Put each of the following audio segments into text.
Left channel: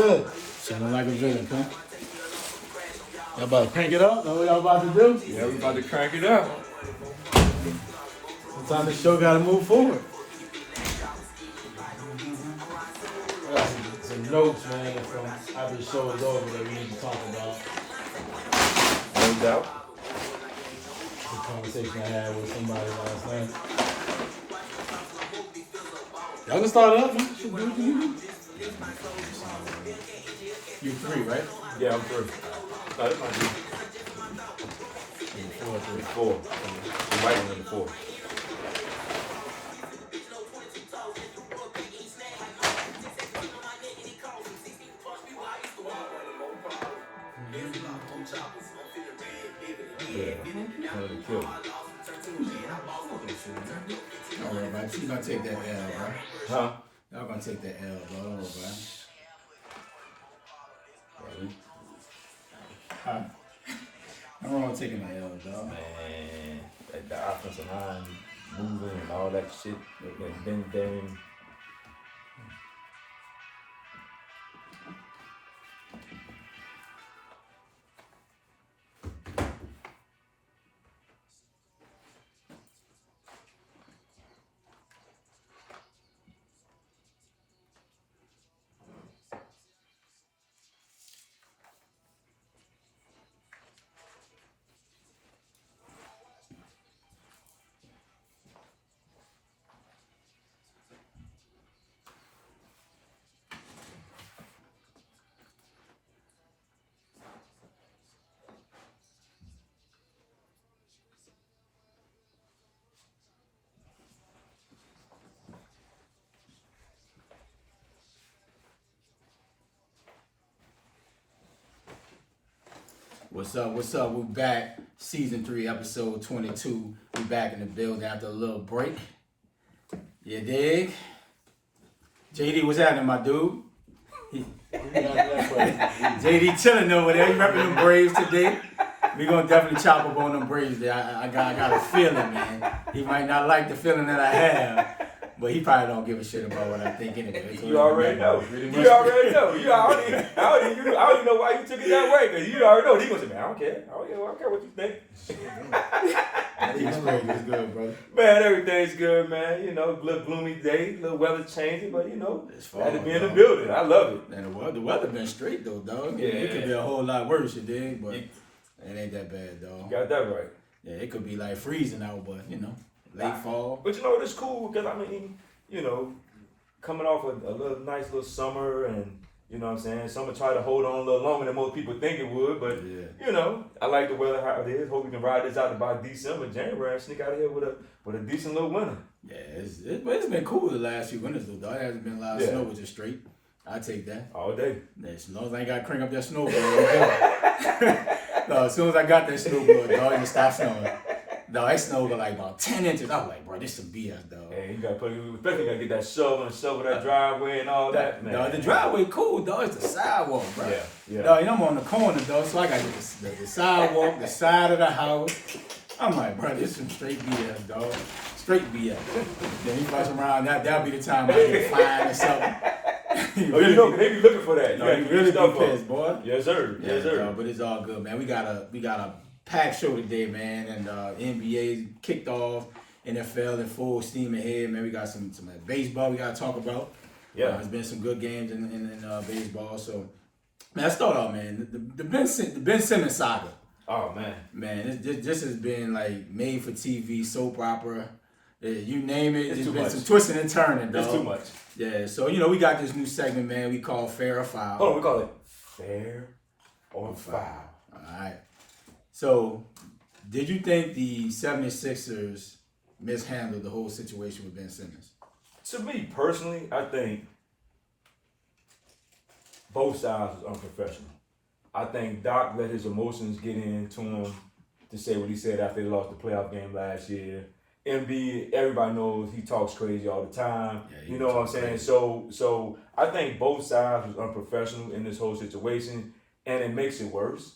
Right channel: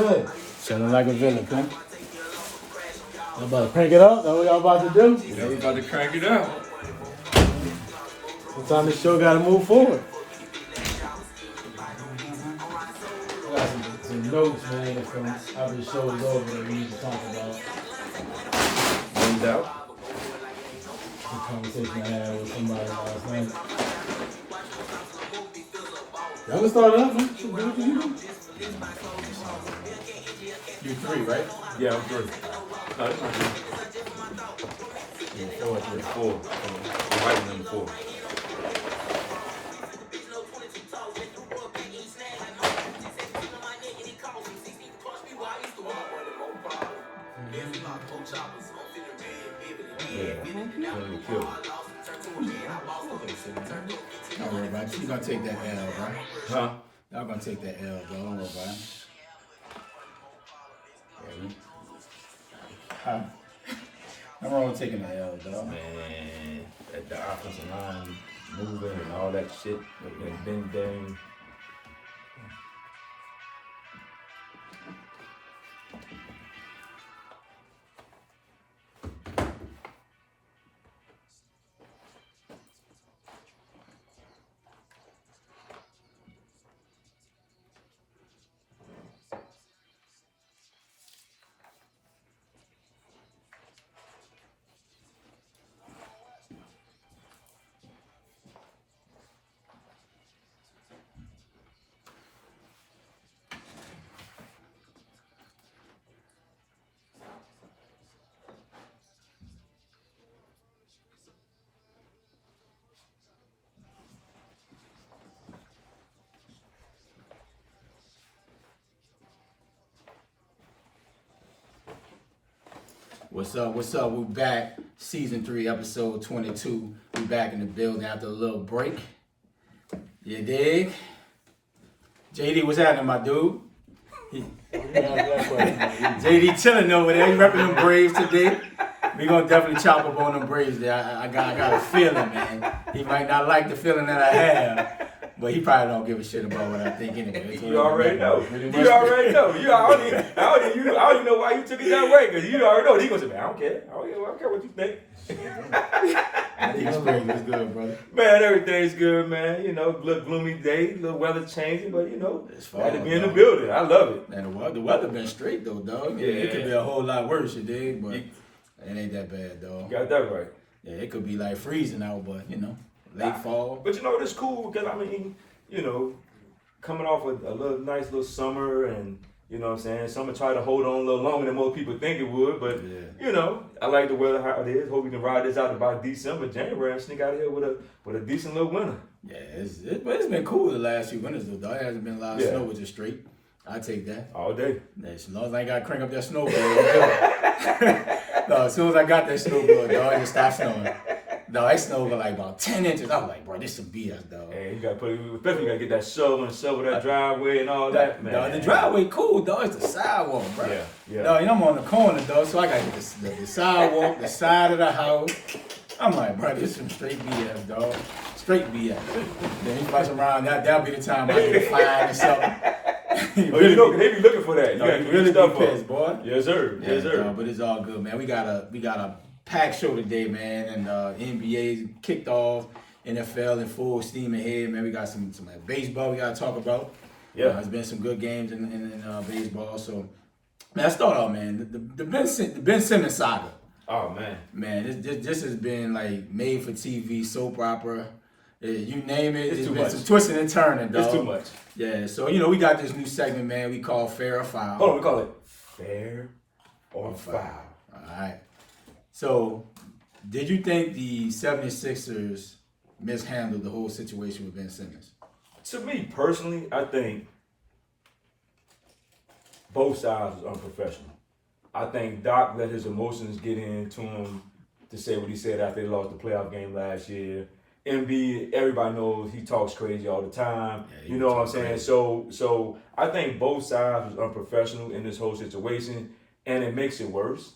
good? Sounding like a villain, huh? Y'all about to crank it up? That's what y'all about to do? Yeah, we about to crank it up. Sometimes the show gotta move forward. Got some notes, man, from after the show is over that we need to talk about. No doubt. Some conversation I had with somebody last night. Y'all can start it up, man. You 3, right? Yeah, I'm 3. No, it's not 3. 4. You're right on 4. Yeah, kill. Don't worry about it. You're gonna take that L, bro. Huh? Y'all gonna take that L, bro. Don't worry about it. Huh? I'm wrong with taking the L, dog. Man, the offensive line moving and all that shit. And then What's up? What's up? We're back. Season 3, episode 22. We back in the building after a little break. You dig? JD, what's happening, my dude? JD chilling over there. He repping them Braves today. We gonna definitely chop up on them Braves there. I got a feeling, man. He might not like the feeling that I have, but he probably don't give a shit about what I think anyway. you already know. You already know. I don't even know why you took it that way, because you already know. He gonna say, man, I don't care. I don't care what you think. He's great. He's good, brother. Man, everything's good, man. You know, little gloomy day, little weather changing, but you know, It's fall, had to be in the dog. building. I love it. And the weather been straight though, dog. Yeah. It could be a whole lot worse, you dig? But it ain't that bad, dog. You got that right. Yeah, it could be like freezing out, but you know, late fall. But you know, it's cool because I mean, you know, coming off a little nice little summer, and you know what I'm saying, summer tried to hold on a little longer than most people think it would, but you know, I like the weather how it is. Hope we can ride this out by December, January, and sneak out of here with a decent little winter. Yeah, it's been cool the last few winters though, dog. It hasn't been a lot of snow, which is straight. I take that All day. As long as I ain't got to crank up that snowboard, I'm good. No, as soon as I got that snowboard, dog, it just stopped snowing. No, it snowed like about 10 inches. I was like, bro, this some BS, dog. Hey, you gotta especially you gotta get that shovel and shovel that driveway and all that, man. Dog, the driveway cool, dog. It's the sidewalk, bro. Yeah. Dog, you know, I'm on the corner, dog, so I gotta get the sidewalk, the side of the house. I'm like, bro, this is some straight BS, dog. Straight BS. Then he fuss around, that'll be the time I get a fine or something. You know, they be looking for that. You gotta really be pissed, boy. Yes, sir. Yes, sir. But it's all good, man. We got a packed show today, man, and NBA kicked off. NFL in full steam ahead, man. We got some baseball we gotta talk about. Yeah, there's been some good games in baseball. So, man, let's start off, man. The Ben Simmons saga. Oh man, this has been like made for TV soap opera. You name it, it's been some twisting and turning, dog. It's too much. Yeah, so you know we got this new segment, man. We call Fair or Foul. Hold on, we call it Fair or Foul. All right. So, did you think the 76ers mishandled the whole situation with Ben Simmons? To me personally, I think both sides was unprofessional. I think Doc let his emotions get into him to say what he said after they lost the playoff game last year. MB, everybody knows he talks crazy all the time. Yeah, you know what I'm saying? So I think both sides was unprofessional in this whole situation, and it makes it worse.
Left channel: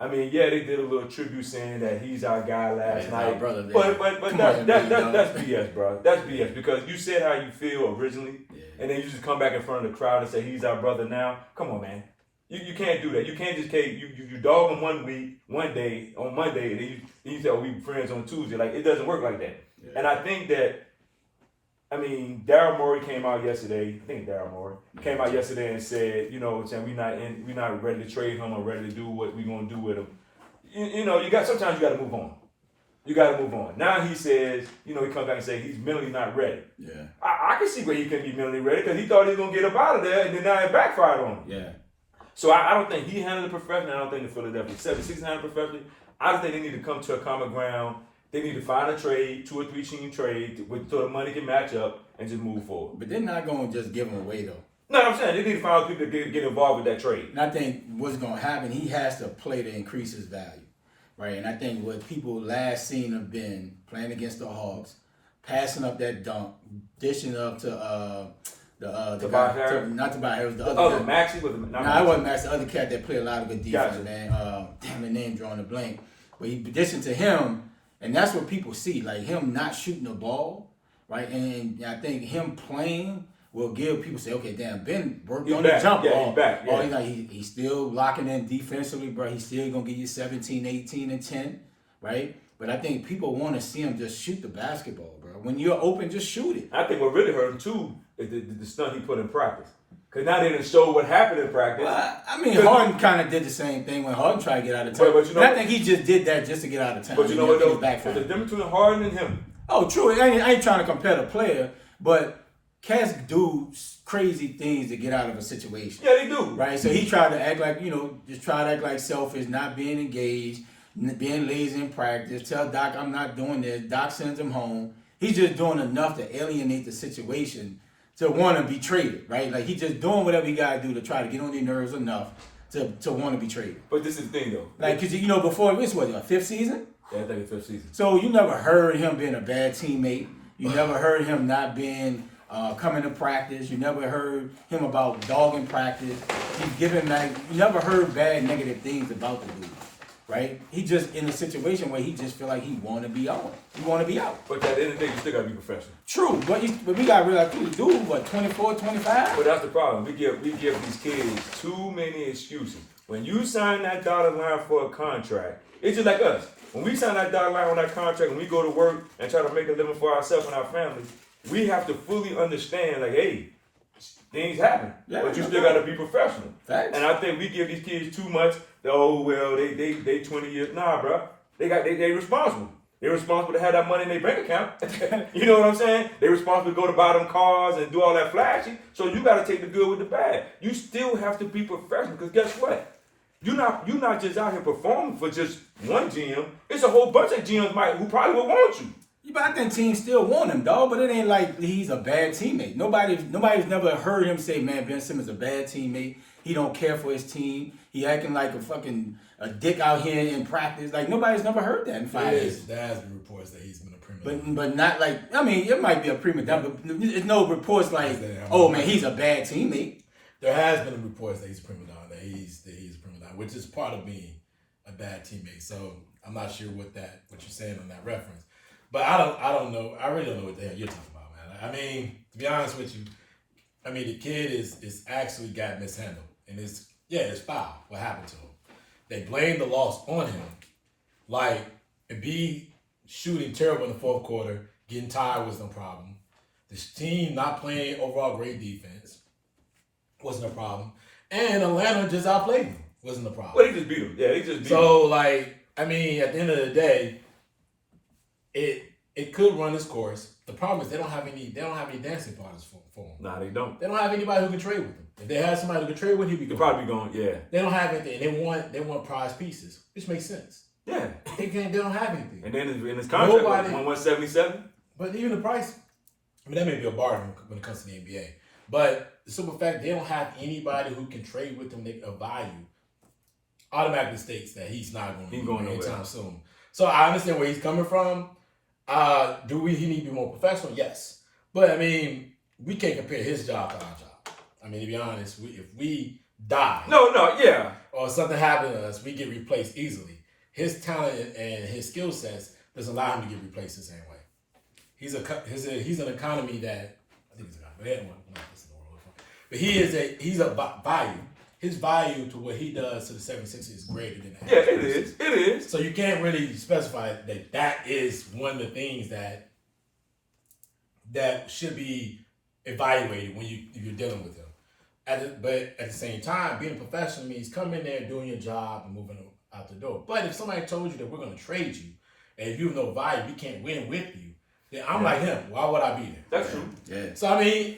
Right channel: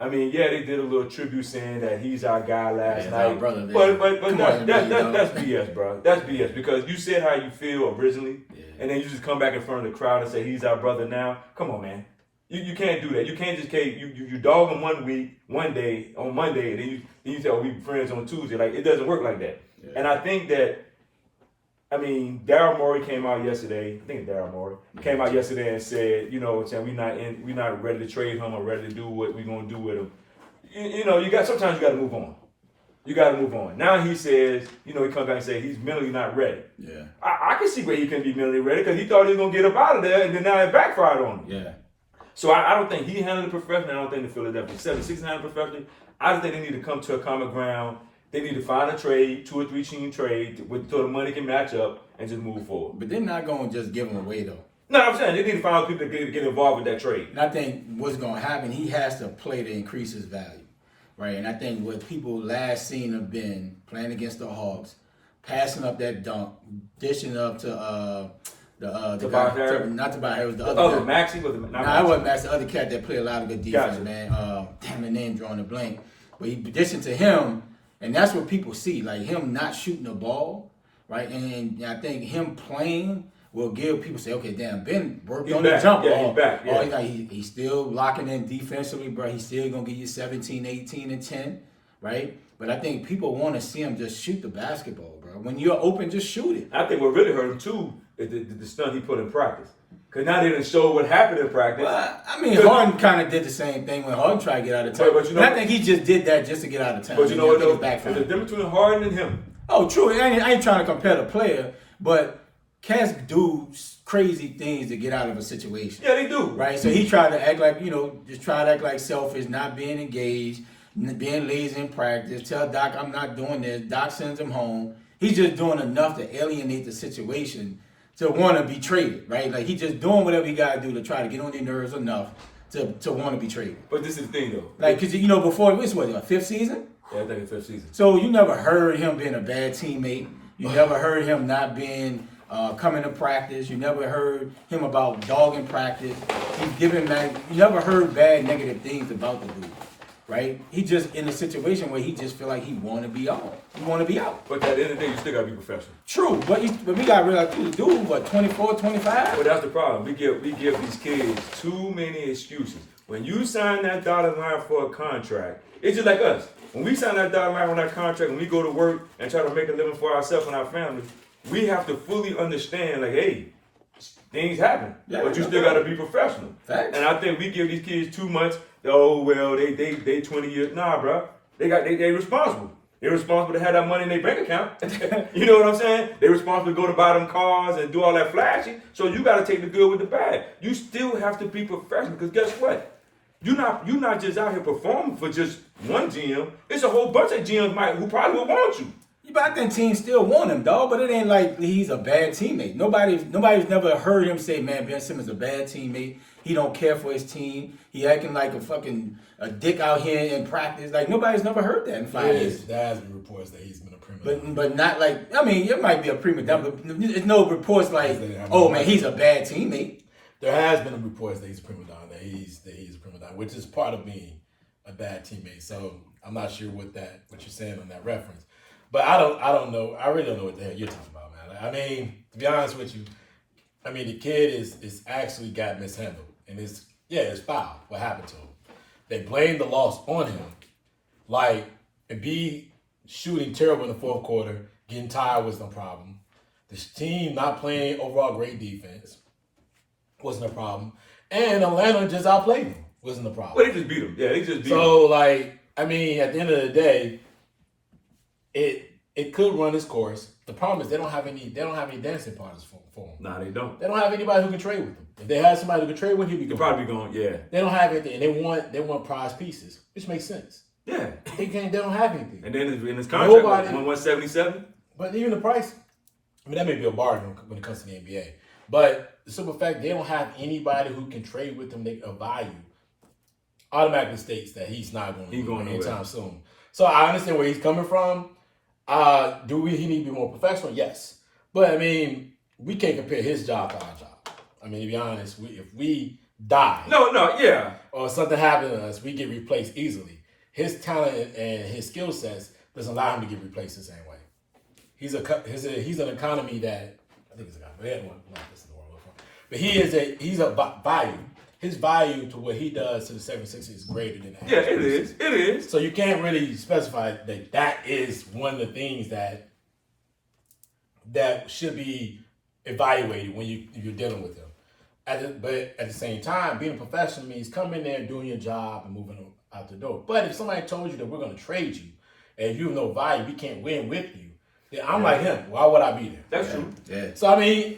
I mean, yeah, they did a little tribute saying that he's our guy last night. Brother, but that's BS, bro. That's BS because you said how you feel originally, and then you just come back in front of the crowd and say he's our brother now. Come on, man. You can't do that. You can't just you dog him one day on Monday, and then you say, oh, we friends on Tuesday. Like, it doesn't work like that. Yeah. And I think that, I mean, Daryl Morey came out yesterday. I think it's Daryl Morey came out yesterday and said, you know, saying we're not ready to trade him or ready to do what we're gonna do with him. You know, sometimes you got to move on. You got to move on. Now he says, you know, he comes back and says he's mentally not ready. Yeah, I can see where he can be mentally ready because he thought he was gonna get up out of there, and then now it backfired on him. Yeah. So I don't think he handled it professionally. I don't think the Philadelphia 76ers handled it professionally. I just think they need to come to a common ground. They need to find a trade, 2 or 3 team trade, so the money can match up and just move forward. But they're not going to just give him away, though. No, I'm saying they need to find people to get involved with that trade. And I think what's going to happen, he has to play to increase his value, right? And I think what people last seen have been playing against the Hawks, passing up that dunk, dishing up to the guy, not Tobias Harris, the other guy. Maxey was No, I wasn't Maxey. The other cat that played a lot of good defense, man. Damn, the name drawing a blank. But he dishing to him, and that's what people see, like him not shooting the ball, right? And I think him playing will give people say, okay, damn, Ben worked on the jump ball. He's back. Yeah. He's still locking in defensively, bro. He's still gonna give you 17, 18, and 10, right? But I think people want to see him just shoot the basketball, bro. When you're open, just shoot it. I think what really hurt him too is the stunt he put in practice. Because now they didn't show what happened in practice. Well, I mean, Harden kind of did the same thing when Harden tried to get out of town. But you know, I think he just did that just to get out of town. But you know what, though? There's a difference between Harden and him. Oh, true. I ain't trying to compare the player, but cats do crazy things to get out of a situation. Yeah, they do. Right? So he tried to act like, just try to act like selfish, not being engaged, being lazy in practice, tell Doc, I'm not doing this. Doc sends him home. He's just doing enough to alienate the situation to want to be traded, right? Like, he's just doing whatever he got to do to try to get on their nerves enough to want to be traded. But this is the thing, though. Like, because, before, this was a 5th season? Yeah, I think it's 5th season. So you never heard him being a bad teammate. You never heard him not being coming to practice. You never heard him about dogging practice. You never heard bad, negative things about the dude, right? He just in a situation where he just feel like he want to be on. He want to be out. But at the end of the day, you still got to be professional. True, but we got to realize, too, the dude, what, 24, 25? But that's the problem. We give these kids too many excuses. When you sign that dotted line for a contract, it's just like us. When we sign that dotted line on that contract, when we go to work and try to make a living for ourselves and our families, we have to fully understand, like, hey, things happen, but you still got to be professional. Thanks. And I think we give these kids too much. Oh well, they 20 years. Nah, bro, they responsible. They're responsible to have that money in their bank account. You know what I'm saying? They're responsible to go to buy them cars and do all that flashy. So you got to take the good with the bad. You still have to be professional because guess what? You're not just out here performing for just one GM. It's a whole bunch of GMs who probably would want you. But I think teams still want him, dog. But it ain't like he's a bad teammate. Nobody's never heard him say, "Man, Ben Simmons a bad teammate. He don't care for his team. He acting like a dick out here in practice." Like, nobody's never heard that in 5 years. There has been reports that he's been a prima donna. But not like, I mean, it might be a prima donna, but there's no reports like, oh man, he's a bad teammate. There has been reports that he's a prima donna, that he's a prima donna, which is part of being a bad teammate. So I'm not sure what you're saying on that reference. But I don't know. I really don't know what the hell you're talking about, man. I mean, to be honest with you, I mean, the kid is actually got mishandled. And it's foul what happened to him. They blame the loss on him. Like, and B, shooting terrible in the fourth quarter, getting tired was no problem. This team not playing overall great defense wasn't a problem. And Atlanta just outplayed him. Wasn't a problem. Well, they just beat him. Yeah, they just beat him. So, like, I mean, at the end of the day, it could run its course. The problem is they don't have any dancing partners for him. Nah, they don't. They don't have anybody who can trade with them. If they had somebody who can trade with him, he'd be probably going. Yeah. They don't have anything. They want prize pieces, which makes sense. Yeah. They don't have anything. And then in his contract, like 177. But even the price, I mean, that may be a bargain when it comes to the NBA. But the simple fact they don't have anybody who can trade with them of value automatically states that he's not going to be going anytime soon. So I understand where he's coming from. He need to be more professional? Yes. But I mean, we can't compare his job to our job. I mean, to be honest, if we die. No, yeah. or something happened to us, we get replaced easily. His talent and his skill sets doesn't allow him to get replaced the same way. He's an economy that I think he's an economy. This is the word. But he's a value. His value to what he does to the 76ers is greater than that. Yeah, it is. It is. So you can't really specify that is one of the things that should be evaluated when you're dealing with him. But at the same time, being a professional means coming in there, doing your job, and moving out the door. But if somebody told you that we're going to trade you, and if you have no value, we can't win with you, then I'm like him. Why would I be there? That's true. Yeah. So I mean,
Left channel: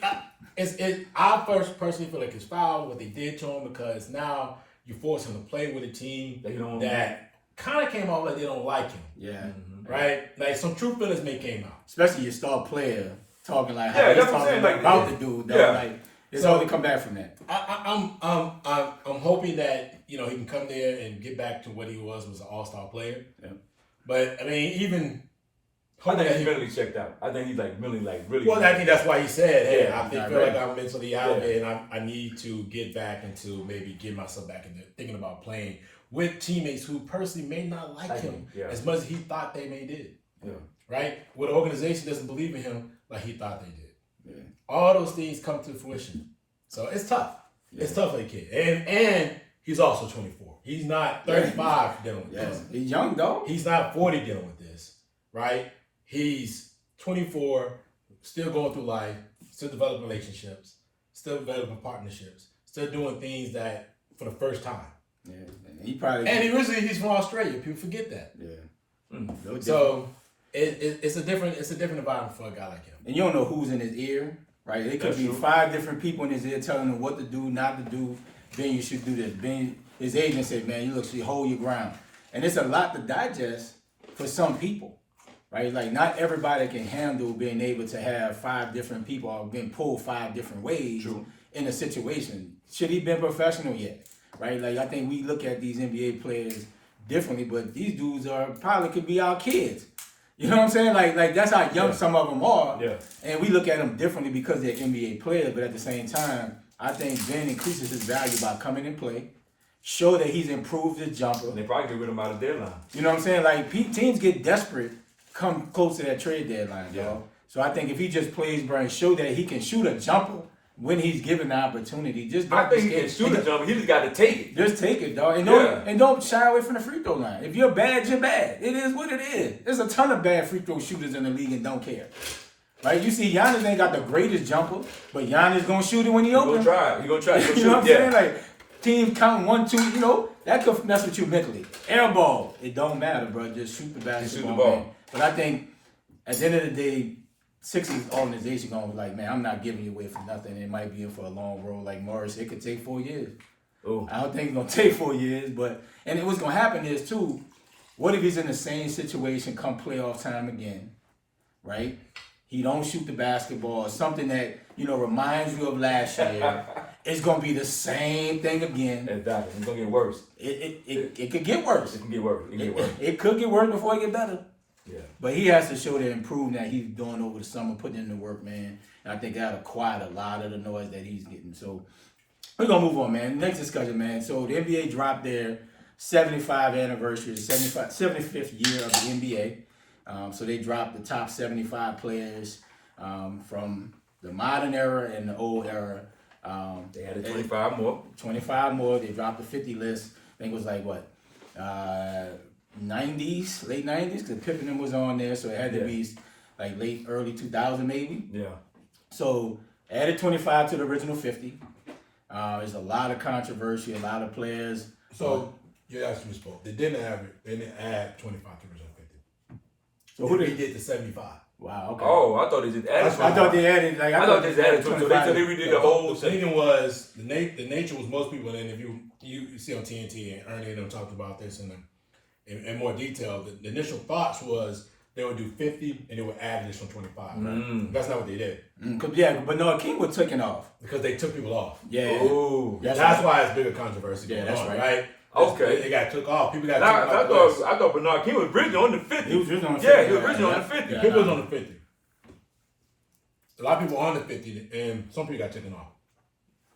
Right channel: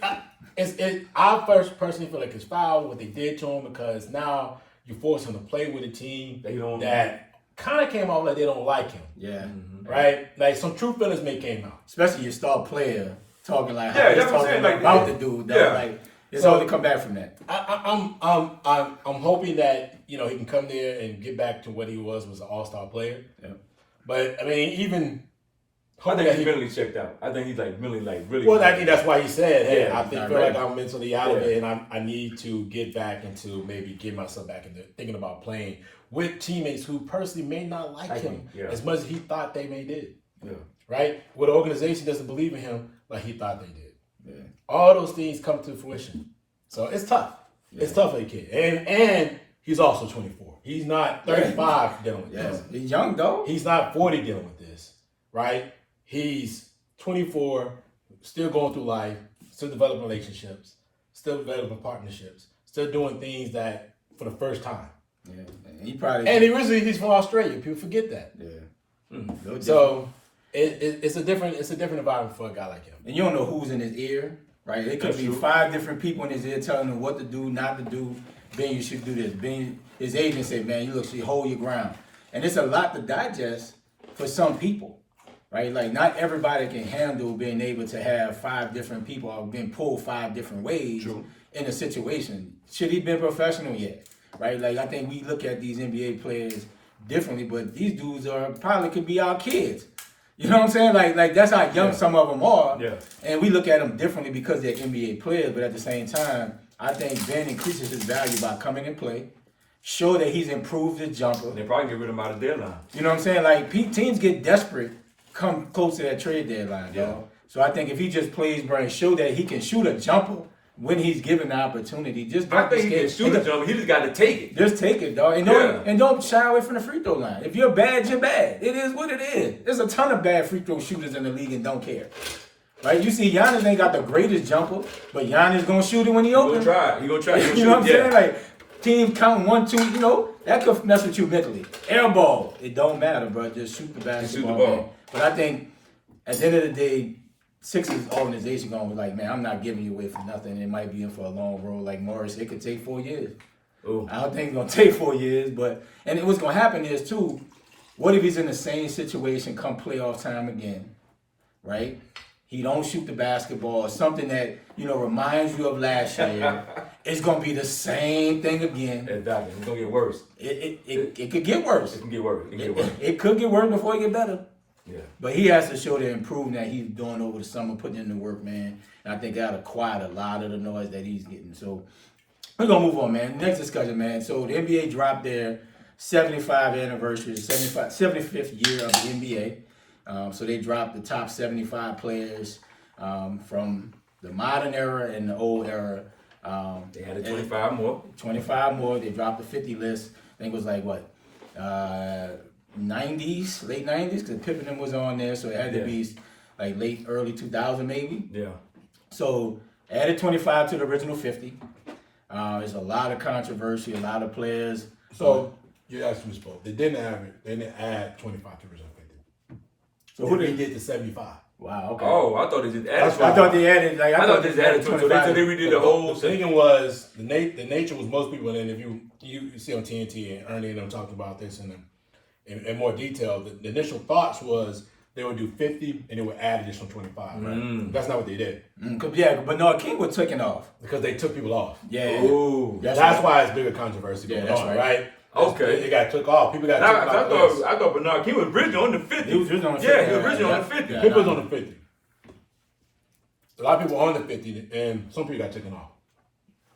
I personally feel like it's foul what they did to him, because now you force him to play with a team that kind of came out like they don't like him. Yeah. Right? Like some true feelings may came out. Especially your star player talking like how he's talking about the dude. Though. Yeah. Like it's all to come back from that. I'm hoping that he can come there and get back to what he was an all-star player. Yeah. But I mean, even I think he's mentally checked out. I think he's really. Well, I think that's why he said, "Hey, Yeah, I feel like I'm mentally out of it, and I need to get back into maybe get myself back into thinking about playing with teammates who personally may not like him as much as he thought they may did." Yeah. Right? Where the organization doesn't believe in him like he thought they did. Yeah. All those things come to fruition, so it's tough. Yeah. It's tough for the kid, and he's also 24. He's not 35 dealing with this. He's young though. He's not 40 dealing with this, right? He's 24, still going through life, still developing relationships, still developing partnerships, still doing things that for the first time. Yeah, and he's from Australia. People forget that. Yeah. So it's a different environment for a guy like him. And you don't know who's in his ear, right? It could be 5 different people in his ear telling him what to do, not to do. Ben, you should do this. Ben, his agent said, man, you should hold your ground. And it's a lot to digest for some people, right? Like not everybody can handle being able to have 5 different people or being pulled 5 different ways in a situation. Should he been professional yet? Right? Like I think we look at these NBA players differently, but these dudes probably could be our kids. You know what I'm saying? Like that's how young some of them are. Yeah. And we look at them differently because they're NBA players, but at the same time, I think Ben increases his value by coming and play, show that he's improved his jumper. They probably get rid of him out of deadline. You know what I'm saying? Like teams get desperate come close to that trade deadline, dog. So I think if he just plays, bro, and show that he can shoot a jumper when he's given the opportunity, I think he can shoot a jumper. He just got to take it. Just take it, dog. And don't shy away from the free throw line. If you're bad, you're bad. It is what it is. There's a ton of bad free throw shooters in the league and don't care. Right? You see, Giannis ain't got the greatest jumper, but Giannis gonna shoot it when he open. He gonna try. You know what I'm saying? Like teams counting 1, 2. That could mess with you mentally. Air ball, it don't matter, bro. Just shoot the basketball. Man. But I think at the end of the day, Sixers organization gonna be like, man, I'm not giving you away for nothing. It might be in for a long road like Morris. It could take 4 years. Ooh. I don't think it's gonna take 4 years, and what's gonna happen is too, what if he's in the same situation come playoff time again, right? He don't shoot the basketball, something that, reminds you of last year. It's gonna be the same thing again. Exactly. It's gonna get worse. It could get worse. It can get worse. It could get worse before it get better. Yeah. But he has to show the improvement that he's doing over the summer, putting in the work, man. And I think that'll quiet a lot of the noise that he's getting. So we're gonna move on, man. Next discussion, man. So the NBA dropped their 75th anniversary, 75th year of the NBA. So they dropped the top 75 players from the modern era and the old era. They added 25 more. 25 more. They dropped the 50 list. I think it was like what? 90s, late 90s, because Pippen was on there, so it had to be like early 2000 maybe. Yeah. So added 25 to the original 50. There's a lot of controversy, a lot of players. So you actually spoke. They didn't add 25 to the original 50. So who did they get to 75? Wow. Okay. Oh, I thought they just added. I thought they added. Like I thought they added 25. So they redid the whole. The thing was the nature was most people, and if you see on TNT and Ernie and them talked about this in more detail. The initial thoughts was they would do 50 and they would add additional 25. Right? That's not what they did. But no, King was taken off because they took people off. Yeah. Ooh, that's why it's bigger controversy going on, right? Okay. It got took off. People got taken off. I thought Bernard King was originally on the 50. He was originally on the 50. Yeah, he was originally on the 50. People was on the 50. A lot of people on the 50, and some people got taken off.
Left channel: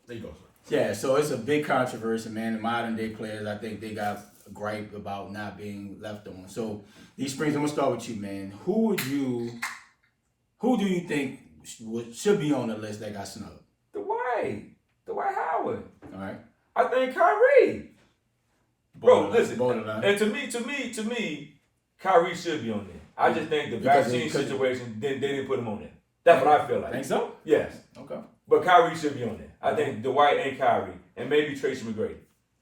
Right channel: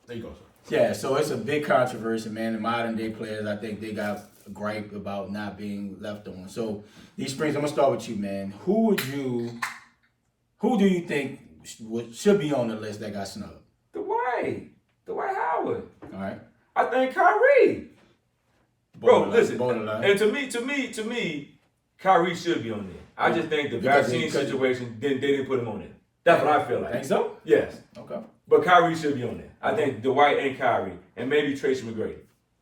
There you go, sir. Yeah, so it's a big controversy, man. The modern day players, I think they got a gripe about not being left on. So these Springs, I'm gonna start with you, man. Who do you think should be on the list that got snubbed? Dwight Howard. All right. I think Kyrie. Bro, listen. Borderline. And to me, Kyrie should be on there. I just think the vaccine situation, they didn't put him on there. That's what I feel like. Think so? Yes. Okay. But Kyrie should be on there. I think Dwight and Kyrie, and maybe Tracy McGrady.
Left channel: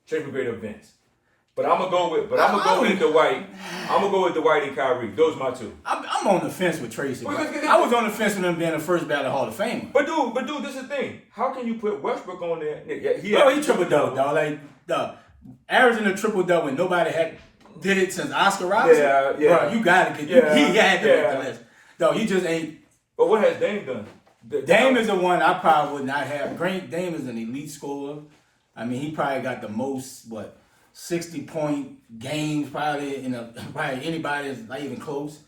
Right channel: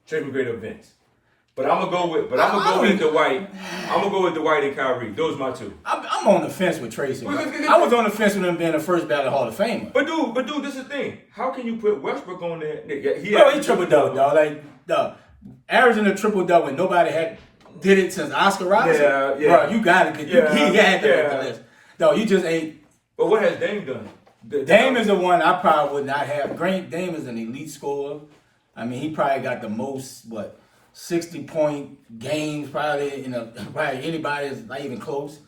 Tracy McGrady or Vince. But I'm gonna go with Dwight. I'm gonna go with Dwight and Kyrie. Those are my two. I'm on the fence with Tracy. I was on the fence with him being the first ballot Hall of Famer. But dude, this is the thing. How can you put Westbrook on there? He triple double, dog. Like averaging a triple double, and nobody did it since Oscar Robertson. Yeah. Bro, you gotta get. He had to make the list. Dog, you just ain't. But what has Dame done? Dame is the one I probably would not have. Dame is an elite scorer. I mean, he probably got the most 60-point games probably probably anybody is not even close.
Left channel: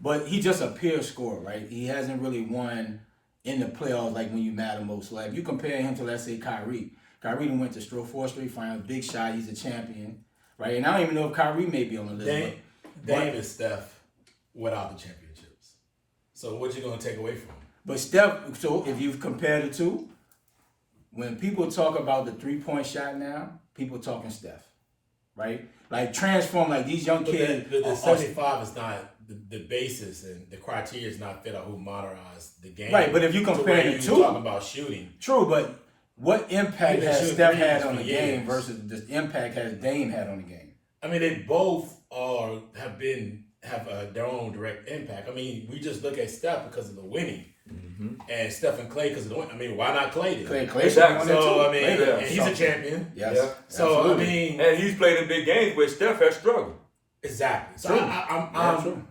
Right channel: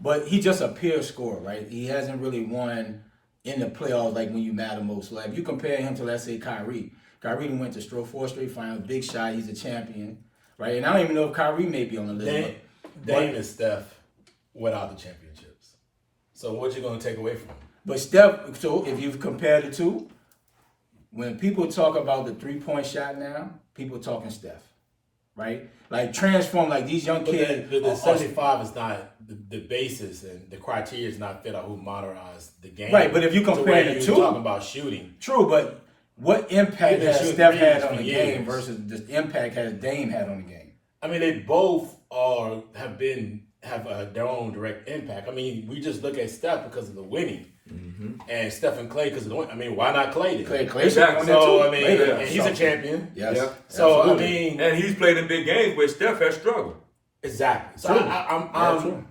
But he just a pure scorer, right? He hasn't really won in the playoffs like when you matter most. So if you compare him to, let's say, Kyrie went to 4 straight finals, big shot, he's a champion, right? And I don't even know if Kyrie may be on the list. Dame is Steph without the championships. So what you gonna take away from him? But Steph, so if you compare the two, when people talk about the 3-point shot now, people talking Steph, right? Like transform, like these young kids. The 75 is not the basis, and the criteria is not fit on who modernized the game. Right, but if you compare the two, talking about shooting. True, but what impact has Steph had on the game versus the impact has Dame had on the game? I mean, they both have their own direct impact. I mean, we just look at Steph because of the winning. Mm-hmm. And Steph and Clay because of the win. I mean, why not Clay? Clay exactly. So I mean, he's a champion. Yes. Yeah. So absolutely. I mean, and he's played in big games where Steph has struggled. Exactly. So true.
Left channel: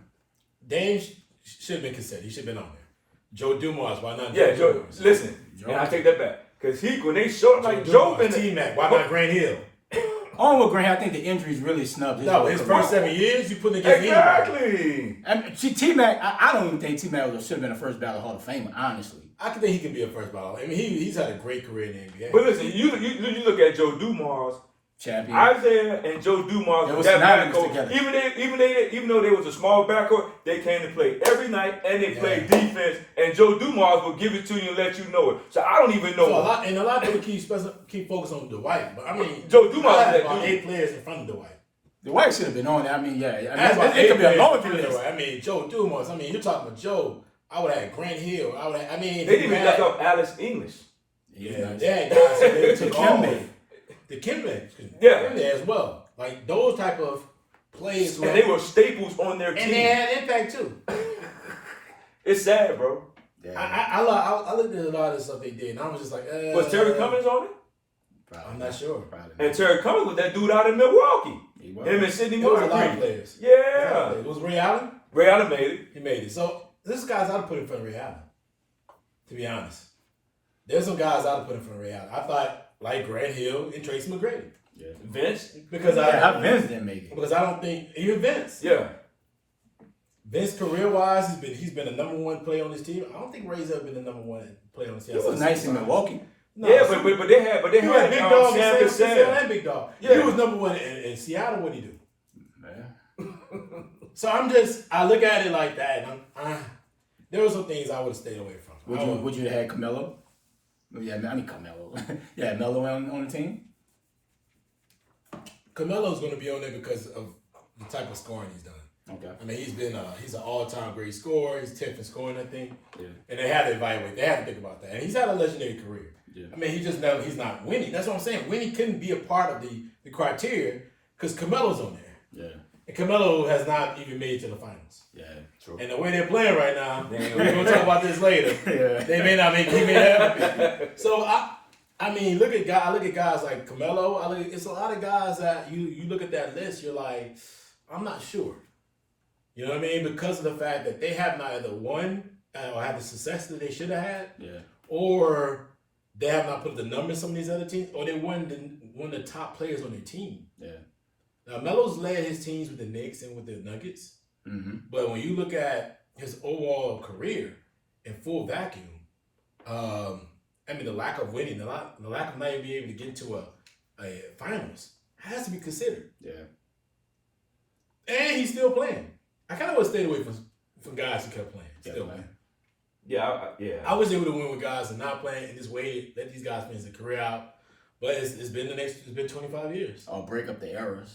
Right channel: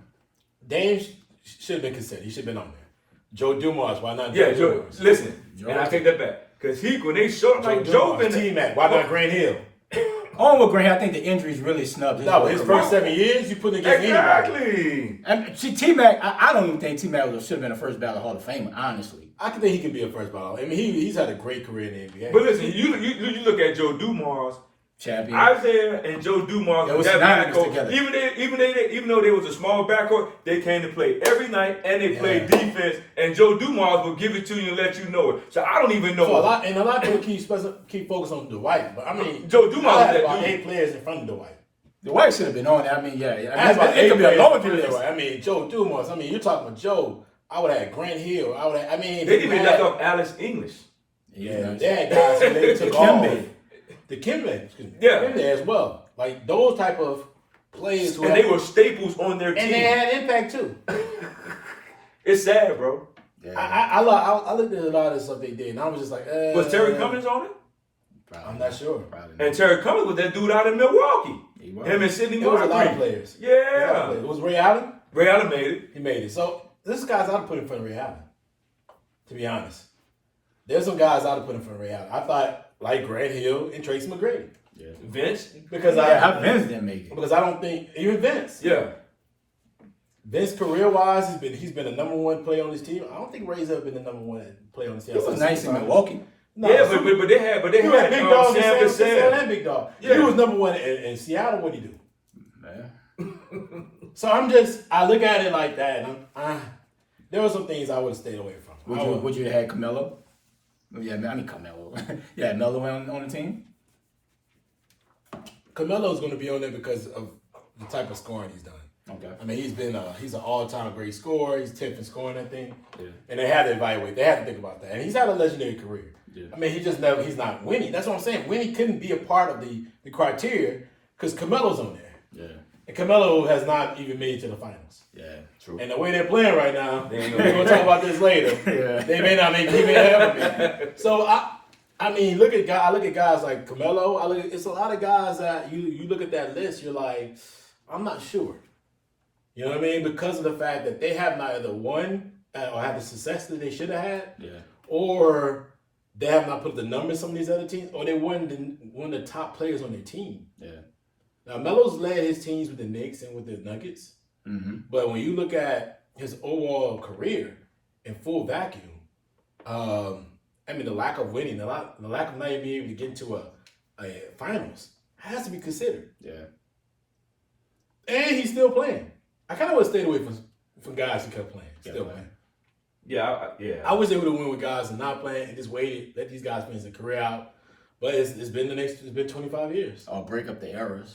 Dame should have been considered. He should have been on there. Joe Dumars, why not? Yeah, Joe. Listen, and I take that back because when they short like Joe and T-Mac, why not Grant Hill? On with Grant, I think the injuries really snubbed his his first 7 years, you put against anybody. Exactly. T-Mac, I don't even think T-Mac should have been a first ballot Hall of Famer, honestly. I think he could be a first ballot. I mean, he's had a great career in the NBA. But listen, you look at Joe Dumars, champion. Isaiah and Joe Dumars was that backcourt together. Even though they was a small backcourt, they came to play every night and they played defense. And Joe Dumars will give it to you and let you know it. So I don't even know. So a lot of people keep focus on Dwight, but I mean, Joe Dumars had about 8 players in front of Dwight. Dwight should have been on there. I mean, it could be a laundry list. I mean, Joe Dumars. I mean, you're talking about Joe. I would have had Grant Hill. They didn't even left off Alex English. Yeah, they had guys who they took off. The Kimbe, Kimbe as well. Like those type of players, and they were staples on their team, and they had impact too. It's sad, bro. Yeah. I looked at a lot of stuff they did, and I was just like, was Terry Cummings on it? Probably I'm not sure. And Terry Cummings was that dude out in Milwaukee. Him and Sidney There was a lot of players. Yeah. It was Ray Allen. Ray Allen made it. He made it. So this guys I'd put in front of Ray Allen. To be honest, there's some guys I'd put in front of Ray Allen. I thought like Grant Hill and Tracy McGrady. Yeah. Vince? How Vince didn't make it. Because I don't think even Vince. Yeah. Vince career-wise, he's been the number 1 player on his team. I don't think Ray's ever been the number 1 player on his team. He was nice in Milwaukee. No, yeah, but they had big dog Sam Cassell and big dog. Yeah. He was number 1 in Seattle. What did he do? Yeah. So I look at it like that, and there were some things I would have stayed away from. Would you have had Carmelo? Yeah, I mean Carmelo. Yeah, Melo on the team. Carmelo's going to be on there because of the type of scoring he's done. Okay. I mean, he's an all-time great scorer. He's 10th in scoring, I think. Yeah. And they had to evaluate. They had to think about that. And he's had a legendary career. Yeah. I mean, he's not winning. That's what I'm saying. Winning couldn't be a part of the criteria because Carmelo's on there. Yeah. And Carmelo has not even made it to the finals. Yeah, true. And the way they're playing right now, we're going to talk about this later. Yeah. They may not make it. He may not have it. So, I mean, I look at guys like Carmelo. It's a lot of guys that you look at that list, you're like, I'm not sure. You know what I mean? Because of the fact that they have not either won or had the success that they should have had, or they have not put the numbers on some of these other teams, or they weren't one of the top players on their team. Yeah. Now, Melo's led his teams with the Knicks and with the Nuggets, but when you look at his overall career in full vacuum, I mean, the lack of winning, the lack of not even being able to get into a finals has to be considered. Yeah. And he's still playing. I kind of would stay away from guys who kept playing. Still playing. Yeah, I was able to win with guys that not playing and just waited, let these guys finish their career out. But it's been 25 years. Or break up the errors.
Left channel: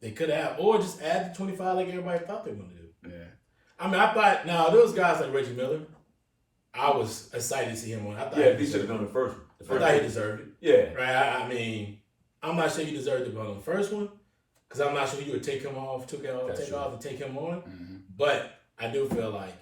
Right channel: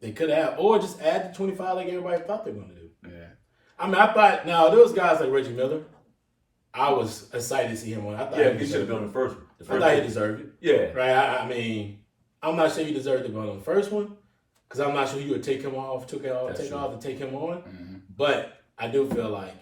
They could have, or just add the 25 like everybody thought they were going to do. Yeah. I mean, I thought, now, those guys like Reggie Miller, I was excited to see him on. I thought he should have done the first one. I thought he deserved it. Yeah. Right? I mean, I'm not sure he deserved to be on the first one because I'm not sure he would take him off, take off to take him on. Mm-hmm. But I do feel like.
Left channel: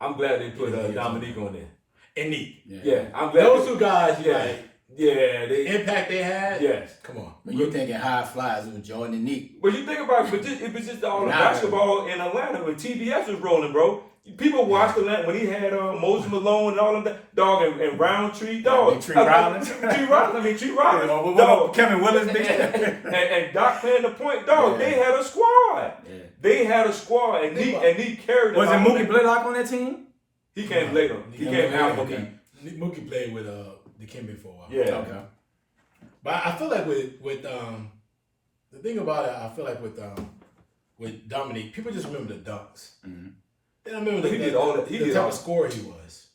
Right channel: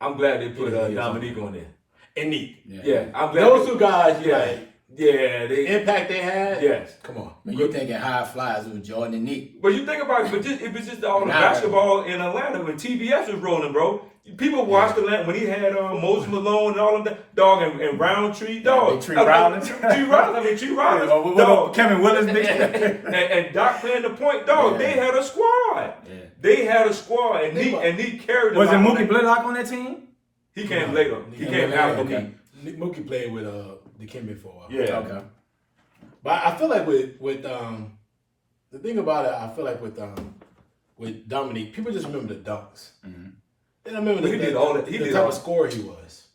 I'm glad they put Dominique on there. And Neek. Yeah, I'm glad. Those two guys, the impact they had. Yes. Come on. When you're thinking high flyers with Jordan and Neek. But you think about it, it was just all the basketball in Atlanta when TBS was rolling, bro. People watched Atlanta when he had Moses Malone and all of that, dog, and Roundtree, dog. Tree Rollins. Tree Rollins, dog. Kevin Willis, and Doc playing the point, dog. Yeah. They had a squad. Yeah. They had a squad, and Neek carried them. Was it Mookie Blaylock on that team? He came later. He came after Mookie. Mookie played with Dikembe for a while. Yeah. Okay. But I feel like with the thing about it, I feel like with Dominique, people just remember the dunks. Mm-hmm. They don't remember the type of scorer he was.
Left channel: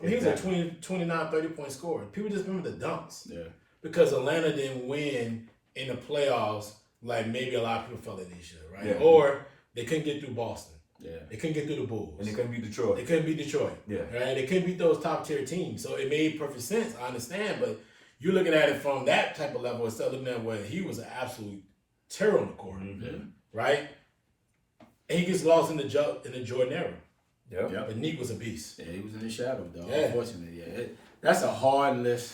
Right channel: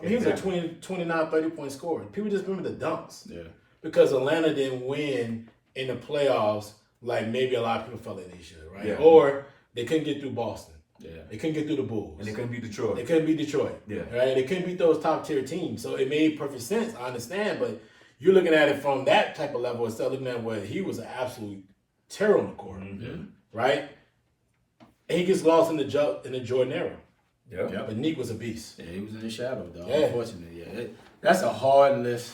I mean, exactly. He was a 29, 30-point scorer. People just remember the dunks. Yeah. Because Atlanta didn't win in the playoffs like maybe a lot of people felt like they should, right? Yeah. Or they couldn't get through Boston. Yeah. They couldn't get through the Bulls. And they couldn't beat Detroit. Yeah. Right? They couldn't beat those top-tier teams. So it made perfect sense. I understand. But you're looking at it from that type of level instead of looking at what he was an absolute terror on the court. Mm-hmm. Right? And he gets lost in the Jordan era. Yeah. But Neek was a beast. Yeah, he was in the shadow, dog. Yeah. Unfortunately, yeah. That's a hard list.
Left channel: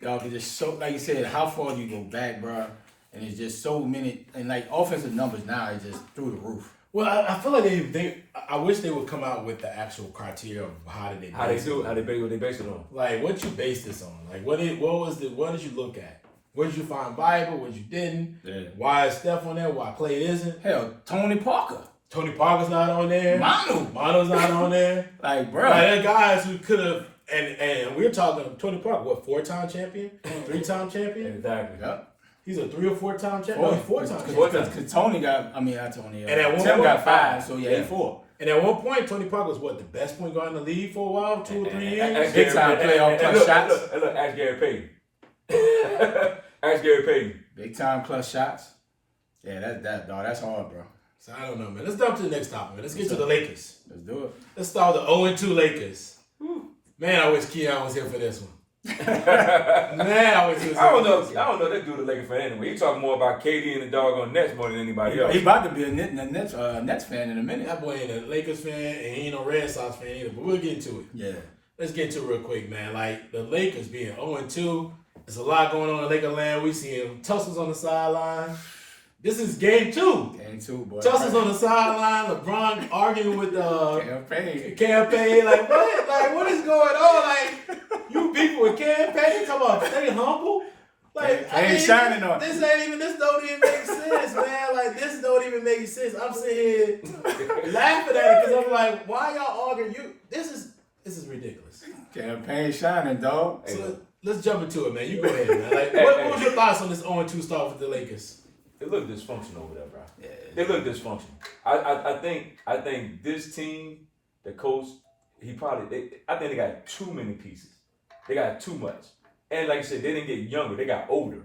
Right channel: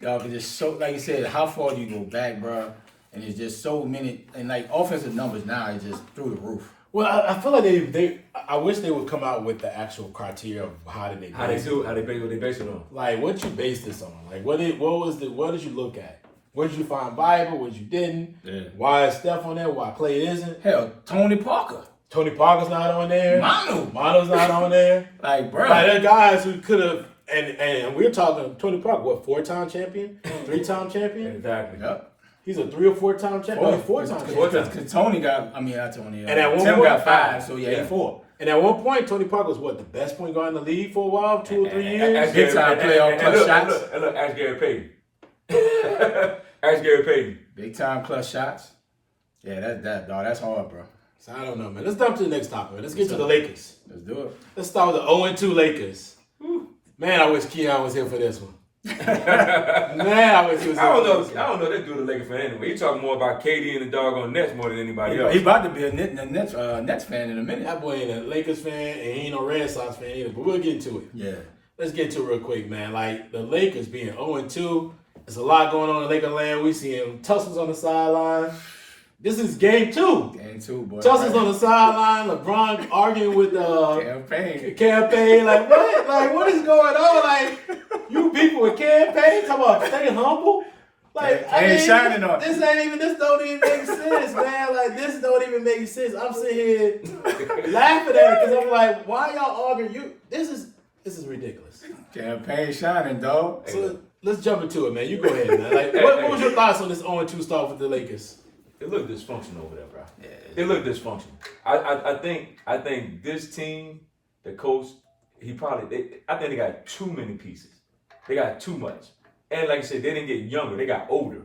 Dog, it's just so, like you said, how far do you go back, bro? And it's just so many, and like offensive numbers now is just through the roof. Well, I feel like I wish they would come out with the actual criteria of how did they base it on. Like, what you base this on? Like, what did you look at? What did you find viable? What you didn't? Yeah. Why is Steph on there? Why Clay isn't? Hell, Tony Parker's not on there. Mano's not on there. Like, bro. Like, there are guys who could have, and we're talking Tony Parker, what, 4-time champion? 3-time champion? Exactly. Yep. He's a 3 or 4-time champion. 4-time champion. Because Tony got, not Tony. And at one Tim point, got 5, so yeah, he 4. And at one point, Tony Parker was what, the best point guard in the league for a while, 2 or 3 years? Big time playoff clutch shots. Look, ask Gary Payton. Ask Gary Payton. Big time clutch shots. Yeah, dog. That's hard, bro. So I don't know, man. Let's jump to the next topic, man. Let's get to the Lakers. Let's do it. Let's start with the 0-2 Lakers. Whew. Man, I wish Keon was here for this one. I don't know. That dude a Lakers fan anyway. He talking more about KD and the doggone Nets more than anybody else. He about to be a Nets fan in a minute. That boy ain't a Lakers fan and he ain't no Red Sox fan either. But we'll get into it. Yeah. Let's get to it real quick, man. Like the Lakers being 0-2, there's a lot going on in Laker land. We seeing tussles on the sideline. This is game 2. Game 2, boy. Tussles on the sideline. LeBron arguing with campaign. Like what? Like what is going on? Like you beefing with campaign? Come on, stay humble. Like shining on. This don't even make sense, man. Like this don't even make sense. I'm sitting here laughing at it because I'm like, why y'all arguing? This is ridiculous. Campaign shining, dog. So let's jump into it, man. You go ahead, man. Like, what was your thoughts on this 0-2 start with the Lakers? It looked dysfunctional over there, bro. Yeah, it looked dysfunctional. I think this team, the coach, I think they got too many pieces. They got too much. And like I said, they didn't get younger. They got older.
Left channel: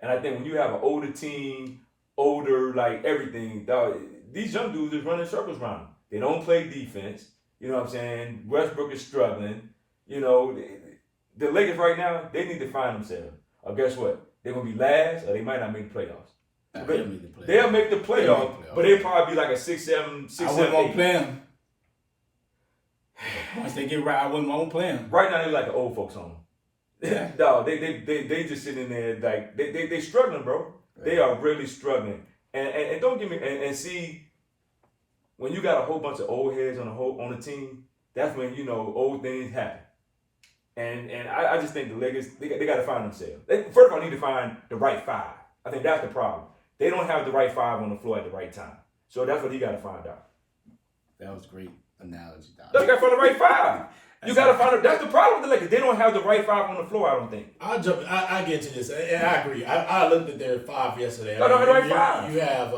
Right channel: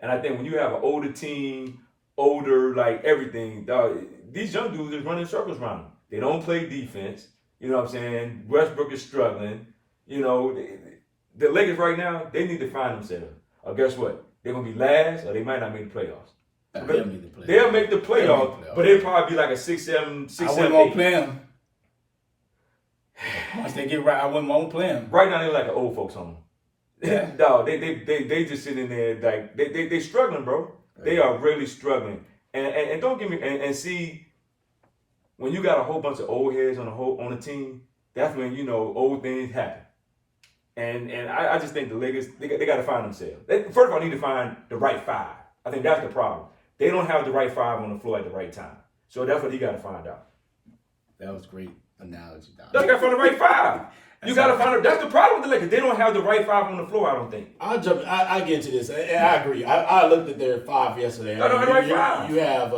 And I think when you have an older team, like everything, dog, these young dudes is running circles around them. They don't play defense. You know what I'm saying? Westbrook is struggling. You know, the Lakers right now, they need to find themselves. Or guess what? They're going to be last or they might not make the playoffs. They'll make the playoffs, but they'll probably be like a 6-7, 6-7, 8. I wouldn't want to play them. Once they get right, I wouldn't want to play them. Right now, they're like an old folks home. Yeah. Dog, they just sitting there like they struggling, bro. Right. They are really struggling. And don't get me and see when you got a whole bunch of old heads on the team, that's when old things happen. And I just think the Lakers they got to find themselves. First of all, they need to find the right 5. I think that's the problem. They don't have the right 5 on the floor at the right time. So that's what he got to find out. That was great analogy, Don. They got to find the right 5. You got to find out. That's the problem with the Lakers. They don't have the right 5 on the floor, I don't think. I get into this, and I agree. I looked at their 5 yesterday. No, the right 5. You have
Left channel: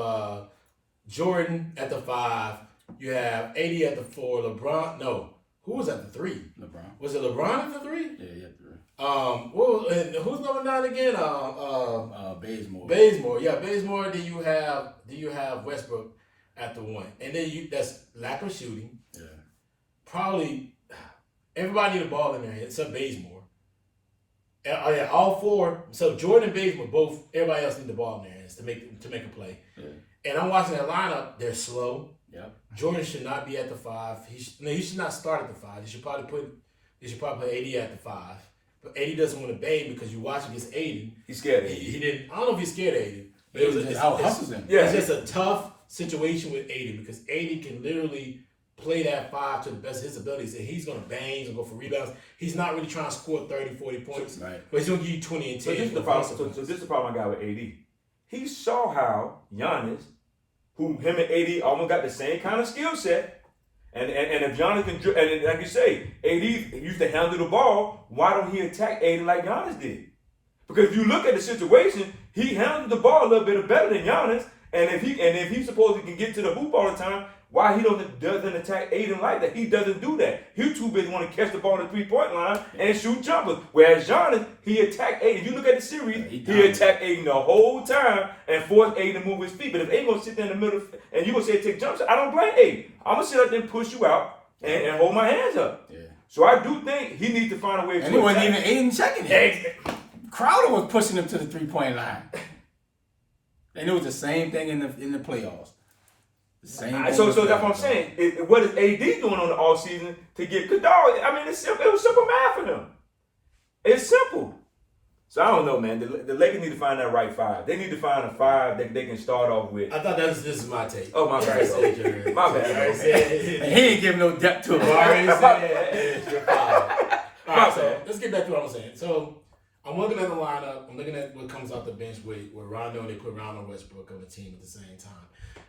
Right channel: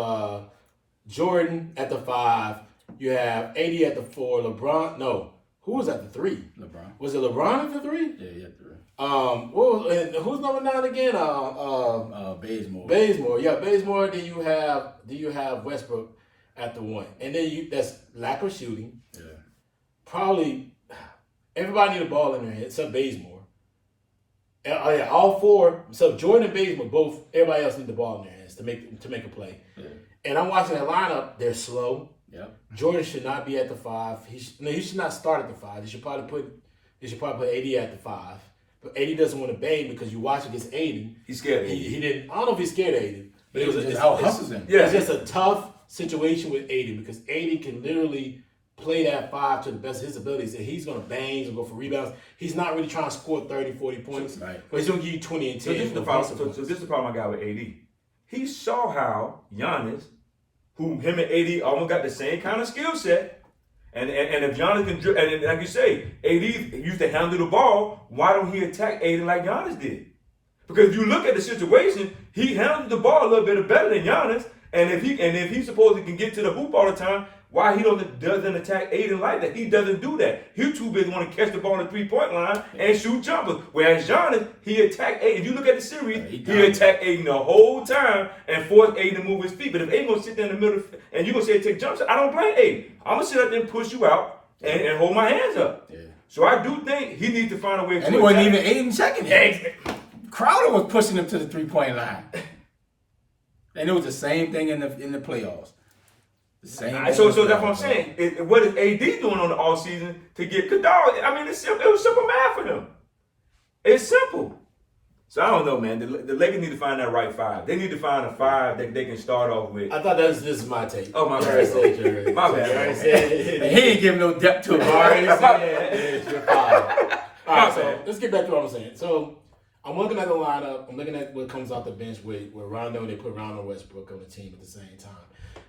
Jordan at the 5. You have AD at the 4. LeBron. No, who was at the 3? LeBron. Was it LeBron at the 3? Yeah, he had 3. And who's number 9 again? Bazemore. Bazemore. Yeah, Bazemore. Then you have Westbrook at the 1, and then that's lack of shooting. Yeah. Probably everybody need a ball in their head except Bazemore. Yeah, all 4. So Jordan and Bazemore both. Everybody else need the ball in their hands to make a play. Yeah. And I'm watching that lineup. They're slow. Yep. Jordan should not be at the 5. He should not start at the 5. They should probably put AD at the 5. But AD doesn't want to bang because you watch against Aiden. He's scared of He didn't. I don't know if he's scared of Aiden. But it was just out hustles him. Yeah, it's just a tough situation with Aiden because Aiden can literally play that 5 to the best of his abilities, and he's going to bang, he's going to go for rebounds. He's not really trying to score 30, 40 points, right. But he's going to give you 20 and 10. So this is the problem. So this is the problem I got with AD. He saw how Giannis, him and AD almost got the same kind of skill set, and if Giannis can, and like you say, AD used to handle the ball. Why don't he attack AD like Giannis did? Because if you look at the situation, he handled the ball a little bit better than Giannis. And if he's supposed to can get to the hoop all the time, why he doesn't attack Aiden like that? He doesn't do that. He's too busy want to catch the ball on the 3-point line and shoot jumpers. Whereas Giannis, he attacked Aiden. If you look at the series, he attacked Aiden the whole time and forced Aiden to move his feet. But if Aiden gonna sit there in the middle and you gonna say take jumps, I don't blame Aiden. I'm gonna sit up there and push you out and hold my hands up. Yeah. So I do think he needs to find a way. And it wasn't even Aiden checking him. Crowder was pushing him to the 3-point line. And it was the same thing in the playoffs. So that's what I'm saying. What is AD doing on the off season to get? Cause dog, I mean, it was simple math for him. It's simple. So I don't know, man. The Lakers need to find that right 5. They need to find a 5 that they can start off with. I thought this is my take. Oh my bad, my bad. He ain't giving no depth to it. It's your 5. All right, so let's get back to what I'm saying. So I'm looking at the lineup. I'm looking at what comes off the bench with Rondo, and they put Rondo Westbrook on the team at the same time.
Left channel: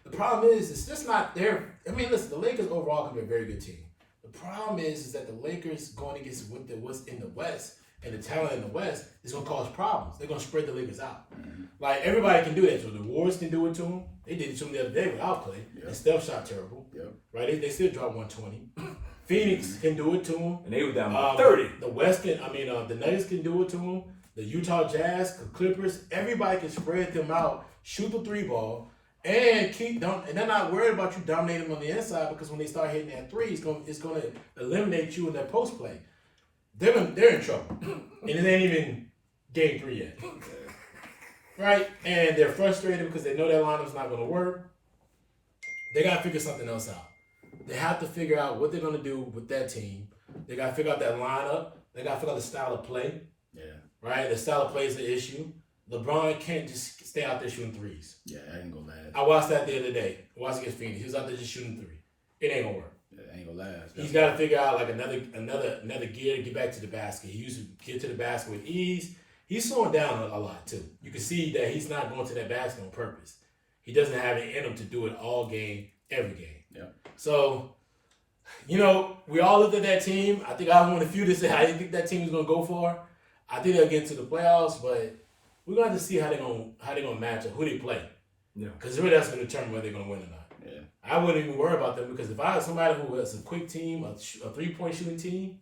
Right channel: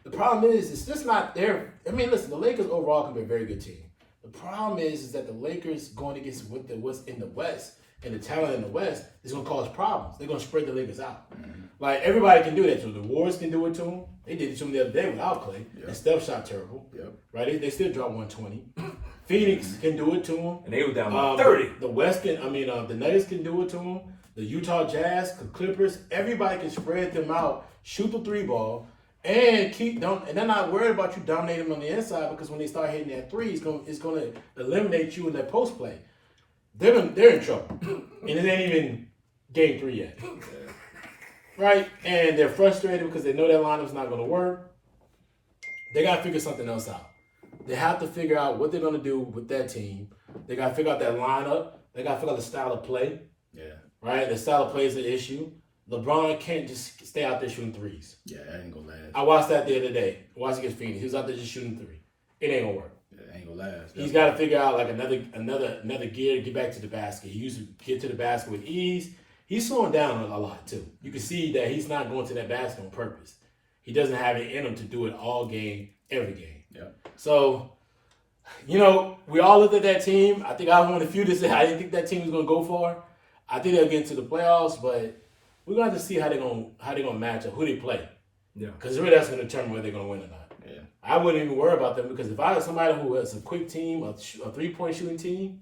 The problem is, it's just not there. I mean, listen, the Lakers overall can be a very good team. The problem is that the Lakers going against what's in the West and the talent in the West is going to cause problems. They're going to spread the Lakers out. Mm-hmm. Like, everybody can do that. So the Warriors can do it to them. They did it to them the other day without Clay. Yep. And Steph shot terrible. Yep. Right? They still dropped 120. Phoenix can do it to them. And they were down by 30. The West can, the Nuggets can do it to them. The Utah Jazz, the Clippers, everybody can spread them out, shoot the 3-ball, and they're not worried about you dominating them on the inside because when they start hitting that 3, it's going to eliminate you in that post play. They're in trouble, and it ain't even game 3 yet, right? And they're frustrated because they know that lineup's not going to work. They got to figure something else out. They have to figure out what they're going to do with that team. They got to figure out that lineup. They got to figure out the style of play. Yeah. Right? The style of play is an issue. LeBron can't just stay out there shooting 3s. Yeah, that ain't gonna last. I watched that the other day. I watched against Phoenix. He was out there just shooting 3. It ain't gonna work. Yeah, it ain't gonna last. He's got to figure out like another gear to get back to the basket. He used to get to the basket with ease. He's slowing down a lot too. You can see that he's not going to that basket on purpose. He doesn't have it in him to do it all game, every game. Yeah. So, we all looked at that team. I think I was one of the few that said I didn't think that team was gonna go far. I think they'll get to the playoffs, but we're going to have to see how they're gonna match up, who they play. Yeah. Because really that's going to determine whether they're going to win or not. Yeah. I wouldn't even worry about them because if I had somebody who has a quick team, a 3-point shooting team,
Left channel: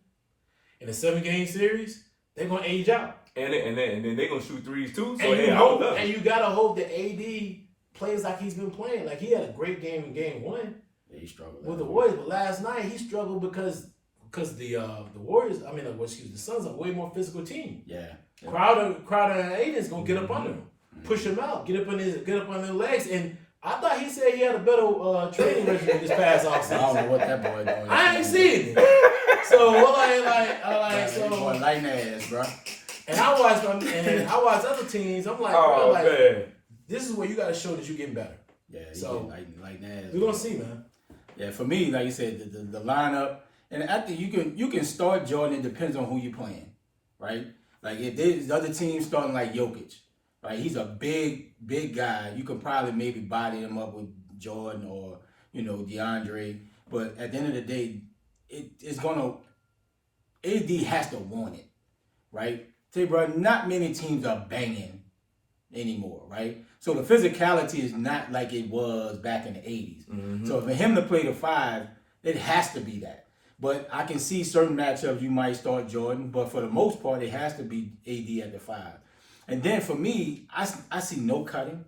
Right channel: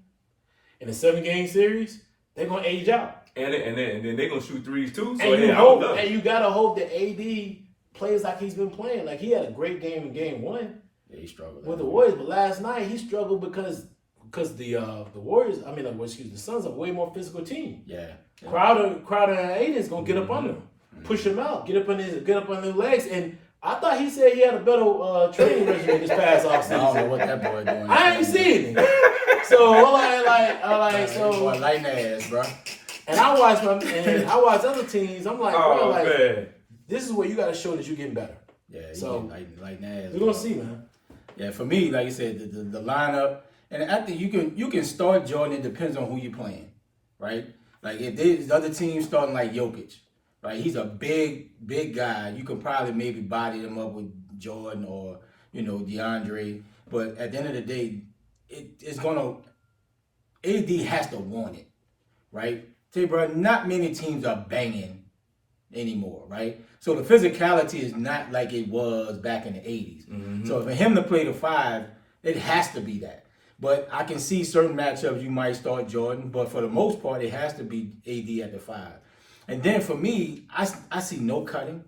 in a 7-game series, they're going to age out. And then they're going to shoot 3s too. So and you got to hope that AD plays like he's been playing. Like he had a great game in game 1. Yeah, he struggled with the Warriors, but last night he struggled because the Warriors, the Suns are a way more physical team. Yeah. Crowder and Aiden's gonna get up under him, push him out, get up on their legs. And I thought he said he had a better training regimen this past offseason. I don't know what that boy doing. I ain't seen it. So boy lighting ass, bro. And I watch other teams. I'm like, this is where you got to show that you're getting better. Yeah. So lighting ass. We're gonna see, man. Yeah, for me, like you said, the lineup. And I think you can start Jordan. It depends on who you're playing, right? Like if the other team starting like Jokic, right? He's a big guy. You can probably maybe body him up with Jordan or DeAndre. But at the end of the day, it's gonna AD has to want it, right? Say, bro, not many teams are banging anymore, right? So the physicality is not like it was back in the 80s. Mm-hmm. So for him to play the 5, it has to be that. But I can see certain matchups you might start Jordan, but for the most part, it has to be AD at the 5. And then for me, I see no cutting,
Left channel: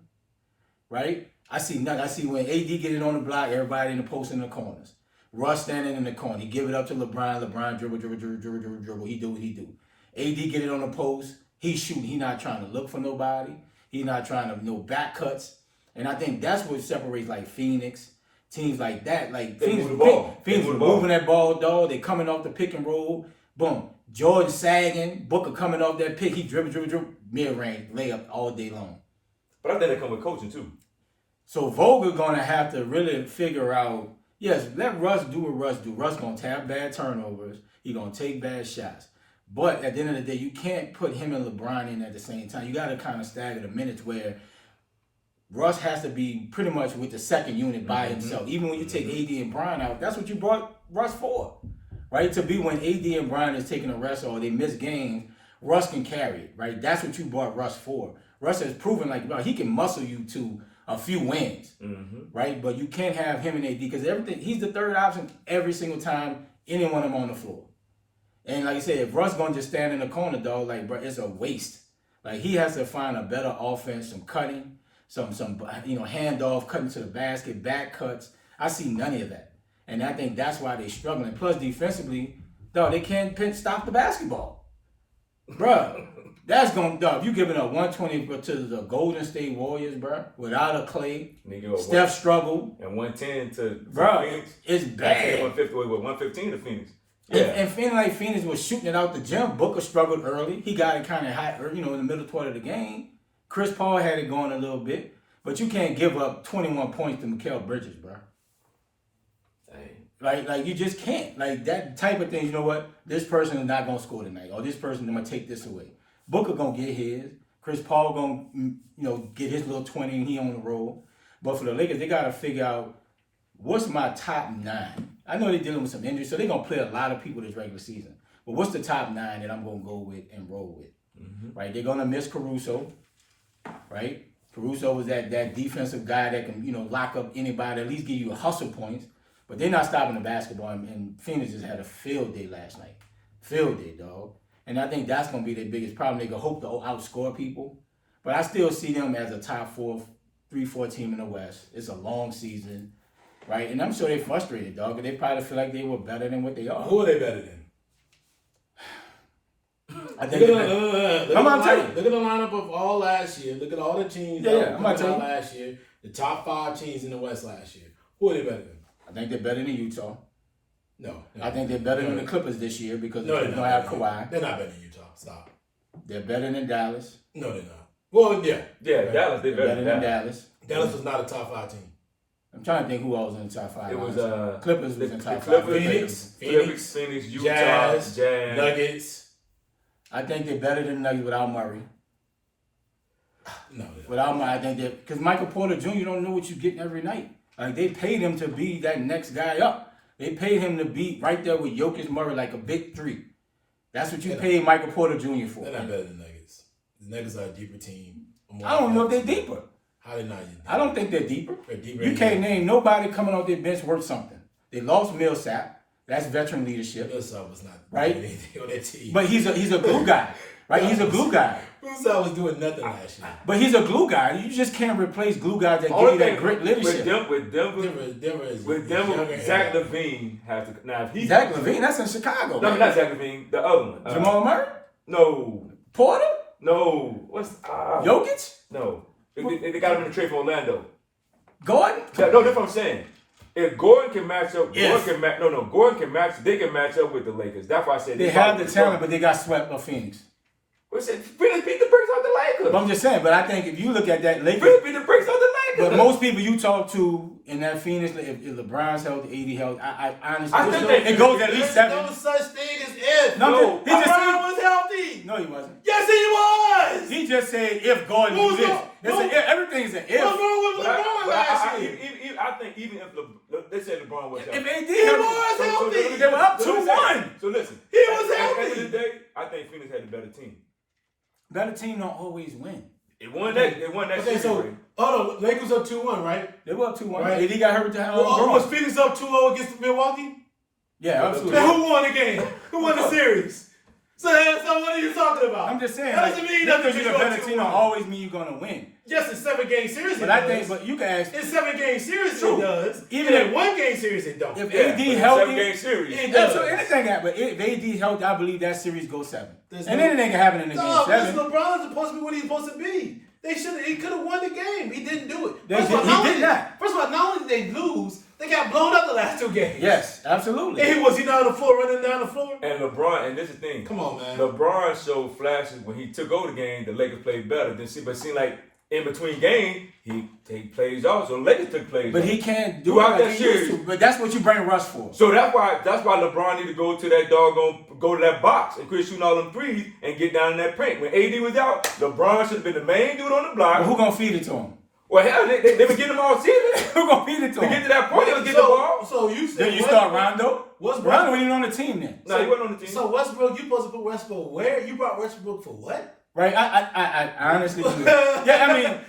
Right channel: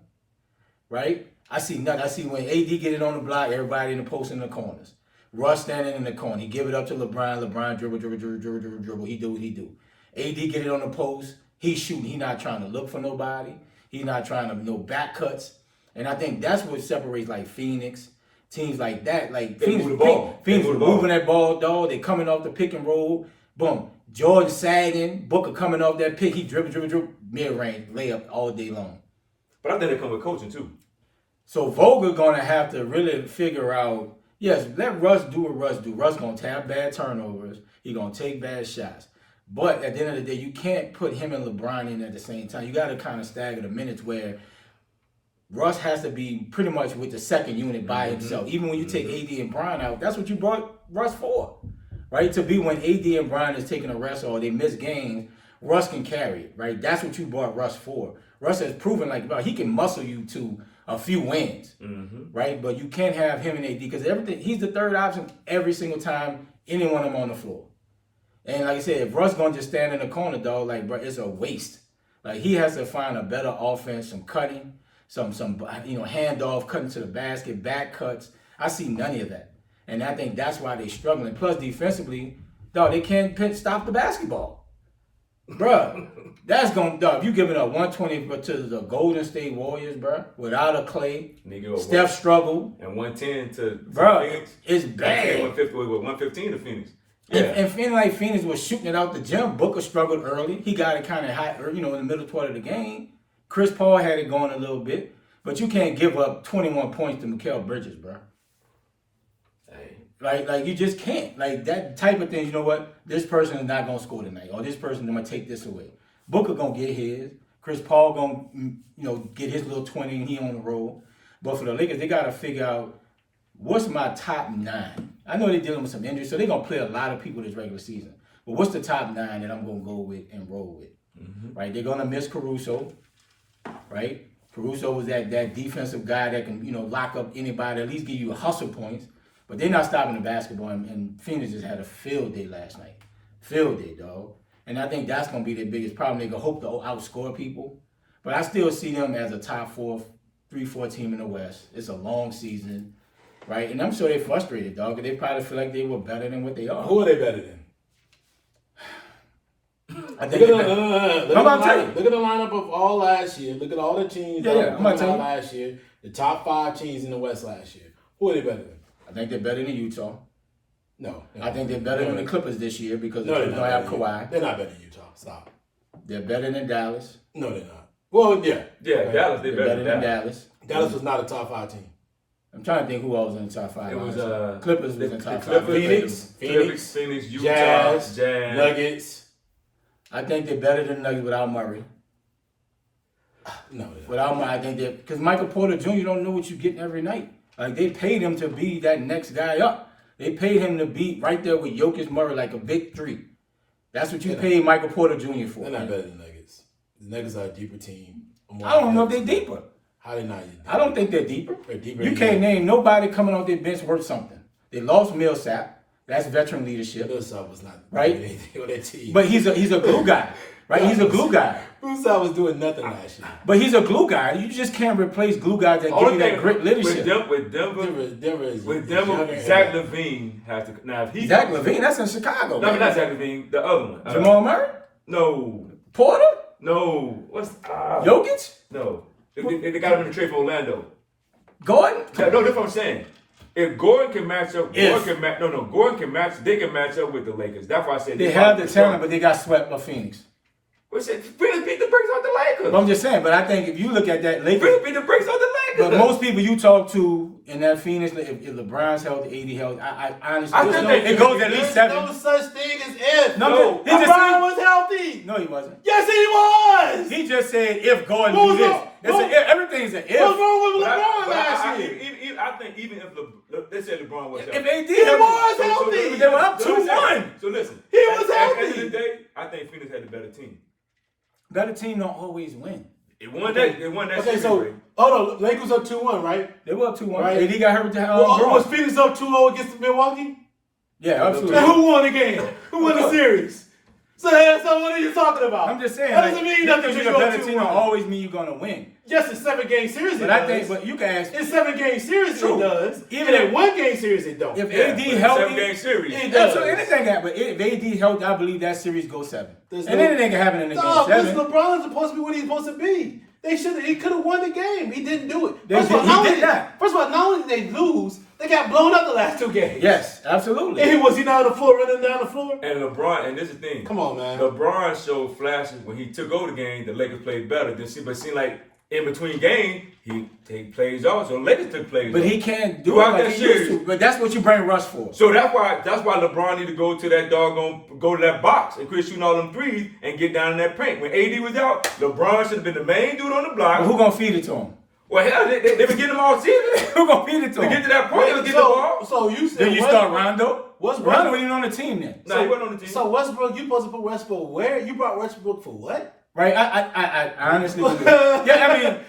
right? I see nothing. I see when AD get it on the block, everybody in the post in the corners. Russ standing in the corner. He give it up to LeBron. LeBron dribble. He do what he do. AD get it on the post. He's shooting. He not trying to look for nobody. He's not trying to no back cuts. And I think that's what separates like Phoenix, teams like that. Like Phoenix moving that ball, dog. They coming off the pick and roll. Boom. Jordan sagging. Booker coming off that pick. He dribble. Mid-range, layup all day long. But I think it come with coaching too. So Vogel gonna have to really figure out, yes, let Russ do what Russ do. Russ gonna have bad turnovers. He gonna take bad shots. But at the end of the day, you can't put him and LeBron in at the same time. You got to kind of stagger the minutes where Russ has to be pretty much with the second unit by himself. Even when you take AD and Bron out, that's what you brought Russ for, right? To be when AD and Bron is taking a rest or they miss games, Russ can carry it, right? That's what you brought Russ for. Russ has proven like, bro, he can muscle you to a few wins, right? But you can't have him and AD because he's the third option every single time any one of them on the floor. And like I said, if Russ gonna just stand in the corner, dog, like, bro, it's a waste. Like, he has to find a better offense, some cutting, some handoff, cutting to the basket, back cuts. I see none of that. And I think that's why they're struggling. Plus, defensively, dog, they can't stop the basketball. Bruh, that's going to, dog, if you giving up 120 to the Golden State Warriors, bruh, without a Clay, Steph struggled. And 110 to Phoenix. It's bad. 115 to Phoenix. Yeah. And feeling like Phoenix was shooting it out the gym. Booker struggled early. He got it kind of hot, in the middle part of the game. Chris Paul had it going a little bit. But you can't give up 21 points to Mikal Bridges, bro. Hey. Like you just can't. Like that type of thing, you know what? This person is not going to score tonight. Or this person is going to take this away. Booker going to get his. Chris Paul going to, get his little 20 and he on the roll. But for the Lakers, they got to figure out what's my top 9. I know they're dealing with some injuries, so they're going to play a lot of people this regular season. But what's the top 9 that I'm going to go with and roll with? Right? They're going to miss Caruso, right? Caruso was that defensive guy that can, lock up anybody, at least give you a hustle points. But they're not stopping the basketball, and Phoenix just had a field day last night. Field day, dog. And I think that's going to be their biggest problem. They're going to hope to outscore people. But I still see them as a top 3-4 team in the West. It's a long season. Right, and I'm sure they're frustrated, dog. Because they probably feel like they were better than what they are. Who are they better than? I think I'm about to tell you. Look at the lineup of all last year. Look at all the teams. I'm about to tell you. Last year, the top 5 teams in the West last year. Who are they better than? I think they're better than Utah. No. I think they're better than the Clippers this year because the Clippers don't have Kawhi. They're not better than Utah. Stop. They're better than Dallas. No, they're not. Well, yeah. Yeah, right. Dallas. They're better than Dallas. Dallas was not a top 5 team. I'm trying to think who else was in the top 5. It was Clippers was in top 5. Phoenix, Utah, Jazz, Nuggets. I think they're better than the Nuggets without Murray. No, without Murray, I think because Michael Porter Jr. don't know what you're getting every night. Like they paid him to be that next guy up. They paid him to be right there with Jokic, Murray, like a big 3. That's what you paid Michael Porter Jr. for. They're not better than the Nuggets. The Nuggets are a deeper team. I don't know if they're deeper. How they not? I don't think they're deeper. They're deeper. You can't name nobody coming off their bench worth something. They lost Millsap. That's veteran leadership. Millsap was not right. With that team. But he's a glue guy, right? He's a glue guy. Millsap was doing nothing last year. But he's a glue guy. You just can't replace glue guys that give you that great leadership. With Denver, Zach LaVine has to. Now if he Zach LaVine, that's in Chicago. No, not Zach LaVine. The other one. Jamal Murray. No. Porter. No. What's Jokic? No. They got him in the trade from Orlando. Gordon? No, that's what I'm saying. If Gordon can match up, Gordon can match. They can match up with the Lakers. That's why I said they have the talent, but they got swept by Phoenix. Phoenix beat the brakes off the Lakers. But I'm just saying. But I think if you look at that Lakers, Phoenix beat the brakes off the Lakers. But most people you talk to in that Phoenix, if LeBron's healthy, AD healthy, I honestly, it goes at least 7. No such thing as if. No, LeBron was healthy. No, he wasn't. Yes, he was. He just said if Gordon do this. Everything's an if. What's wrong with LeBron last year? I think even if they said LeBron was If healthy. AD He was healthy. they were up 2-1. So listen. He was at the healthy. end of the day, I think Phoenix had the better team. Better team don't always win. It won that. It won that Okay, series. so Ray. hold on. Lakers up 2-1, right? They were up 2-1. Right. AD got hurt with the Was Bronx. Phoenix up 2-0 against Milwaukee? Yeah, absolutely. And who won the game? Who won the series? So what are you talking about? I'm just saying, That like, doesn't mean because you're the better team, don't 2-1. always mean you're gonna win. Yes, it's 7-game series. But it I does. think, but you can ask In 7-game series True. it does. Even in if- 1-game series it don't. if Yeah, AD but it's a healthy, 7-game series. It yeah, does. so anything happen. If AD healthy, I believe that series goes 7. There's And no- anything can happen in the game No, 7. LeBron is supposed to be what he's supposed to be. He could have won the game. He didn't do it. He First of did not. First of all, not only did they lose, they got blown up the last 2 games. Yes, absolutely. And was he not on the floor running down the floor? And LeBron, and this is the thing. Come on, man. LeBron showed flashes when he took over the game. The Lakers played better. But it seemed like in between games, he take plays off. So the Lakers took plays But off. he can't do it Throughout like that he used series. to. But that's what you bring Russ for. So that's why LeBron need to go to that go to that box and quit shooting all them threes and get down in that paint. When AD was out, LeBron should have been the main dude on the block. But who gonna feed it to him? Well, hell, they been getting him all season. Who gonna feed it to To him? get to that point, they was getting the ball. So you said Then you start Rondo. Westbrook- Rondo wasn't even on the team then. No, he wasn't on the team. So Westbrook, you supposed to put Westbrook where? You brought Westbrook for what? Right? I honestly believe. Yeah, I mean,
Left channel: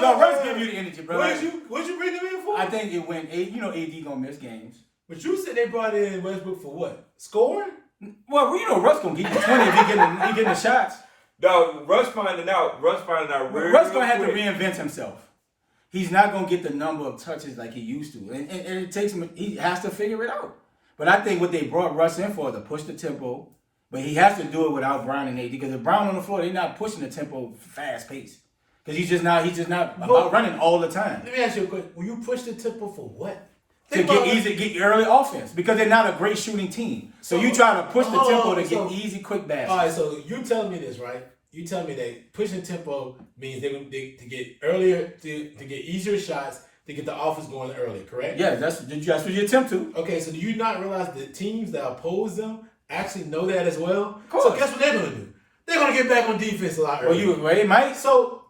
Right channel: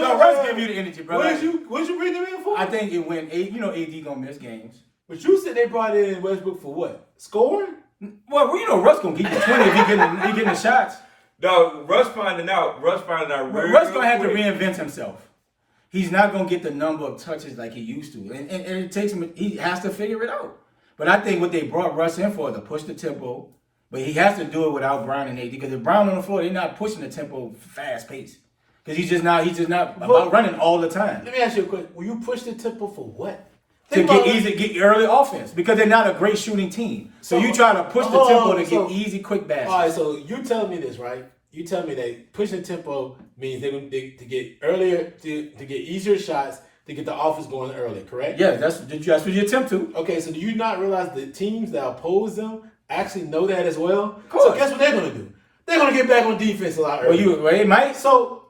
no, Russ give you the energy, bro. What Like, did you bring him in for? I think it went. AD gonna miss games. But you said they brought in Westbrook for what? Scoring? Well, you know, Russ gonna get you 20 if he getting the shots. No, Russ finding out. Russ real, Russ gonna have to quick. reinvent himself. He's not gonna get the number of touches like he used to, and it takes him. He has to figure it out. But I think what they brought Russ in for is to push the tempo, but he has to do it without Brown and AD. Because if Brown on the floor, they're not pushing the tempo fast pace. Because he's just not about running all the time Let me ask you a question. Will you push the tempo for what? to get early offense. Because they're not a great shooting team. So you try to push the tempo to get easy, quick baskets. All right, so you telling me this, right? You telling me that pushing tempo means they to get earlier, to get easier shots, to get the offense going early, correct? Yeah, that's what you attempt to. Okay, so do you not realize the teams that oppose them actually know that as well? Of course. So guess what they're going to do? They're going to get back on defense a lot earlier. Well, it might. So,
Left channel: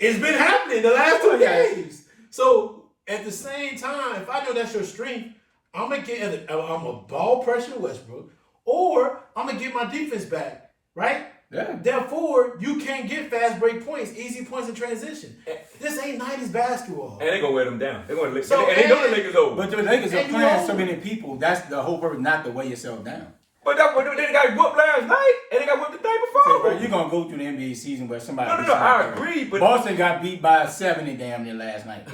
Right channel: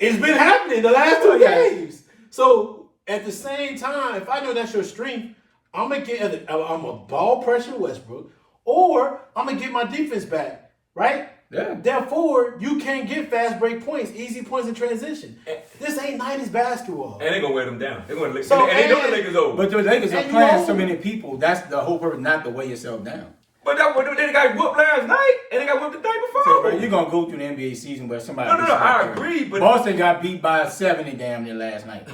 it's been happening the last 2 Yeah. games. So, at the same time, if I know that's your strength, I'm a ball pressure Westbrook, or I'm going to get my defense back, right? Yeah. Therefore, you can't get fast break points, easy points in transition. This ain't 90s basketball. And they gonna wear them down. They gonna So, and they know the Lakers over. But the Lakers are And you playing know- so many people. That's the whole purpose, not to weigh yourself down. But they got whooped last night, and they got whooped the day before. So, bro, you're going to go through the NBA season where somebody... No, gets I knocked out. agree, but Boston got beat by 70 damn near last night.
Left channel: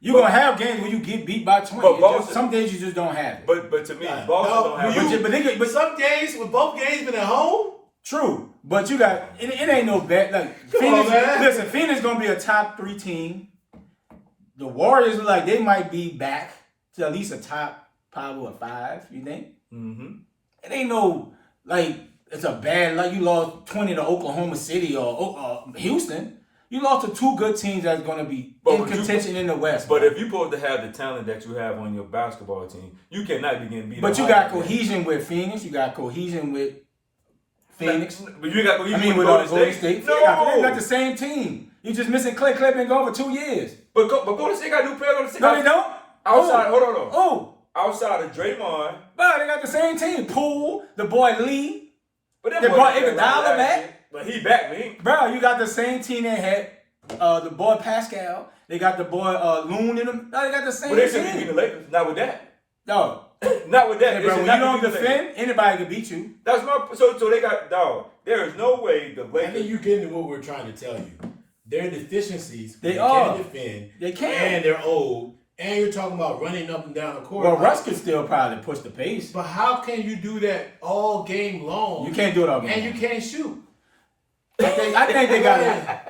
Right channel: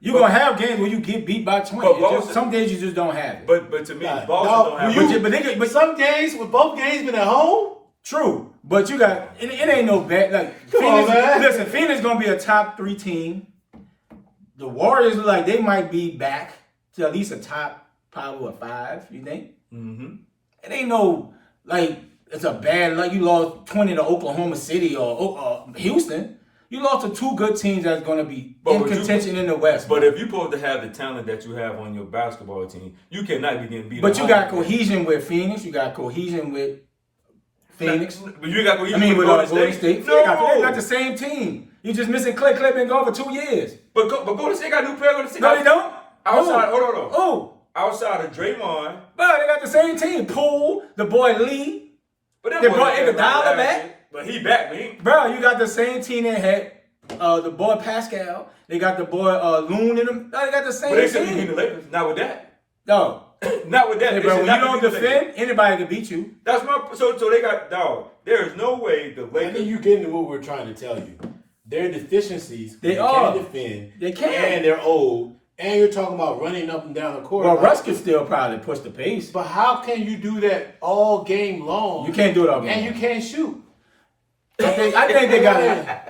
You're going to have games where you get beat by 20. But Boston- Some days you just don't have it. but to me, Nah, Boston no, don't have. will you- But But some games, with both games been at home, True. But you got... It ain't no bad... Like, Come on, Phoenix... man. Listen, Phoenix going to be a top 3 team. The Warriors look like they might be back to at least a top 5 or 5, you think? Mm-hmm. It ain't no... Like, it's a bad... Like, you lost 20 to Oklahoma City or Houston. You lost to 2 good teams that's going to be in contention in the West. But if you're supposed to have the talent that you have on your basketball team, you cannot be getting beat. But you up. got cohesion with Phoenix. You got cohesion with Phoenix. But you got cohesion. I mean, with Golden State. No, They're not the same team. You just missing Clay. Clay been gone for 2 years. but Golden State got new players. Golden State No, they don't. Outside, Oh. hold on. Oh, Outside of Draymond, but they got the same team. Poole, the boy Lee. but them They boys brought got Iguodala last back? year. But he back, man. Bro, you got the same team they had. The boy Pascal. They got the boy Loon in them. No, they got the same But they shouldn't be beating the team. Lakers. Not with that. No. Not with that. Hey, They bro, should when you not don't be beating the defend, Lakers. anybody can beat you. That's my so they got dog. There is no way the I Lakers. think you're getting to what we're trying to tell you. Their deficiencies, They are. can't defend, They can. and they're old, and you're talking about running up and down the court. Well, Russ can still probably push the pace. But how can you do that all game long? You can't do it all game. And you can't shoot. I think they got.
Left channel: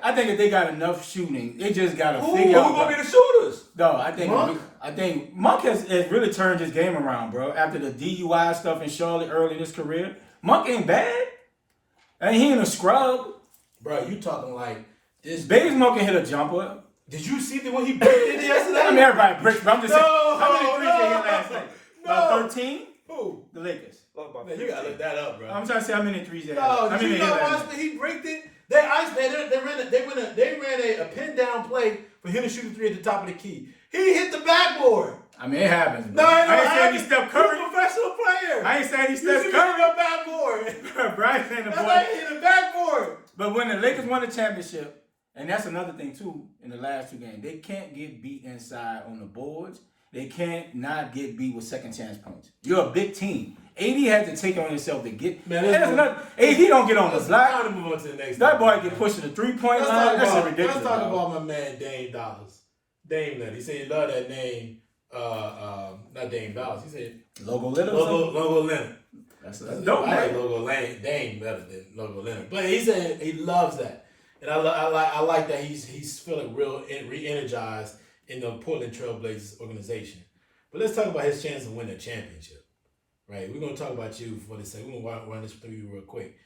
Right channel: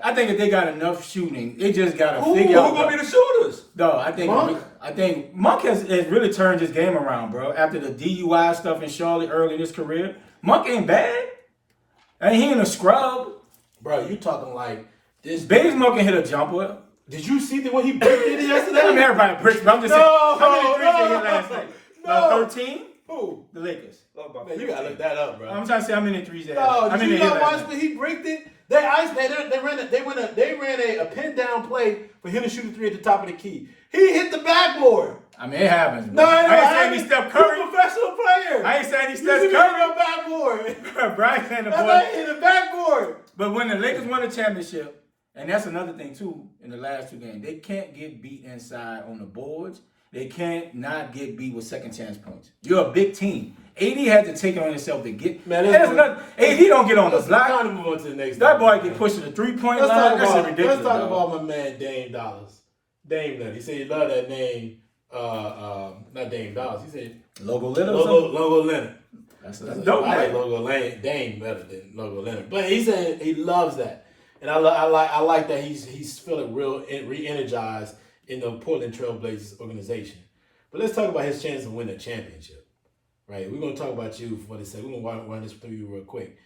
I think if they got enough shooting, they just got to Who figure out. gonna be the shooters? No, I think Monk has really turned his game around, bro. After the DUI stuff in Charlotte early in his career, Monk ain't bad. And he ain't a scrub. Bro, you talking like this. Bazemore can hit a jumper. Did you see what he bricked in yesterday? I mean, everybody bricks, but I'm just saying. No, How many threes no, they hit last night? no. About 13? Who? The Lakers. Man, you gotta look that up, bro. I'm trying to say how many threes they had. No, How did many you they hit not last watch night? when he bricked it? They iced, man. They ran a pin down play for him to shoot a three at the top of the key. He hit the backboard. I mean, it happens, bro. No, I ain't saying he's Steph Curry. He's a professional player. I ain't saying he's You Steph see Curry. him on backboard. Brian saying the That's boy. like hitting the backboard. But when the Lakers won the championship, and that's another thing too, in the last two games, they can't get beat inside on the boards. They can't not get beat with second chance points. You're a big team. AD had to take it on himself to get. Man, AD don't get on the block. Kind of move on to the next. That boy get pushed to the 3-point line. That's ridiculous. Let's talk about my man Dame Dollars. Dame Lillard. He said he loved that name. Not Dame Dollars. He said Logo Leonard. Logo Leonard. That's dope, I like man. Logo Dame better than Logo Leonard. But he said he loves that, and I like that he's feeling re-energized in the Portland Trail Blazers organization. But let's talk about his chance to win a championship. Right, we're gonna talk about you for this second. We're gonna run this through you real quick.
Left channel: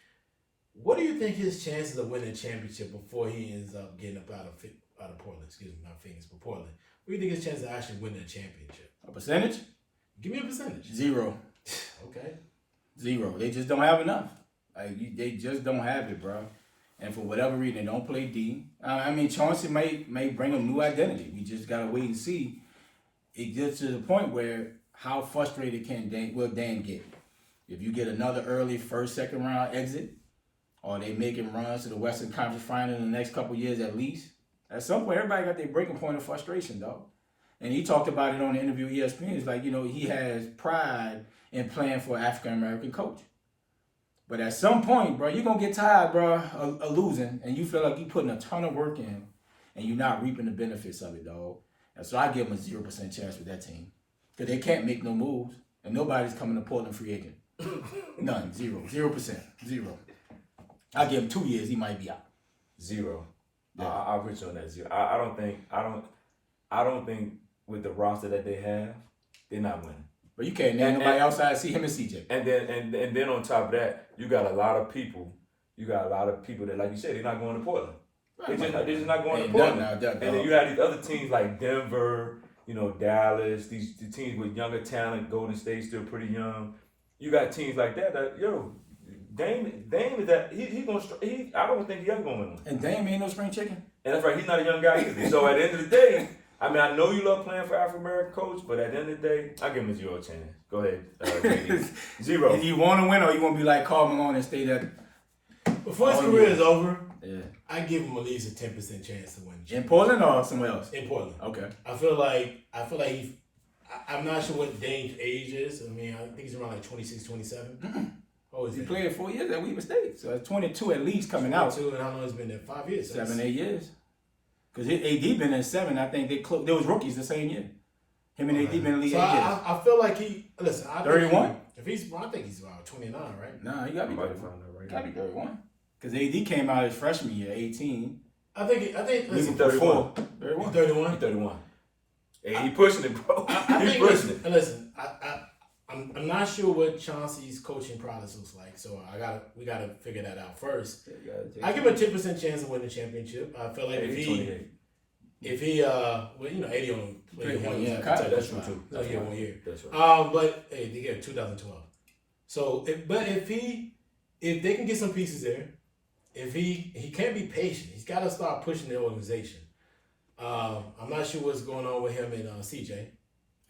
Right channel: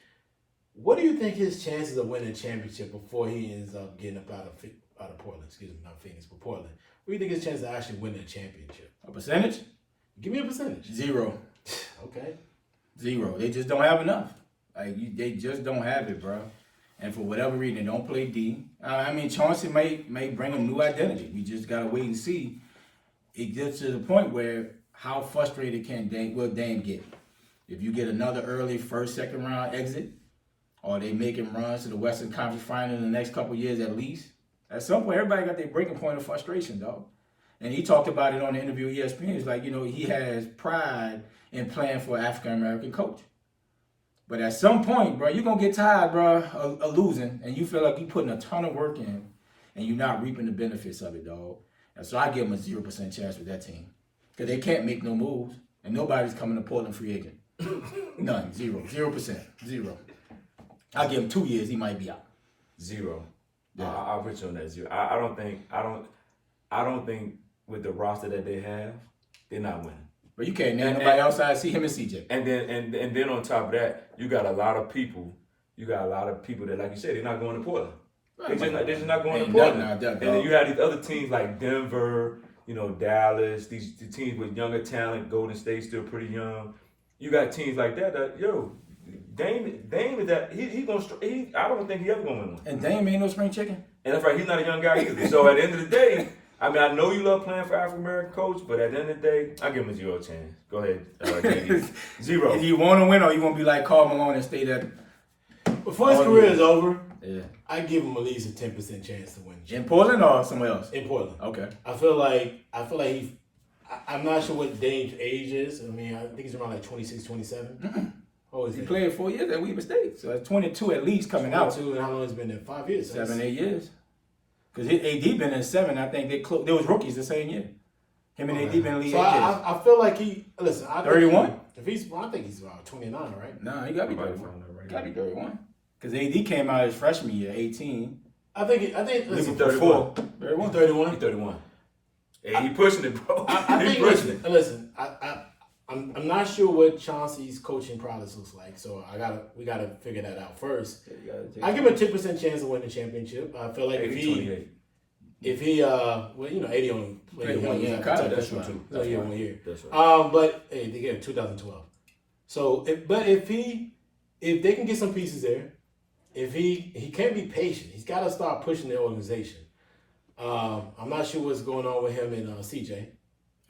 What do you think his chances of winning a championship before he ends up getting up out of Portland? Excuse me, not Phoenix, but Portland. What do you think his chances of actually winning a championship? A percentage? Give me a percentage. 0. Okay. 0. They just don't have enough. They just don't have it, bro. And for whatever reason, they don't play D. I mean, Chauncey may bring a new identity. We just gotta wait and see. It gets to the point where how frustrated will Dame get? If you get another early first, second round exit, or they making runs to the Western Conference Final in the next couple of years at least, at some point everybody got their breaking point of frustration, dog. And he talked about it on the interview with ESPN. He's like, he has pride in playing for an African American coach. But at some point, bro, you're going to get tired, bro, of losing, and you feel like you're putting a ton of work in, and you're not reaping the benefits of it, dog. And so I give him a 0% chance with that team. Because they can't make no moves, and nobody's coming to Portland free agent. None. 0%. 0. I'll give him 2 years, he might be out. 0. Yeah. I'll put you on that 0. I don't think with the roster that they have, they're not winning. But you can't name nobody outside see him and CJ. And then on top of that, you got a lot of people that, like you said, they're not going to Portland. They're just not going to Portland. And then you have these other teams like Denver, Dallas, the teams with younger talent. Golden State's still pretty young. You got teams like that Dame is that I don't think he ever gonna win one. And Dame ain't no spring chicken. And that's right, he's not a young guy either. So at the end of the day, I mean, I know you love playing for African American coach, but at the end of the day, I give him a 0 chance. Go ahead, 0. If you want to win, or you want to be like Karl Malone and stay there. Before his career is over, yeah, I give him at least a 10% chance to win. In Portland or somewhere else? In Portland. Okay. I feel like I'm not sure what Dame's age is. I mean, I think he's around like 26, 27. Oh, he played 4 years at Weber State, so that's 22 at least coming out. 22, and how long has he been there? 5 years. 7, 8 years. Because AD been in 7. I think they was rookies the same year. Him and AD been in the league 8 years. I feel like 31? I think he's around 29, right? Nah, he got to be 31. Got to be 31. Because AD came out his freshman year, 18. I think. He's 31. 31. 31. He's 31. Hey, he pushing it, bro. I think. Pushing it. Listen. I'm not sure what Chauncey's coaching process looks like, so we gotta figure that out first. I give him a 10% chance of winning the championship. I feel like if he 80 only played 1 year. That's true too. No, 1 year. That's right. But hey, they get 2012. So, if they can get some pieces there, if he can't be patient, he's got to start pushing the organization. I'm not sure what's going on with him and CJ.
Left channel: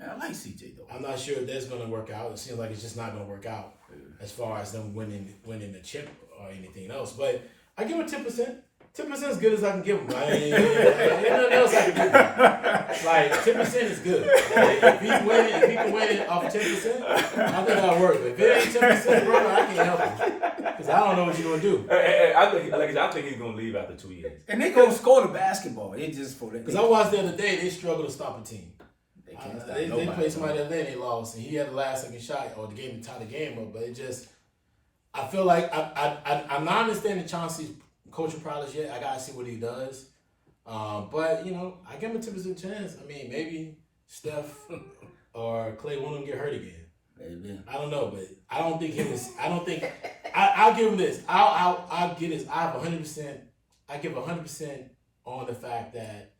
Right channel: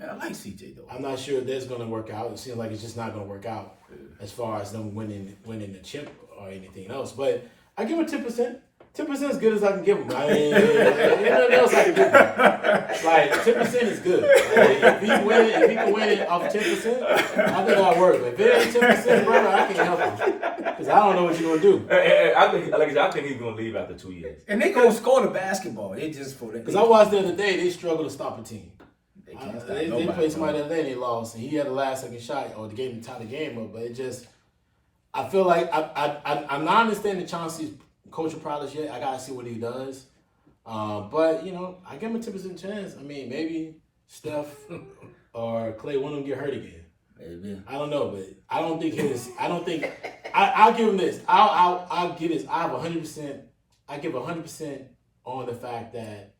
Man, I like CJ though. I'm not sure if that's going to work out. It seems like it's just not going to work out as far as them winning the chip or anything else. But I give him 10%. 10% is as good as I can give him. I mean, nothing else I can give him. Like 10% is good. If he can win off 10%, I think that'll work. But if it ain't 10%, brother, I can't help him because I don't know what you're gonna do. I think he's gonna leave after 2 years. And they gonna score the basketball. It just for that. Because I watched the other day, they struggle to stop a team. They can't stop They nobody. played somebody the other day, they lost, and he had the last second shot or the game to tie the game up. But it just, I feel like I'm not understanding Chauncey's coaching prowess yet. I gotta see what he does. But I give him a 10% chance. I mean, maybe Steph or Clay, one of them get hurt again. Maybe. I don't know, but I don't think his. I don't think. I'll give him this. I'll give this. I have 100%. I give 100% on the fact that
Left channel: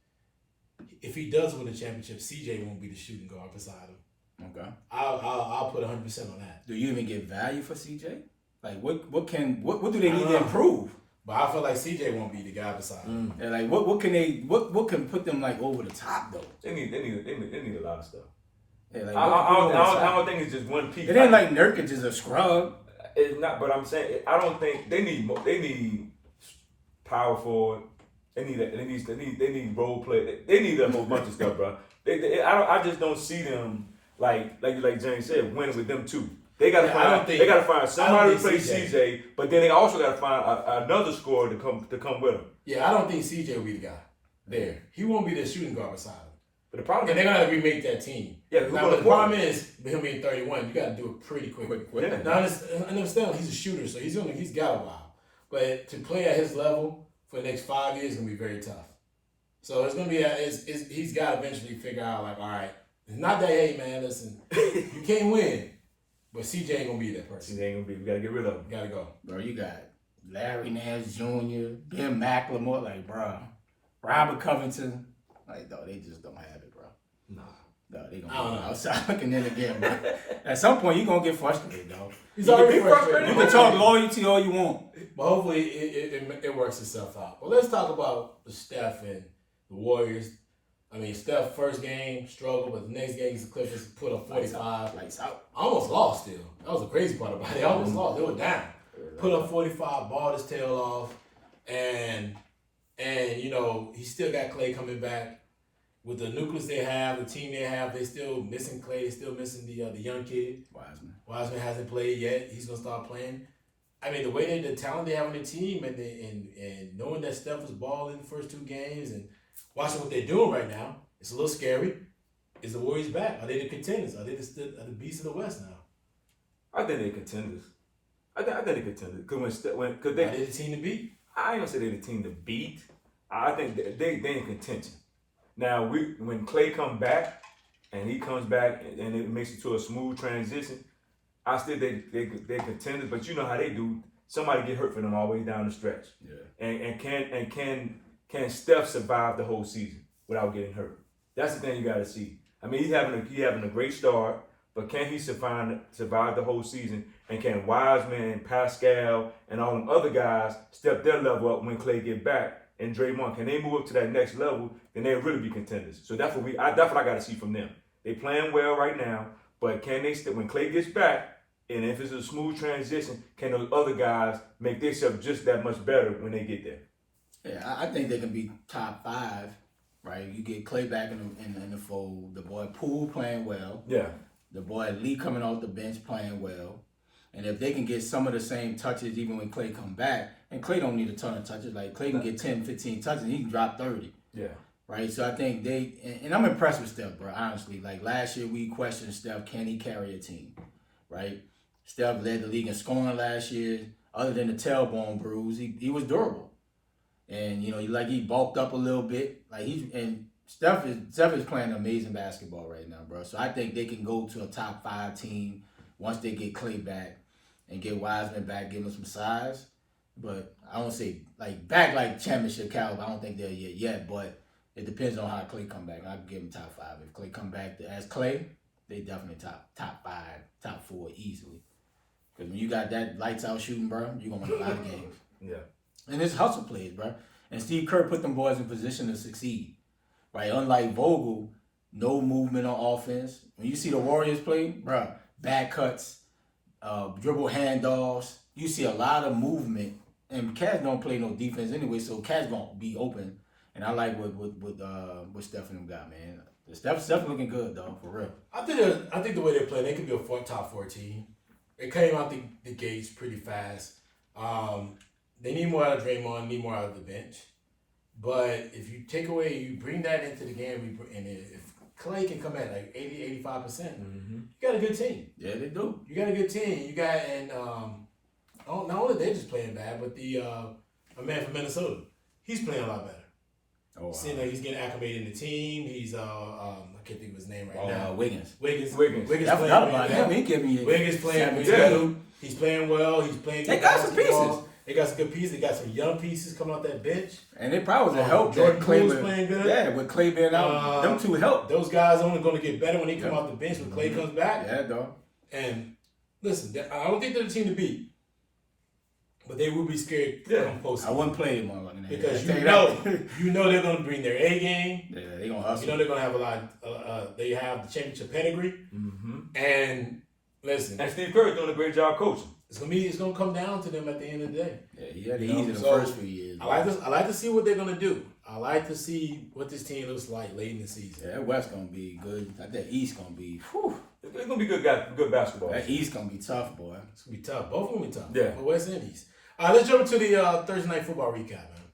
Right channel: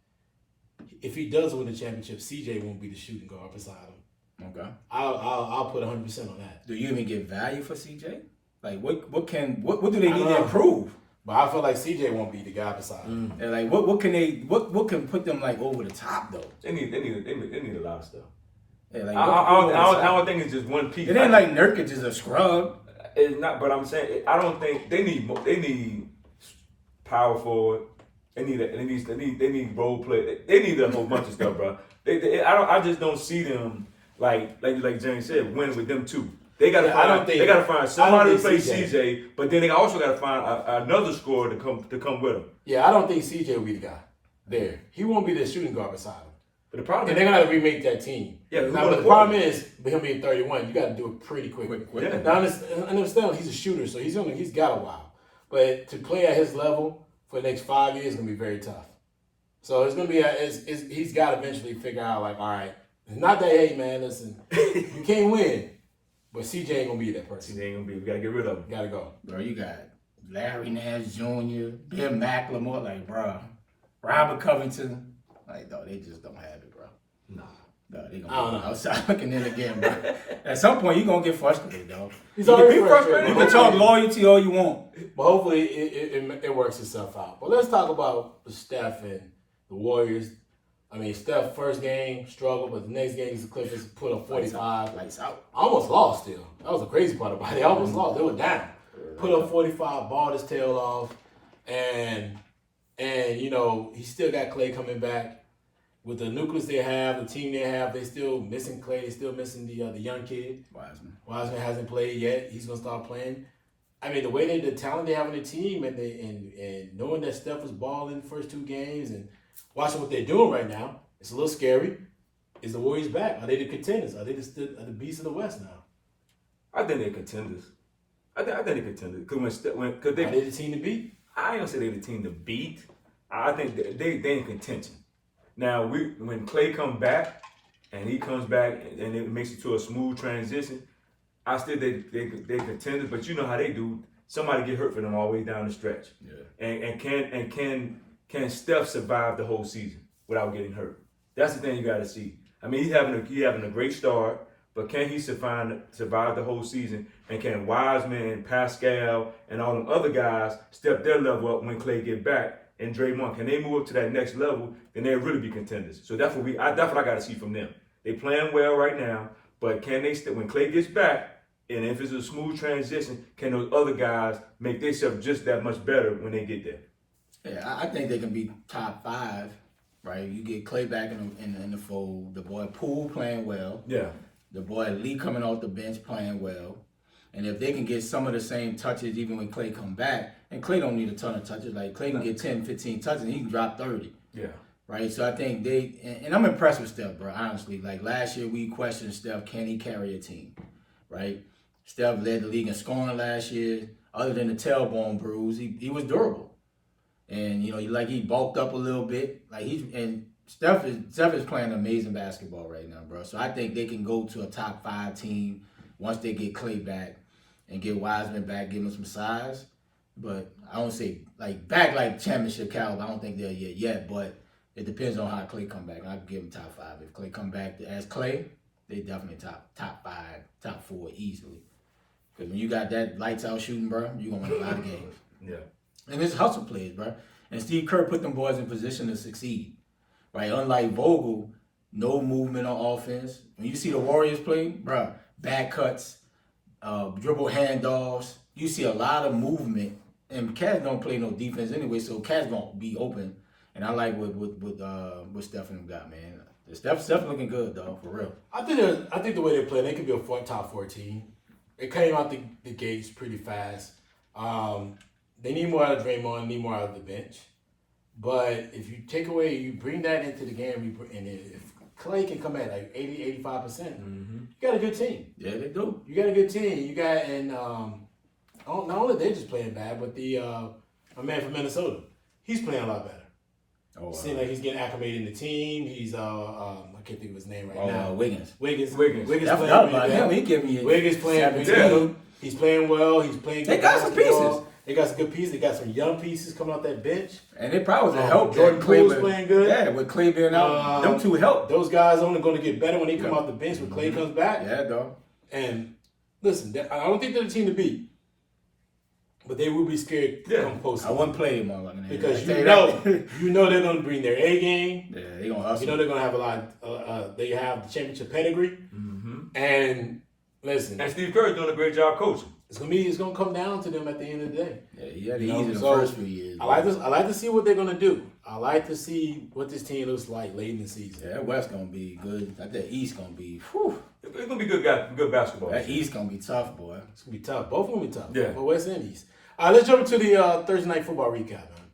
if he does win the championship, CJ won't be the shooting guard beside him. Okay. I'll put 100% on that. Do you even get value for CJ? Like what do they need to improve? But I feel like CJ won't be the guy beside him. And like, what can put them like over the top though? They need a lot of stuff. Yeah, like, I don't think it's just one piece. It ain't like Nurkic is a scrub. It's not, but I'm saying I don't think they need more. They need power forward. They need role play. They need a whole bunch of stuff, bro. I just don't see them like James said, winning with them two. They gotta find somebody to play CJ, but then they also gotta find another scorer to come with him. Yeah, I don't think CJ will be the guy there. He won't be the shooting guard beside him. But the problem is they're gonna have to remake that team. Yeah, now, but the problem is with him being 31, you got to do it pretty quick. Yeah. Now, I understand he's a shooter, so he's got a while. But to play at his level for the next 5 years is gonna be very tough. So it's gonna be he's got to eventually figure out like, all right, it's not that hey man, listen, you can't win, but CJ ain't gonna be that person. CJ ain't gonna be. We gotta get rid of him. Gotta go, bro. You got Larry Nance Jr., Ben McLemore, like, bro, Robert Covington, like, no, they just don't have it, bro. No, they gonna be outside looking in again, bro. At some point, you gonna get frustrated, dog. He's already frustrated. You can talk loyalty all you want, but hopefully it works itself out. But let's talk about the Steph and the Warriors. I mean, Steph first game struggled, but the next game the Clippers put up 45. Lights out. Almost lost still. That was the crazy part about it. They almost lost. They were down. Put up 45, balled his tail off, and you know he still got Clay coming back. With the nucleus they have, the team they have, they still missing Clay, still missing the young kid. Wiseman hasn't played yet. He's gonna start playing. I mean, the way the talent they have on the team, and knowing that Steph was balling the first two games, and watching what they're doing right now, it's a little scary. Is the Warriors back? Are they the contenders? Are they the beasts of the West now? I think they're contenders. I think they're contenders because are they the team to beat? I ain't gonna say they're the team to beat. I think they in contention. Now when Clay comes back and he comes back and it makes it to a smooth transition, I still they contenders. But you know how they do. Somebody get hurt for them all the way down the stretch. Yeah. And can Steph survive the whole season without getting hurt? That's the thing you got to see. I mean, he's having a great start, but can he survive the whole season? And can Wiseman, Pascal, and all them other guys step their level up when Clay get back? And Draymond, can they move up to that next level? Then they'll really be contenders. So that's what I got to see from them. They playing well right now, but can they when Clay gets back? And if it's a smooth transition, can those other guys make themselves just that much better when they get there? Yeah, I think they can be top 5, right? You get Clay back in the fold. The boy Poole playing well. Yeah. The boy Lee coming off the bench playing well. And if they can get some of the same touches even when Clay come back, and Clay don't need a ton of touches. Like, Clay can get 10, 15 touches, and he can drop 30. Yeah. Right? So I think and I'm impressed with Steph, bro, honestly. Like, last year we questioned Steph, can he carry a team? Right? Steph led the league in scoring last year. Other than the tailbone bruise, he was durable. And, you know, he bulked up a little bit. Steph is playing amazing basketball right now, bro. So I think they can go to a top 5 team once they get Clay back and get Wiseman back, give him some size. But I don't say back championship caliber. I don't think they're yet, but it depends on how Clay come back. I can give him top 5. If Clay come back as Clay, they definitely top 5, top 4 easily. Because when you got that lights out shooting, bro, you're gonna win a lot of games. Yeah. And it's hustle plays, bro. And Steve Kerr put them boys in position to succeed. Right? Unlike Vogel, no movement on offense. When you see the Warriors play, bro, back cuts, dribble handoffs, you see a lot of movement. And Cats don't play no defense anyway, so Cats gonna be open. And I like what Steph and them got, man. Steph's looking good, though, for real. I think the way they play, they could be a top 14. They came out the gates pretty fast. They need more out of Draymond, need more out of the bench. But if you take away, you bring that into the game, and if Clay can come at like 80, 85%, you got a good team. Yeah, they do. You got a good team. You got, and not only they're just playing bad, but the a man from Minnesota, he's playing a lot better. Oh, seems like he's getting acclimated in the team. He's I can't think of his name right now. Wiggins. Wiggins I forgot about him. He gave me Wiggins playing well. He's playing well. He's playing. They got some pieces. They got some good pieces. They got some young pieces coming off that bench. And it probably was a help. Jordan Clay was playing good. Yeah, with Clay being out, them two help. Those guys only going to get better when they come off the bench when Clay comes back. Yeah, dog. And listen, I don't think they're the team to beat. but they will be scared to come post. I wouldn't play him on because you know they're gonna bring their A game. Yeah, they're gonna hustle. You know they're gonna have a lot. They have the championship pedigree, and listen. And Steve Kerr's doing a great job coaching. It's gonna come down to them at the end of the day. Yeah, he had it easy the first few years. I like to see what they're gonna do. I like to see what this team looks like late in the season. Yeah, that West gonna be good. That East gonna be. Whew. It's gonna be good basketball. That East gonna be tough, boy. It's gonna be tough. Both of them be tough. Yeah. But West Indies. All right, let's jump into the Thursday night football recap, man.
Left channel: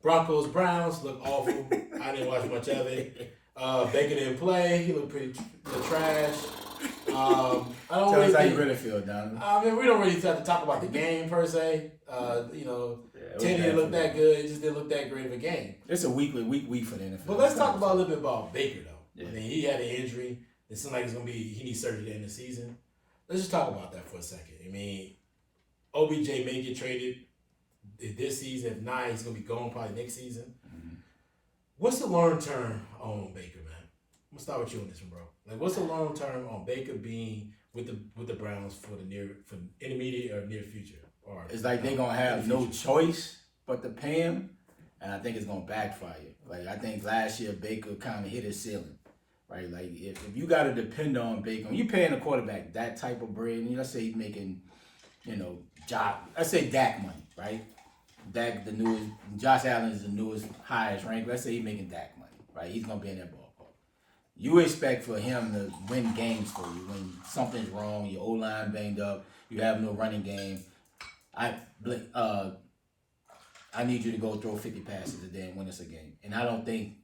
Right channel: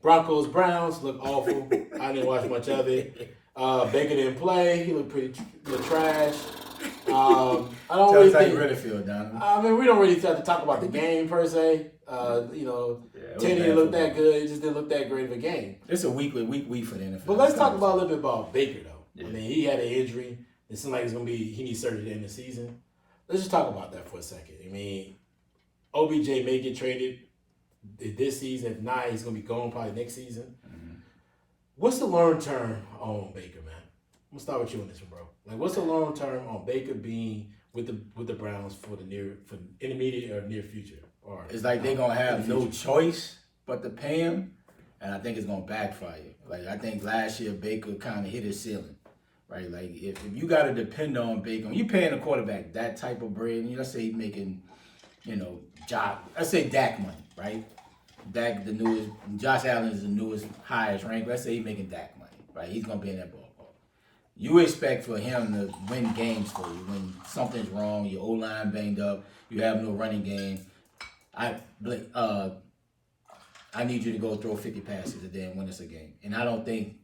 Broncos Browns look awful. I didn't watch much of it. Baker didn't play. He looked pretty trash. I don't Tell us how you really feel, Donovan. I mean, we don't really have to talk about the game per se. Teddy didn't look that good. It just didn't look that great of a game. It's a week for the NFL. But let's talk about a little bit about Baker, though. Yeah. I mean, he had an injury. It seemed like he needs surgery at the end of the season. Let's just talk about that for a second. I mean, OBJ may get traded this season. If not, he's going to be gone probably next season. Mm-hmm. What's the long term on Baker, man? I'm gonna start with you on this one, bro. Like, what's the long term on Baker being with the Browns for intermediate or near future? Or it's like they're gonna have no choice but to pay him, and I think it's gonna backfire. Like, I think last year Baker kind of hit his ceiling, right? Like, if you got to depend on Baker, when you paying a quarterback that type of bread, and let's say he's making, let's say Dak money, right? Dak, the newest, Josh Allen is the newest, highest rank. Let's say he's making Dak money, right? He's gonna be in that ballpark. You expect for him to win games for you when something's wrong, your O-line banged up, you have no running game. I need you to go throw 50 passes a day and win us a game. And I don't think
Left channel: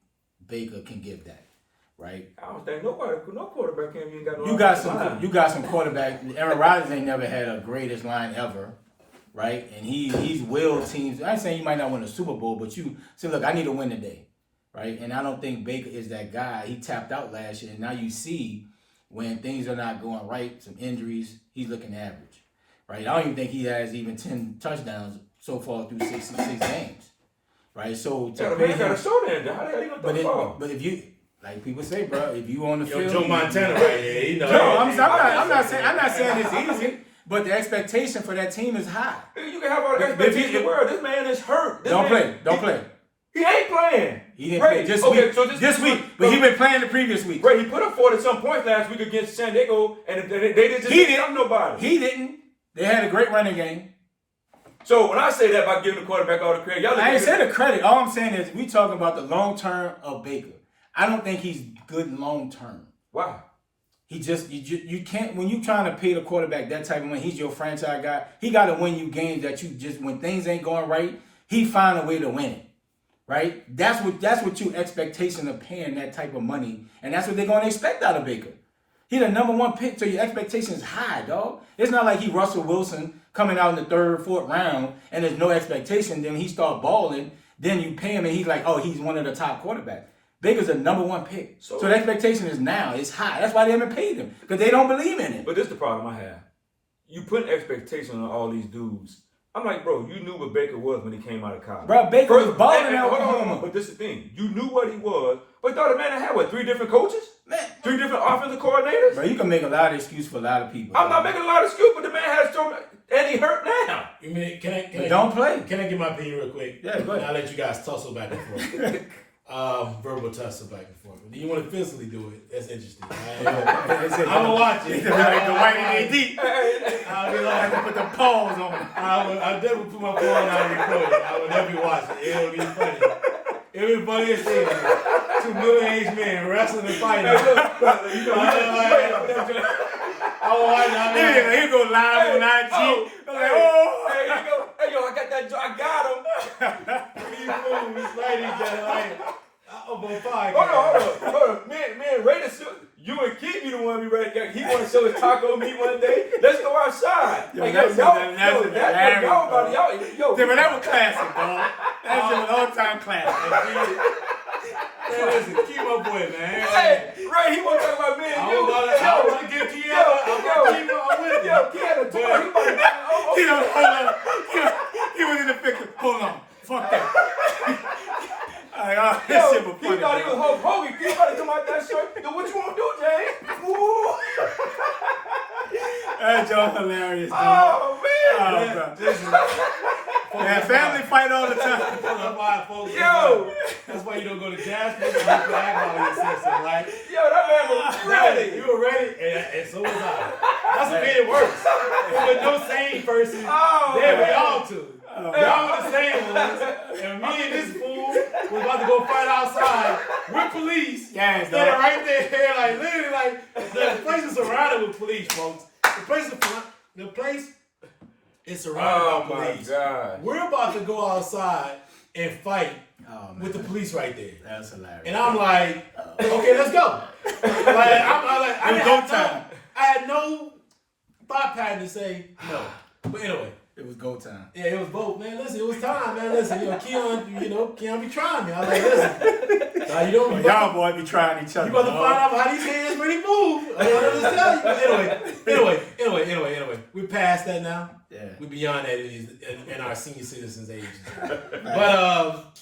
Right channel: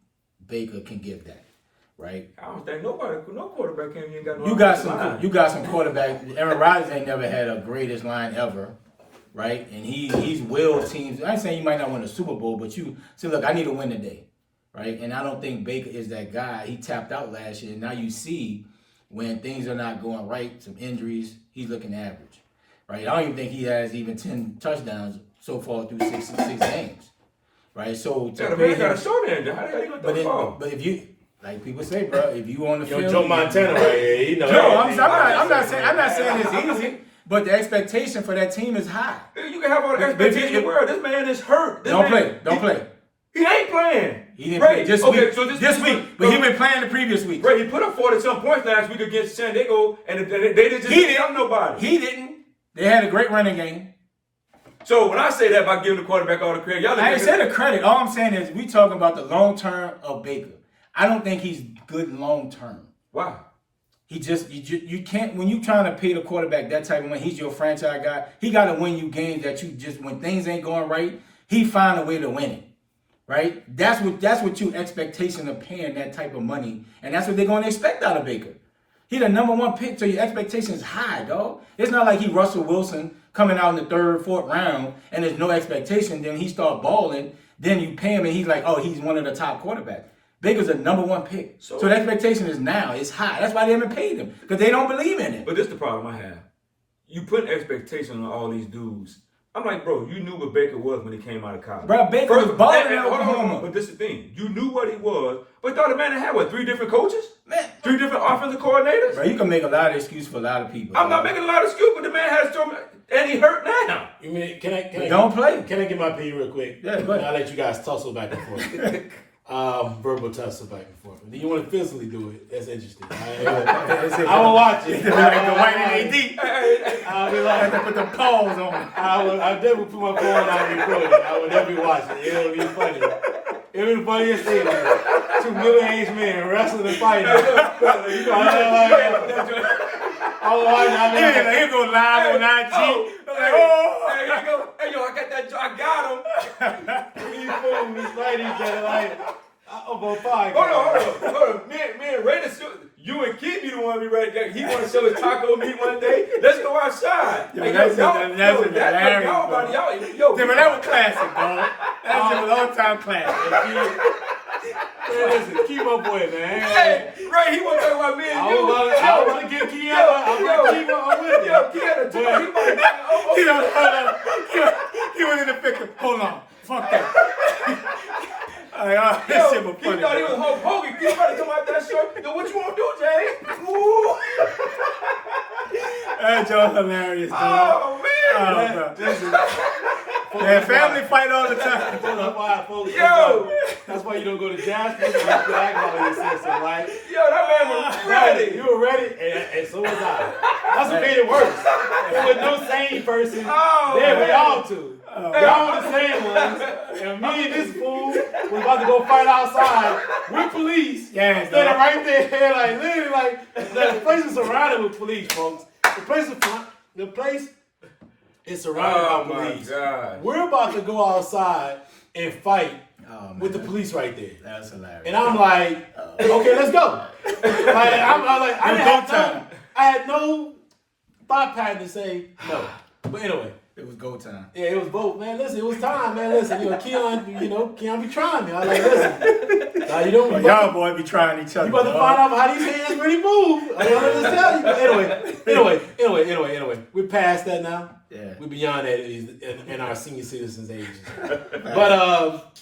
Baker can give that, right? I don't think no quarterback can. You ain't got no. You got some quarterbacks. Aaron Rodgers ain't never had a greatest line ever, right? And he's willed teams. I ain't saying you might not win a Super Bowl, but you say, look, I need to win today. Right, and I don't think Baker is that guy. He tapped out last year, and now you see when things are not going right, some injuries, he's looking average. Right, I don't even think he has even 10 touchdowns so far through six games. Right, so the man got a short end. How the hell you gonna throw the ball? But if you, like people say, bro, if you on the field, Joe Montana right here. I'm not saying it's easy. But the expectation for that team is high. You can have all the expectation in the world. This man is hurt. Don't play. He ain't playing. He didn't play this week. But he been playing the previous week. Right, he put up 40-some points last week against San Diego, and they didn't help nobody. He didn't. They had a great running game. So when I say that by giving the quarterback all the credit, I ain't saying the credit. All I'm saying is we talking about the long term of Baker. I don't think he's good long term. Why? He just you can't, when you trying to pay the quarterback that type of money. He's your franchise guy. He got to win you games that you just, when things ain't going right, he find a way to win it. Right? That's what you expectation of paying that type of money, and that's what they're going to expect out of Baker. He the number one pick, so your expectation is high, dog. It's not like he Russell Wilson coming out in the 3rd, 4th round, and there's no expectation. Then he start balling, then you pay him, and he's like, oh, he's one of the top quarterbacks. Baker's a number one pick, so the expectation is now it's high. That's why they haven't paid him, because they don't believe in it. But this is the problem I have. You put expectation on all these dudes. I'm like, bro, you knew what Baker was when he came out of college. Bro, Baker was balling in Oklahoma. But this is the thing. You knew what he was, but thought the man had, 3 different coaches? Man. 3 different offensive coordinators? Bro, you can make a lot of excuses for a lot of people. I'm not making a lot of excuses, but the man has so many, and he hurt now. You mean, can I don't play. Can I get my opinion real quick? Yeah, go ahead. I'll let you guys tussle back and forth. Verbal tussle back and forth. Then you want to physically do it. That's interesting. I will watch it. The white AD. I have to put the pause on it. I definitely put my phone on and record it. I will definitely watch it. It'll be funny. It'll be the funniest thing. 2 middle-aged men wrestling and fighting. He'll go live on IG. Hey, yo, I got that. I got him. These fools be fighting each other like. About 5. Hold on. Me and Raiders, you and Kid be the one be ready. He want to show his taco meat one day. Let's go outside. Yo, that's hilarious. That was classic, dog. That's a long-time classic. Listen, keep my boy, man. Hey, Ray, he want to talk about me and you. I was going to get Keanu. I'm with you. He was in the picture. Hold on. Fuck that. That shit was funny. He thought he was Hulk Hogan. He probably come out that shirt. Yo, what you want to do, Jay? Ooh. That joke hilarious, dude. Oh, man. Listen, Man, family fight all the time. That's why, folks. Yo! That's why you don't go to Jasper. You have to act all this system, like. Yo, that man was ready. You were ready, and so was I. That's what made it worse. There was no sane person. There we all two. Y'all the same ones. And me and this fool was about to go fight outside with police. Gangs, Standing dog. right there, like literally, like the place is surrounded with police, folks. The place is surrounded by police. God. We're about to go outside and fight with the police right there. That's hilarious. And I'm like, okay, let's go. I had no thought pattern to say no. But anyway. It was go time. Yeah, it was both, man. Listen, it was time, man. Listen, Keon be trying me. I was like, listen. Now, Y'all boy be trying each other. You about to find out how these hands really move. I'm just tell you. Anyway. We're past that now. Yeah. We're beyond that in our senior citizens age. But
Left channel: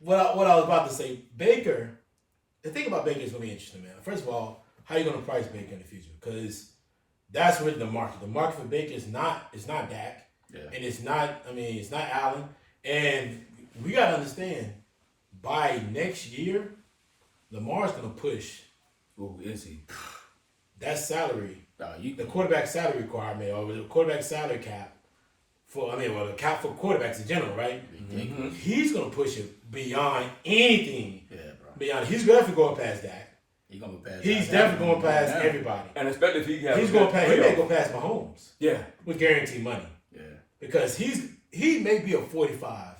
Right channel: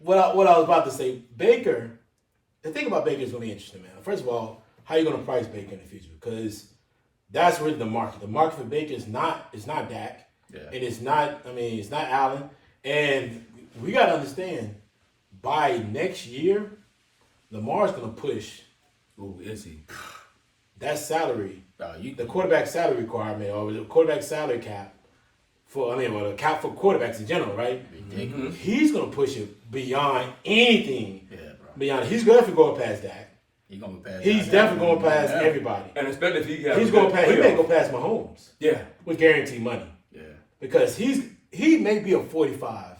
what I was about to say, Baker, the thing about Baker is going to be interesting, man. First of all, how are you going to price Baker in the future? Because that's really the market. The market for Baker is not Dak. Yeah. And it's not Allen. And we got to understand, by next year, Lamar's going to push. Ooh, is he? That salary, The quarterback salary requirement, or the quarterback salary cap, the cap for quarterbacks in general, right? Mm-hmm. He's going to push it beyond anything. Yeah, bro. Beyond, he's definitely going past Dak. He's gonna pass. He's definitely going past everybody. And especially if he has He's going past. He may go past Mahomes. Yeah. With guaranteed money. Yeah. Because he may be a 45,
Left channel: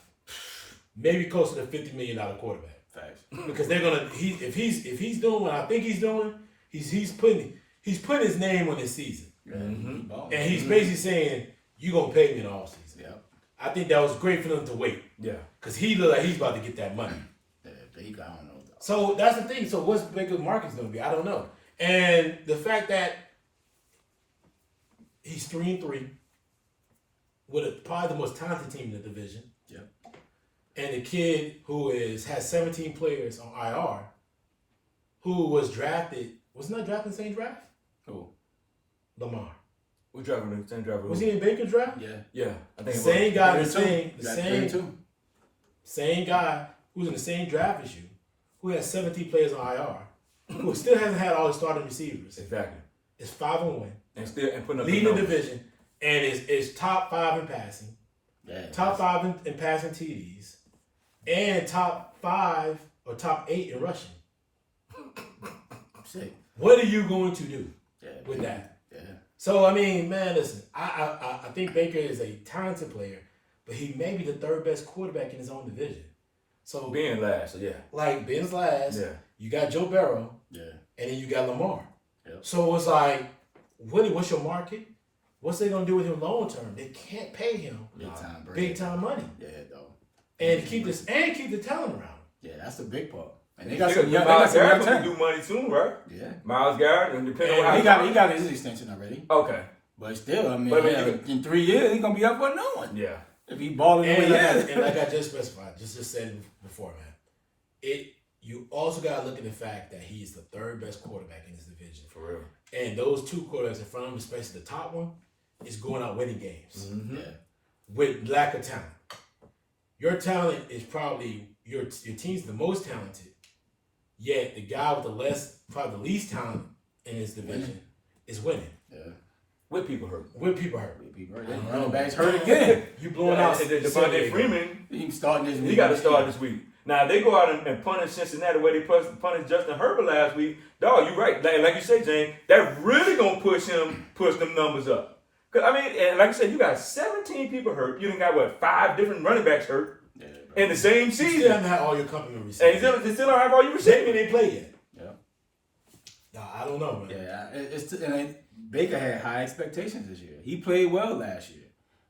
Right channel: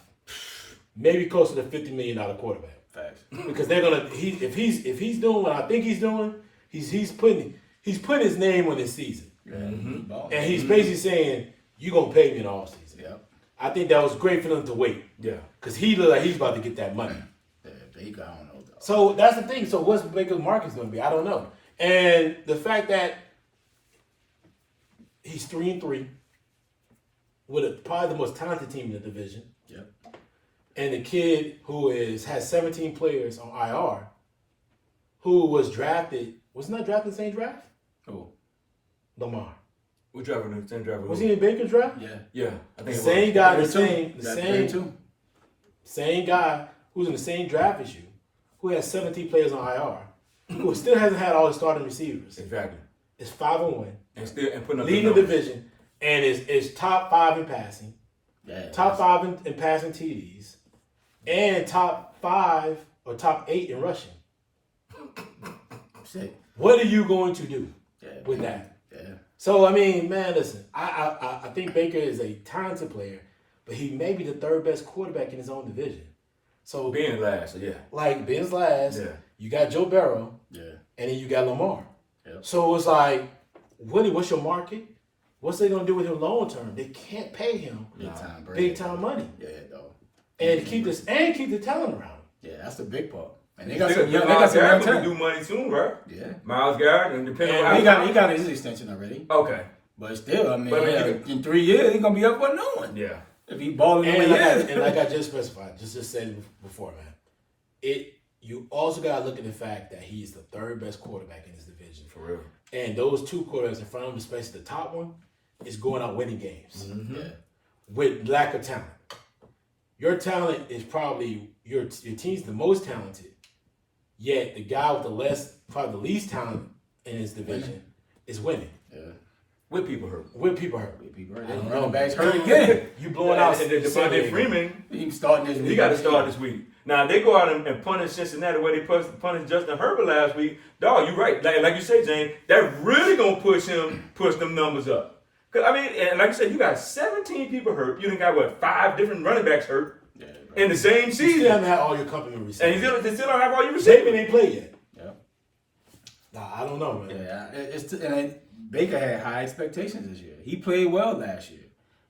maybe closer to $50 million quarterback. Facts. Because they're gonna if he's doing what I think he's doing, he's putting his name on this season. Yeah. Mm-hmm. And he's basically saying, you gonna pay me in the offseason. Yeah. I think that was great for them to wait. Yeah. Because he looked like he's about to get that money. Yeah, Baker, I don't know. So that's the thing. So what's Baker's market's going to be? I don't know. And the fact that he's 3-3 with probably the most talented team in the division. Yep. And the kid who has 17 players on IR, who was drafted, wasn't that drafted in the same draft? Who? Lamar. We're driving the same driver. Was he in Baker's draft? Yeah. Yeah. I think Same guy, same guy who's in the same draft as you, who has 17 players on IR, who still hasn't had all the starting receivers. Exactly. It's 5-1. And putting up leading the division, and is top 5 in passing, top 5 in passing TDs, and top 5 or top 8 in rushing. What are you going to do with that? Yeah. So I mean, man, listen, I think Baker is a talented player, but he may be the third best quarterback in his own division. So being last, so yeah. Like Ben's last, yeah. You got Joe Burrow, yeah, and then you got Lamar. Yep. So it's like, Willie, what's your market? What's they gonna do with him long term? They can't pay him big time money. Yeah, though. And keep the talent around. Yeah, that's the big part. And they got some young talent. Do money soon, right? Yeah. Myles Garrett, and depending on he got his extension already. Okay. But still, I mean, in 3 years he's gonna be up for no one. Yeah. If he balling the way he is. And like I just specified, just said it before, man. You also gotta look at the fact that he's the third best quarterback in his division. For real. And those two quarterbacks in front of him, especially the top one, is going out winning games. Mm-hmm. Yeah. With lack of talent. Your talent is probably your team's the most talented, yet the guy with probably the least talent in his division is winning. Yeah. With people hurt. And running backs hurt again. You blowing out. And Devontae Freeman. He starting this week. He got to start this week. Now they go out and punish Cincinnati the way they punished Justin Herbert last week. Dog, you're right. Like you say, Jane, that really gonna push them numbers up. Cause I mean, and like I said, you got 17 people hurt. You done got 5 different running backs hurt in the same season. You still haven't had all your complement receivers. And you still don't have all your receivers. They ain't played yet. Yeah. Nah, I don't know, man. Yeah, Baker had high expectations this year. He played well last year.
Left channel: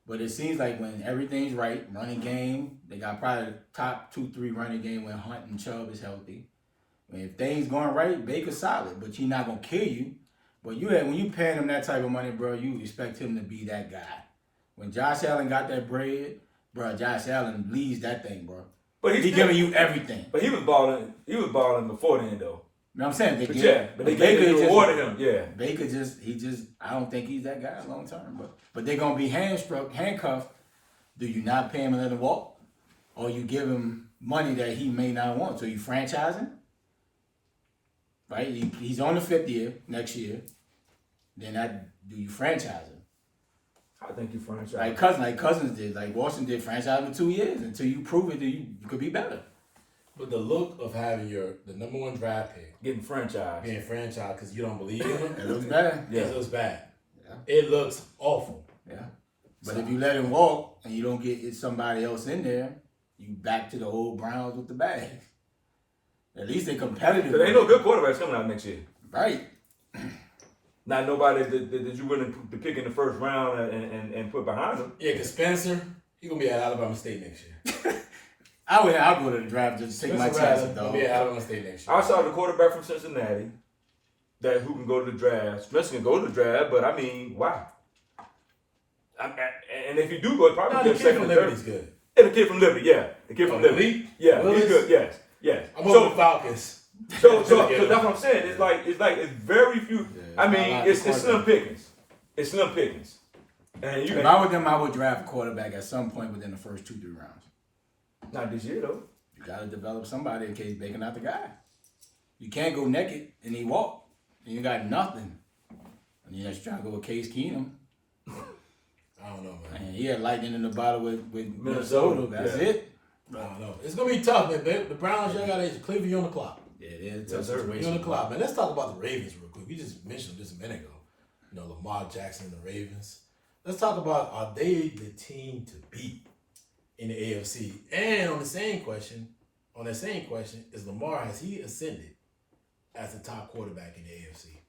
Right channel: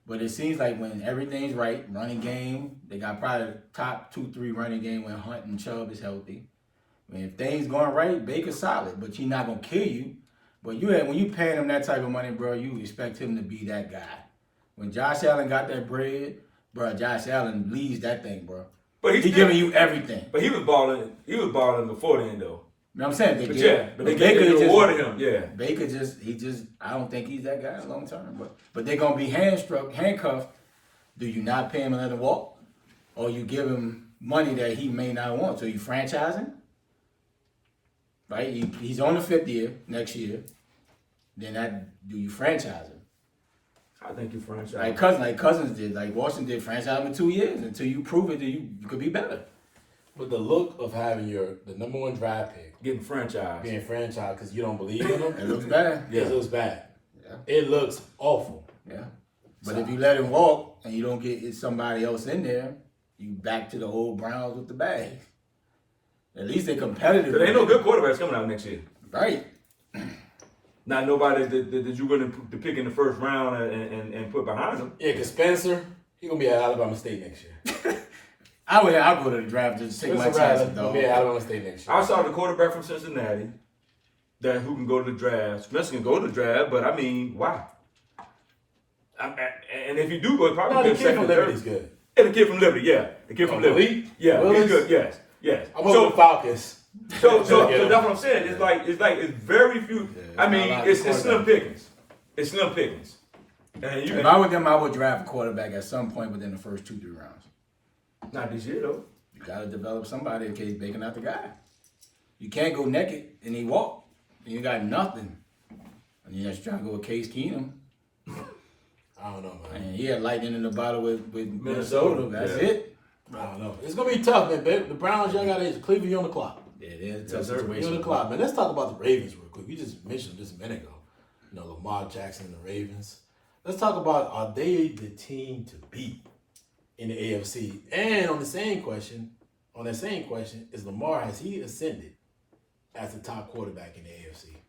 But it seems like when everything's right, running game, they got probably top 2-3 running game when Hunt and Chubb is healthy. I mean, if things going right, Baker's solid, but he's not going to kill you. But when you paying him that type of money, bro, you expect him to be that guy. When Josh Allen got that bread, bro, Josh Allen leads that thing, bro. But he's giving you everything. But he was balling before then, though. You know what I'm saying? Baker just rewarded him. Yeah. Baker I don't think he's that guy long term. But they're gonna be handcuffed Do you not pay him and let him walk? Or you give him money that he may not want? So you franchise him? Right? He's on the 5th year next year. Then do you franchise him? I think you franchise. Like Cousins did. Like Washington did, franchise him in 2 years until you prove it that you could be better. But the look of having the number 1 draft pick getting franchised because you don't believe in him. It looks bad. Yeah. It looks bad. Yeah. It looks awful. Yeah. But if you let him walk and you don't get somebody else in there, you back to the old Browns with the bag. At least they're competitive. There ain't no good quarterbacks coming out next year. Right. Not nobody that you're willing to pick in the first round and put behind them. Yeah, because Spencer, he's going to be at Alabama State next year. I'll go to the draft just to take my chances, though. Be at Alabama State next year. I saw the quarterback from Cincinnati who can go to the draft. Spencer can go to the draft, but I mean, wow. And if you do go, it's probably the kid from Liberty's good. Yeah, the kid from Liberty, yeah. The kid from Liberty. Yeah, Willis? he's good, yes. I'm over the Falcons. So that's what I'm saying. It's very few. Yeah, I mean, it's slim pickings. It's slim pickings. And If I were them, I would draft a quarterback at some point within the first 2-3 rounds. Not this year, though. You got to develop somebody in case Bacon out the guy. You can't go naked and he walk and you got nothing. And you're just trying to go with Case Keenum. I don't know, man. And he had lightning in the bottle with Minnesota. That's it. I don't know. It's going to be tough, man. The Browns, y'all got to Cleveland, you're on the clock. Yeah, it is a tough You're situation. on the clock, man. Let's talk about the Ravens real quick. We just mentioned this a minute ago. You know, Lamar Jackson and the Ravens. Let's talk about, are they the team to beat in the AFC? And on that same question, is Lamar, has he ascended as the top quarterback in the AFC?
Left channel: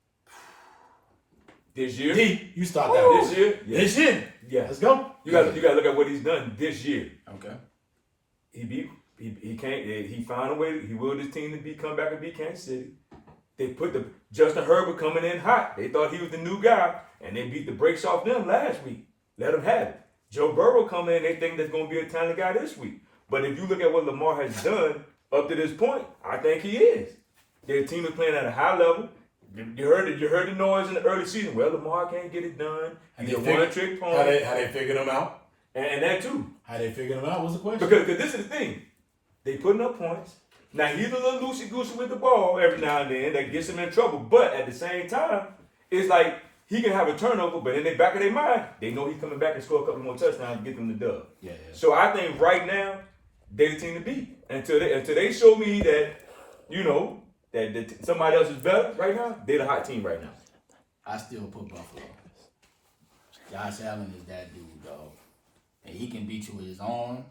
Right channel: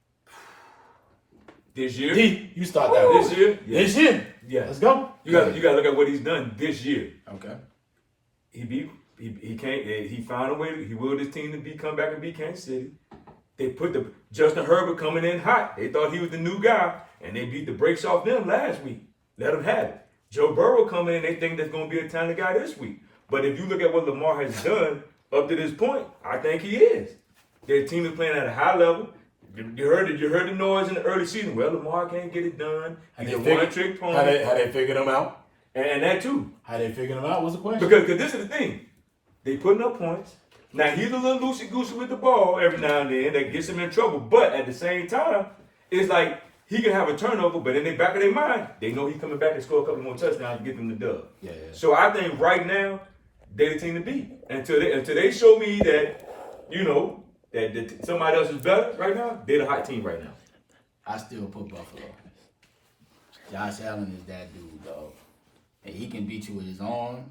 This year? You start that. This year? This year? Yeah. Let's go. You got to look at what he's done this year. Okay. He found a way. He willed his team to come back and beat Kansas City. They put Justin Herbert coming in hot. They thought he was the new guy, and they beat the brakes off them last week. Let them have it. Joe Burrow coming in. They think that's going to be a talented guy this week. But if you look at what Lamar has done up to this point, I think he is. Their team is playing at a high level. You heard the noise in the early season. Well, Lamar can't get it done. He's a one-trick pony. How they figured him out? And that too. How they figured him out? What's the question? Because this is the thing. They putting up points. Now, he's a little loosey-goosey with the ball every now and then. That gets him in trouble. But at the same time, it's like he can have a turnover, but in the back of their mind, they know he's coming back and score a couple more touchdowns and get them the dub. Yeah. So I think right now, they're the team to beat. Until they show me that, that somebody else is better right now, they're the hot team right now. I still put Buffalo. Josh Allen is that dude, dog. And he can beat you with his arm,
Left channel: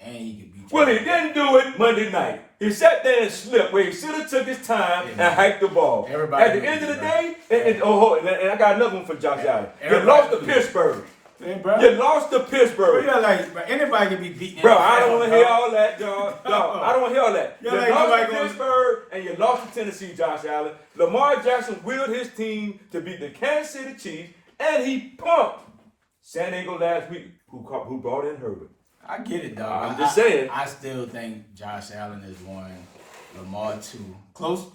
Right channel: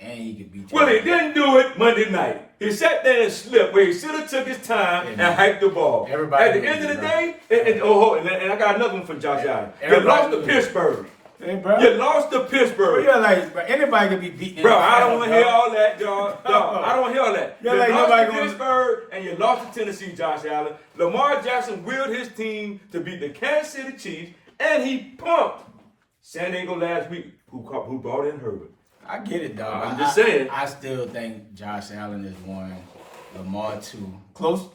and he can beat you. Well, he didn't do it Monday night. He sat there and slipped where he should have took his time and hiked the ball. Everybody at the end of the day, and I got another one for Josh Allen. You lost to Pittsburgh. Hey, bro. You lost to Pittsburgh. You're like, anybody can be beaten. Bro, I don't want to hear all that, dog. I don't want to hear all that. You're you like, lost nobody to Pittsburgh and you lost to Tennessee, Josh Allen. Lamar Jackson willed his team to beat the Kansas City Chiefs, and he pumped San Diego last week, who brought in Herbert. I get it, dog. I'm just saying. I still think Josh Allen is 1, Lamar 2. Close.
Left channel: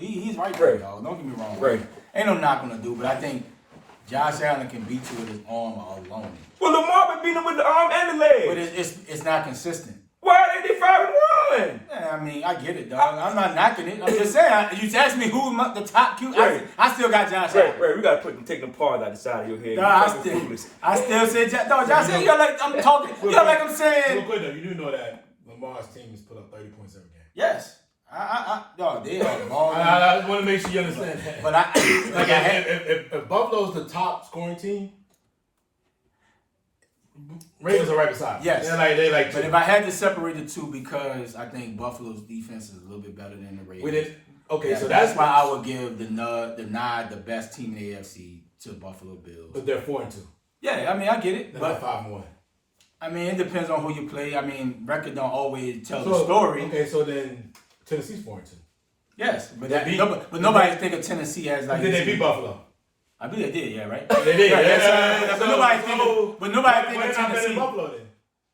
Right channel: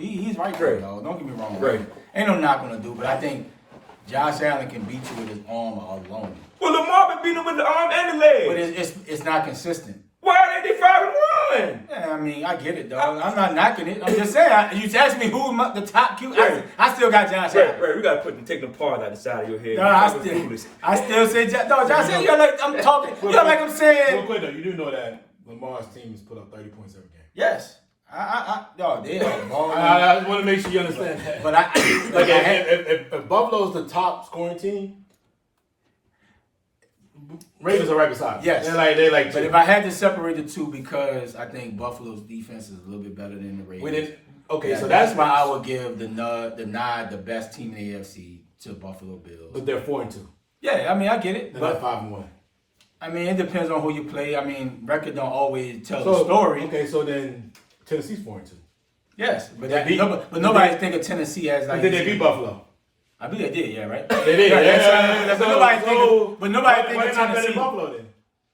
He's right there, dog. Don't get me wrong. Right. Ain't no knock on the dude, but I think Josh Allen can beat you with his arm alone. Well, Lamar been beating him with the arm and the leg. But it's not consistent. Why are they 5-1? Yeah, I mean, I get it, dog. I'm not knocking it. I'm just saying. You asked me who the top Q. Right. I still got Josh Allen. Right. We gotta take them part out the side of your head. No, I still say Josh Allen. You're like I'm talking. You're like I'm saying. Real quick though, you do know that Lamar's team has put up 30 points every game. Yes. No, they are balling. I want to make sure you understand that. But if Buffalo's the top scoring team, Ravens are right beside. Yes. They like. But if I had to separate the two, because I think Buffalo's defense is a little bit better than the Ravens. Okay, so that's why I would give the best team in the AFC to Buffalo Bills. But they're 4-2. Yeah, I mean, I get it. They're But not 5-1. I mean, it depends on who you play. I mean, record don't always tell the story. Okay, so then Tennessee's 4-2. Yes, but nobody think of Tennessee as like. Did they beat Buffalo? I believe they did, yeah, right? They did, But nobody think of Tennessee. Buffalo then.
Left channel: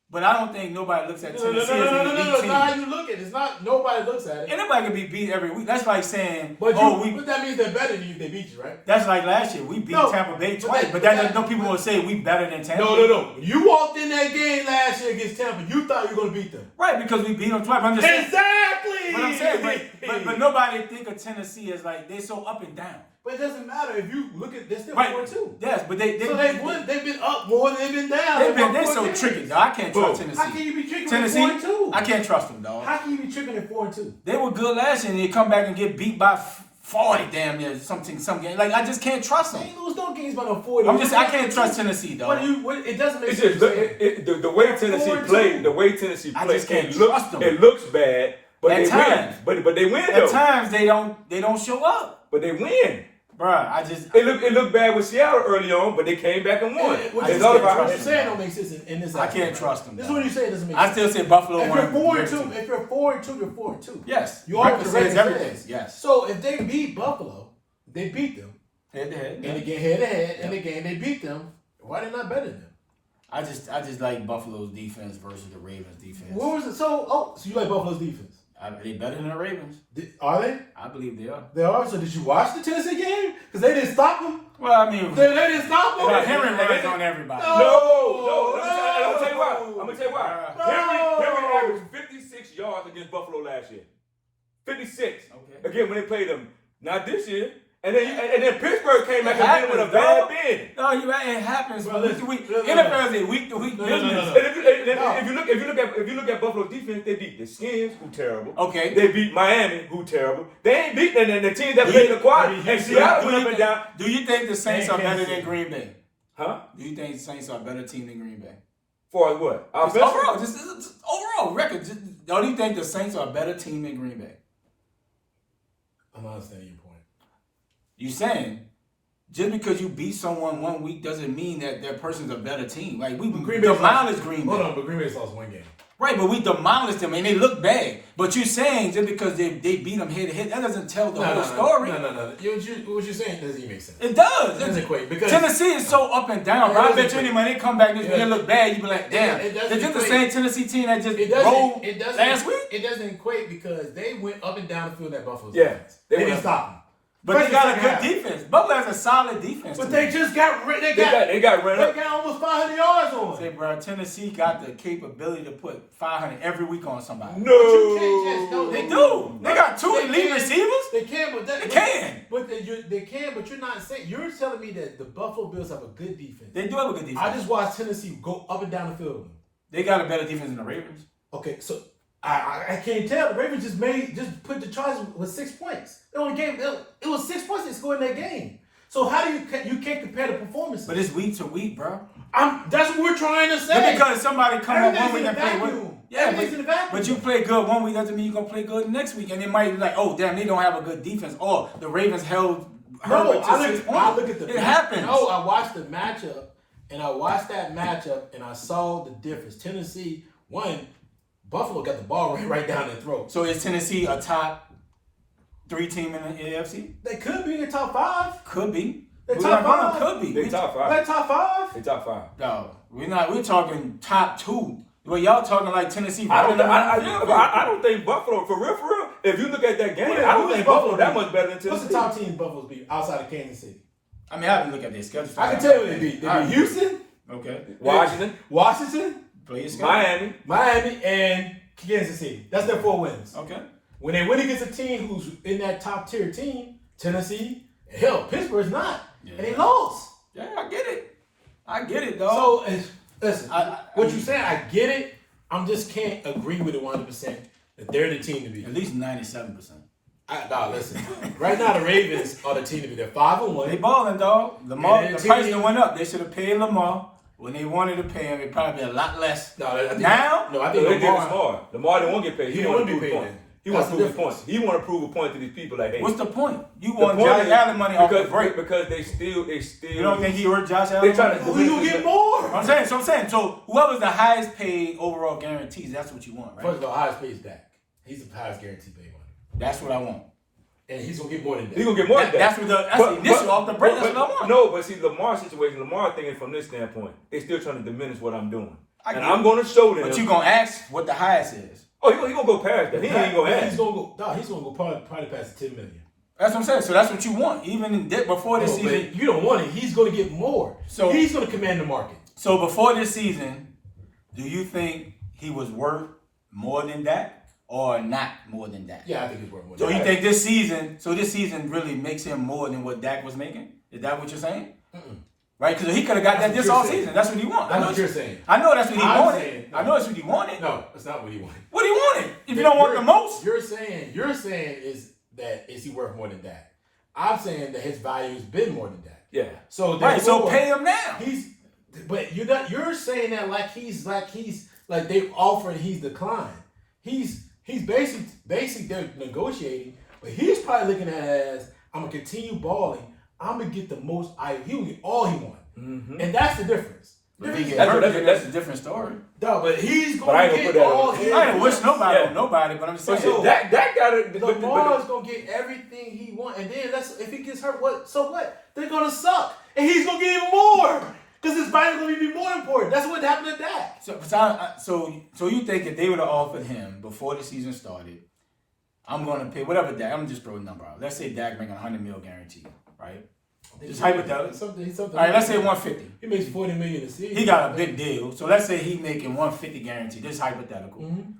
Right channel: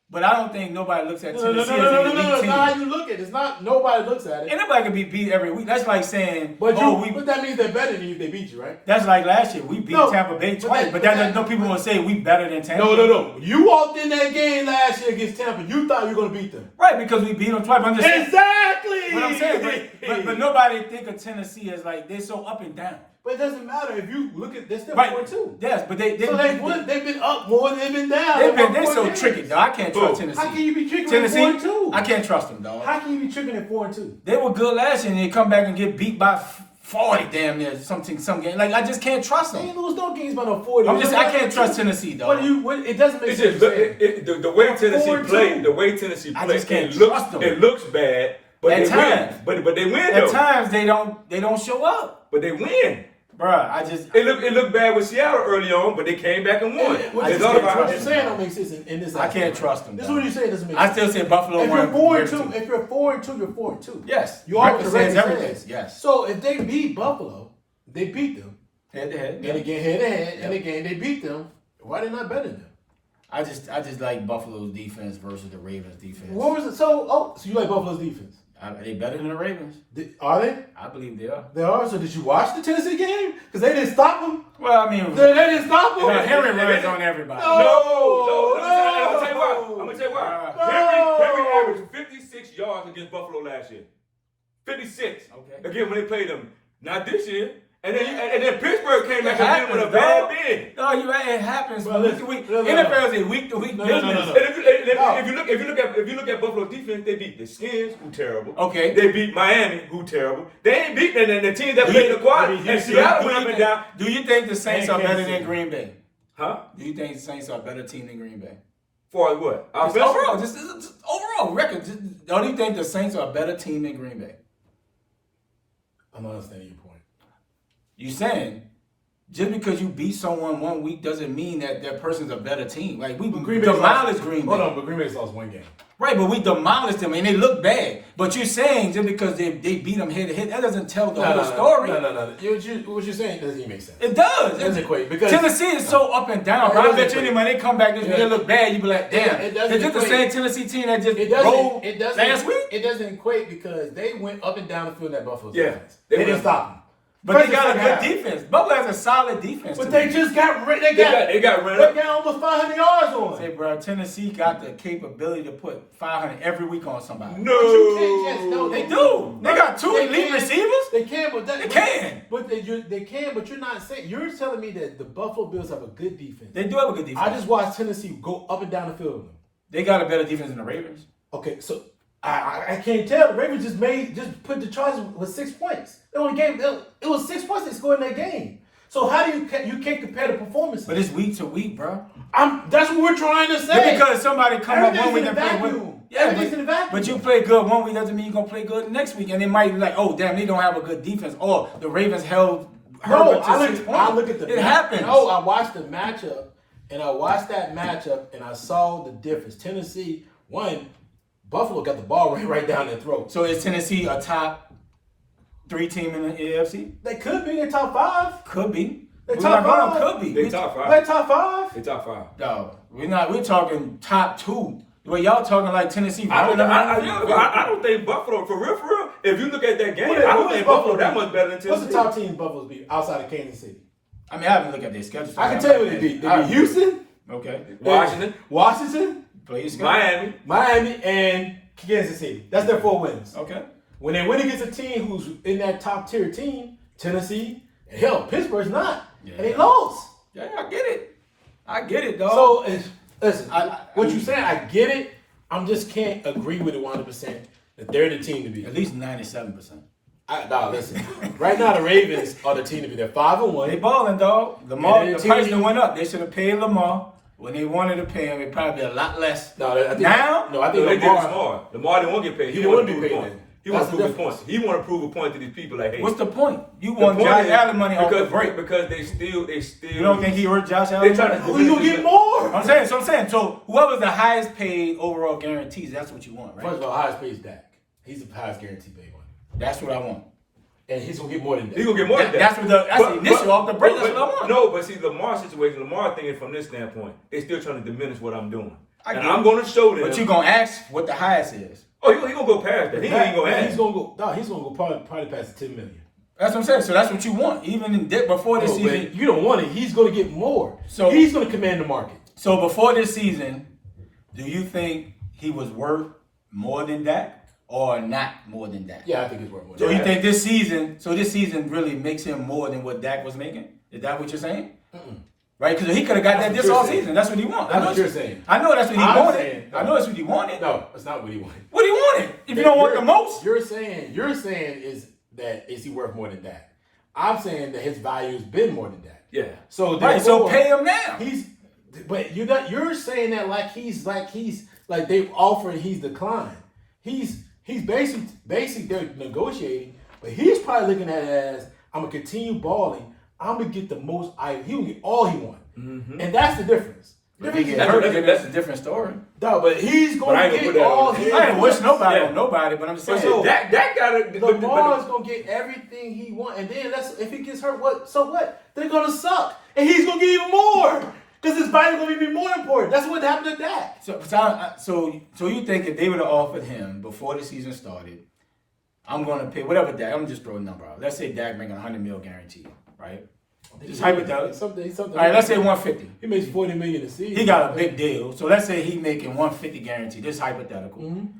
But I don't think nobody looks at Tennessee as an elite team. How you look at it. It's not nobody looks at it. Anybody can be beat every week. That's like saying, But that means they're better than you if they beat you, right? That's like last year. We beat Tampa Bay twice, but no people will say we better than Tampa. No. You walked in that game last year against Tampa. You thought you were going to beat them. Right, because we beat them twice. I'm just exactly. What I'm saying, but nobody think of Tennessee as like they're so up and down. But it doesn't matter if you look at they're still 4-2. Yes, but they've been up more than they've been down. They're so tricky, though. I can't trust Tennessee. How can you be tricking Tennessee? at 4-2? I can't trust them, dog. How can you be tricking at 4-2? They were good last year, and they come back and get beat by 40 damn near some game. Like I just can't trust them. They ain't lose no games by no 40. I can't trust Tennessee, dog. It doesn't make sense. The way Tennessee played, I just can't trust them. It looks bad, but at they times, win. But they win though. At times they don't show up. But they win. Bruh, It looked bad with Seattle early on, but they came back and won. It's all about how you're saying don't make sense in this. I can't trust them. This is what you say doesn't make sense. I still say Buffalo. If you're 4-2, you're 4-2. Yes. You always says everything. Yes. So if they beat Buffalo, they beat them head to head. And again head to head, and again they beat them. Why they not better than them? I just like Buffalo's defense versus the Ravens defense. What was it? So you like Buffalo's defense? Are they better than the Ravens? Are they? I believe they are. They are. So did you watch the Tennessee game? Because they didn't stop them. Well, I mean, they didn't stop them. Henry runs on everybody. No. I'm gonna tell you why. Henry averaged 56 yards against Buffalo last year. 56. Okay. Again, when they played them, not this year. And then Pittsburgh came back and with a bad bid. No, it happens. Well, week to week. NFL is a week to week business. No. If you look at Buffalo's defense, they beat the Skins, who terrible. Okay. They beat Miami, who terrible. They ain't beating the teams that played in the quad. And Seattle went up and down. Do you think the Saints are better than Green Bay? Huh? Do you think the Saints are a better team than Green Bay? For what? Just overall record. Don't you think the Saints are a better team than Green Bay? I'm not understanding your point. You saying just because you beat someone 1 week doesn't mean that that person's a better team. Like we demolished Green Bay. Hold on, but Green Bay's lost one game. Right, but we demolished them and they look bad. But you're saying just because they beat them head to head, that doesn't tell the whole story. No. What you're saying doesn't even make sense. It does. It doesn't equate because Tennessee is so up and down. But I bet you when they come back this week, they look bad. You be like, damn. Is this the same Tennessee team that just rolled last week? It doesn't equate because they went up and down the field in that Buffalo. Yeah, they didn't stop them. But they got a good defense. Buffalo has a solid defense. But they just got rid. They got almost 500 yards on. Say, bro, Tennessee got the capability to put 500 every week on somebody. No, they do. They got two elite receivers. They can, but they can. But they can. But you're not saying. You're telling me that the Buffalo Bills have a good defense. They do have a good defense. I just watched Tennessee go up and down the field. They got a better defense than the Ravens. Okay, so. I can't tell. The Ravens just put the Chargers with 6 points. They only gave it was 6 points they scored in that game. So how do you can't compare the performances? But it's week to week, bro. That's what we're trying to say. But because somebody come up 1 week and play one. Yeah, but you play good 1 week doesn't mean you're gonna play good next week. And it might be like, oh damn, they don't have a good defense. Or the Ravens held Herbert to 6 points. I look at the it happens. No, I watched the matchup and I saw the difference. Tennessee won. Buffalo got the ball right down their throat. So is Tennessee a top 3 team in the AFC? They could be. They're top 5. Could be. They're top 5. Could be. They top 5. They're top 5. They top 5. No, we're not. We're talking top 2. Well, y'all talking like Tennessee. I don't think Buffalo, for real. If you look at that game, I don't think Buffalo that much better than Tennessee. What's the top team Buffalo's beat outside of Kansas City? I mean, I haven't looked at their schedule. I can tell you what they beat. They beat Houston. Okay. Washington. Play your schedule. Miami, and Kansas City. That's their 4 wins. Okay. When they win against a team who's in that top tier team, Tennessee, and hell, Pittsburgh's not. Yeah. And they lost. Yeah, I get it, dog. So, listen, what you're saying, I get it. I just can't agree with it 100% that they're the team to be. At least 97%. Listen. Right now, the Ravens are the team to be. They're 5-1. They balling, dog. Lamar, the price that went up. They should have paid Lamar. When they wanted to pay him, it probably be a lot less. I think Lamar didn't want to get paid. He didn't want to be paid. He want to prove a point. He want to prove a point to these people. Like, hey, what's the point? You want Josh Allen money off the break because they still. You don't think he hurt Josh Allen? They trying to. Who you get more? I'm saying. So whoever's the highest paid overall guarantees, that's what you want, right? First of all, highest paid is Dak. He's the highest guaranteed paid one. That's what I want. And he's gonna get more than that. He's gonna get more than that. That's the initial off the break. That's what I want. No, but see, Lamar's situation. Lamar thinking from this standpoint, they're still trying to diminish what I'm doing. I'm going to show them. But you're gonna ask what the highest is. Oh, he gonna go past that. He ain't gonna ask. He's gonna go. No, he's gonna go probably past the $10 million. That's what I'm saying. So that's what you want. Even before this season, you don't want it. He's gonna get more. So he's gonna command the market. So before this season, do you think he was worth more than that or not more than that? Yeah, I think he's worth more. So you think this season really makes him more than what Dak was making? Is that what you're saying? Mm-mm. Right? Because he could have got that this all season. That's what he wanted. That's what you're saying. I know that's what he wanted. Saying, no. I know that's what he wanted. No, that's not what he wanted. What he wanted? If you don't want the most, you're saying is he worth more than that? I'm saying that his value's been more than that. Yeah. So so pay him now. But you're saying that like they offered, he's declined. He's basic they're negotiating, but he's probably looking at it as I'm gonna continue balling. I'm gonna get the most. He will get all he wants, and that's the difference. That's a different story. No, but he's going to get all his. I ain't wish nobody on nobody, but I'm just saying. So that got it. Lamar's gonna get everything he wants, and then if he gets hurt, what? So what? They're gonna suck, and he's gonna get even more because his body's gonna be more important. That's what happened to Dak. So you think if they would have offered him before the season started, I'm gonna pay whatever Dak. I'm just throwing a number out. Let's say Dak making $100 million guaranteed, right? Just hypothetically. Something. All right, let's say 150. He makes $40 million a season. He got a big deal. So let's say he making 150 guaranteed. This is hypothetical. Mm-hmm.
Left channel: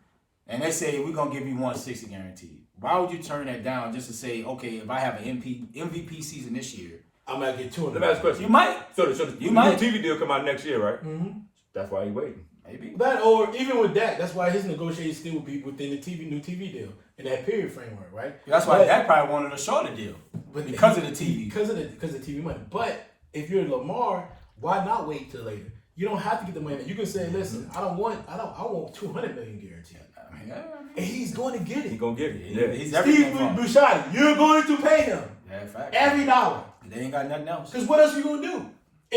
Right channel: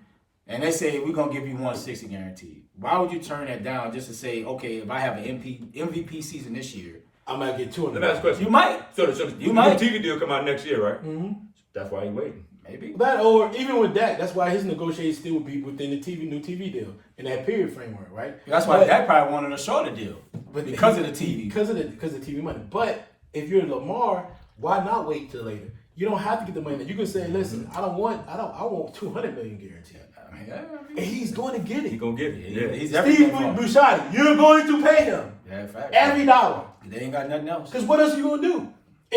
And they say we're gonna give you 160 guaranteed. Why would you turn that down just to say, okay, if I have an MVP season this year, I might get 200. Last question. You might. So the TV deal come out next year, right? Mm-hmm. That's why he waiting. Maybe. That or even with Dak, that's why his negotiations still would be within the new TV deal in that period framework, right? That's why Dak probably wanted a shorter deal because of the TV. Because of the TV money. But if you're Lamar, why not wait till later? You don't have to get the money. You can say, listen, I want $200 million guaranteed. And he's going to get it. He's gonna get it. Yeah. He's everything. Steve Bouchard, you're going to pay him. Yeah, fact. Every dollar. They ain't got nothing else. Because what else are you going to do?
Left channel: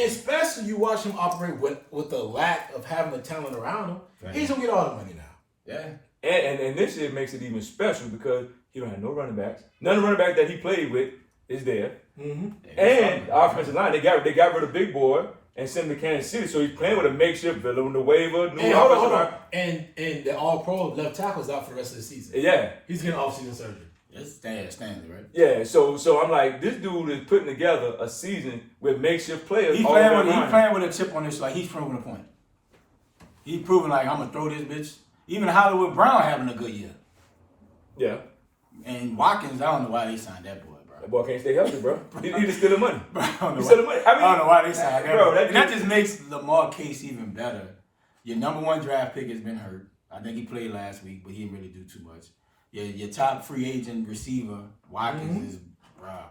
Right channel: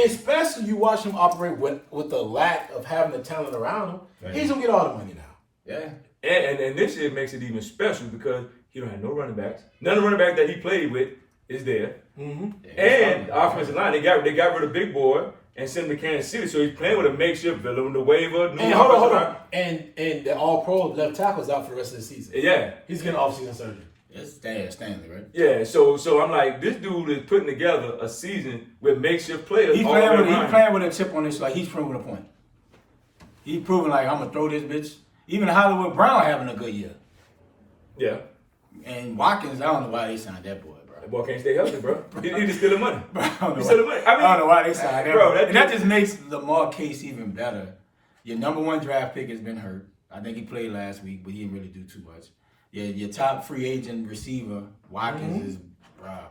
Especially you watch him operate with the lack of having the talent around him. Right. He's going to get all the money now. Yeah. And this year makes it even special because he don't have no running backs. None of the running backs that he played with is there. Mm-hmm. And the offensive line, they got rid of Big Boy and sent him to Kansas City. So he's playing with a makeshift villain, the waiver. And hold on. And the all-pro left tackle's out for the rest of the season. Yeah. He's getting off-season surgery. It's Stanley, right? Yeah, so I'm like, this dude is putting together a season with makeshift players. He's playing with a chip on his, like he's proving a point. He's proving like I'm gonna throw this bitch. Even Hollywood Brown having a good year. Yeah. And Watkins, I don't know why they signed that boy, bro. That boy can't stay healthy, bro. He just stealing money. Bro, I don't I know why they signed that, bro. That just makes Lamar case even better. Your number one draft pick has been hurt. I think he played last week, but he didn't really do too much. Your top free agent receiver, Watkins, is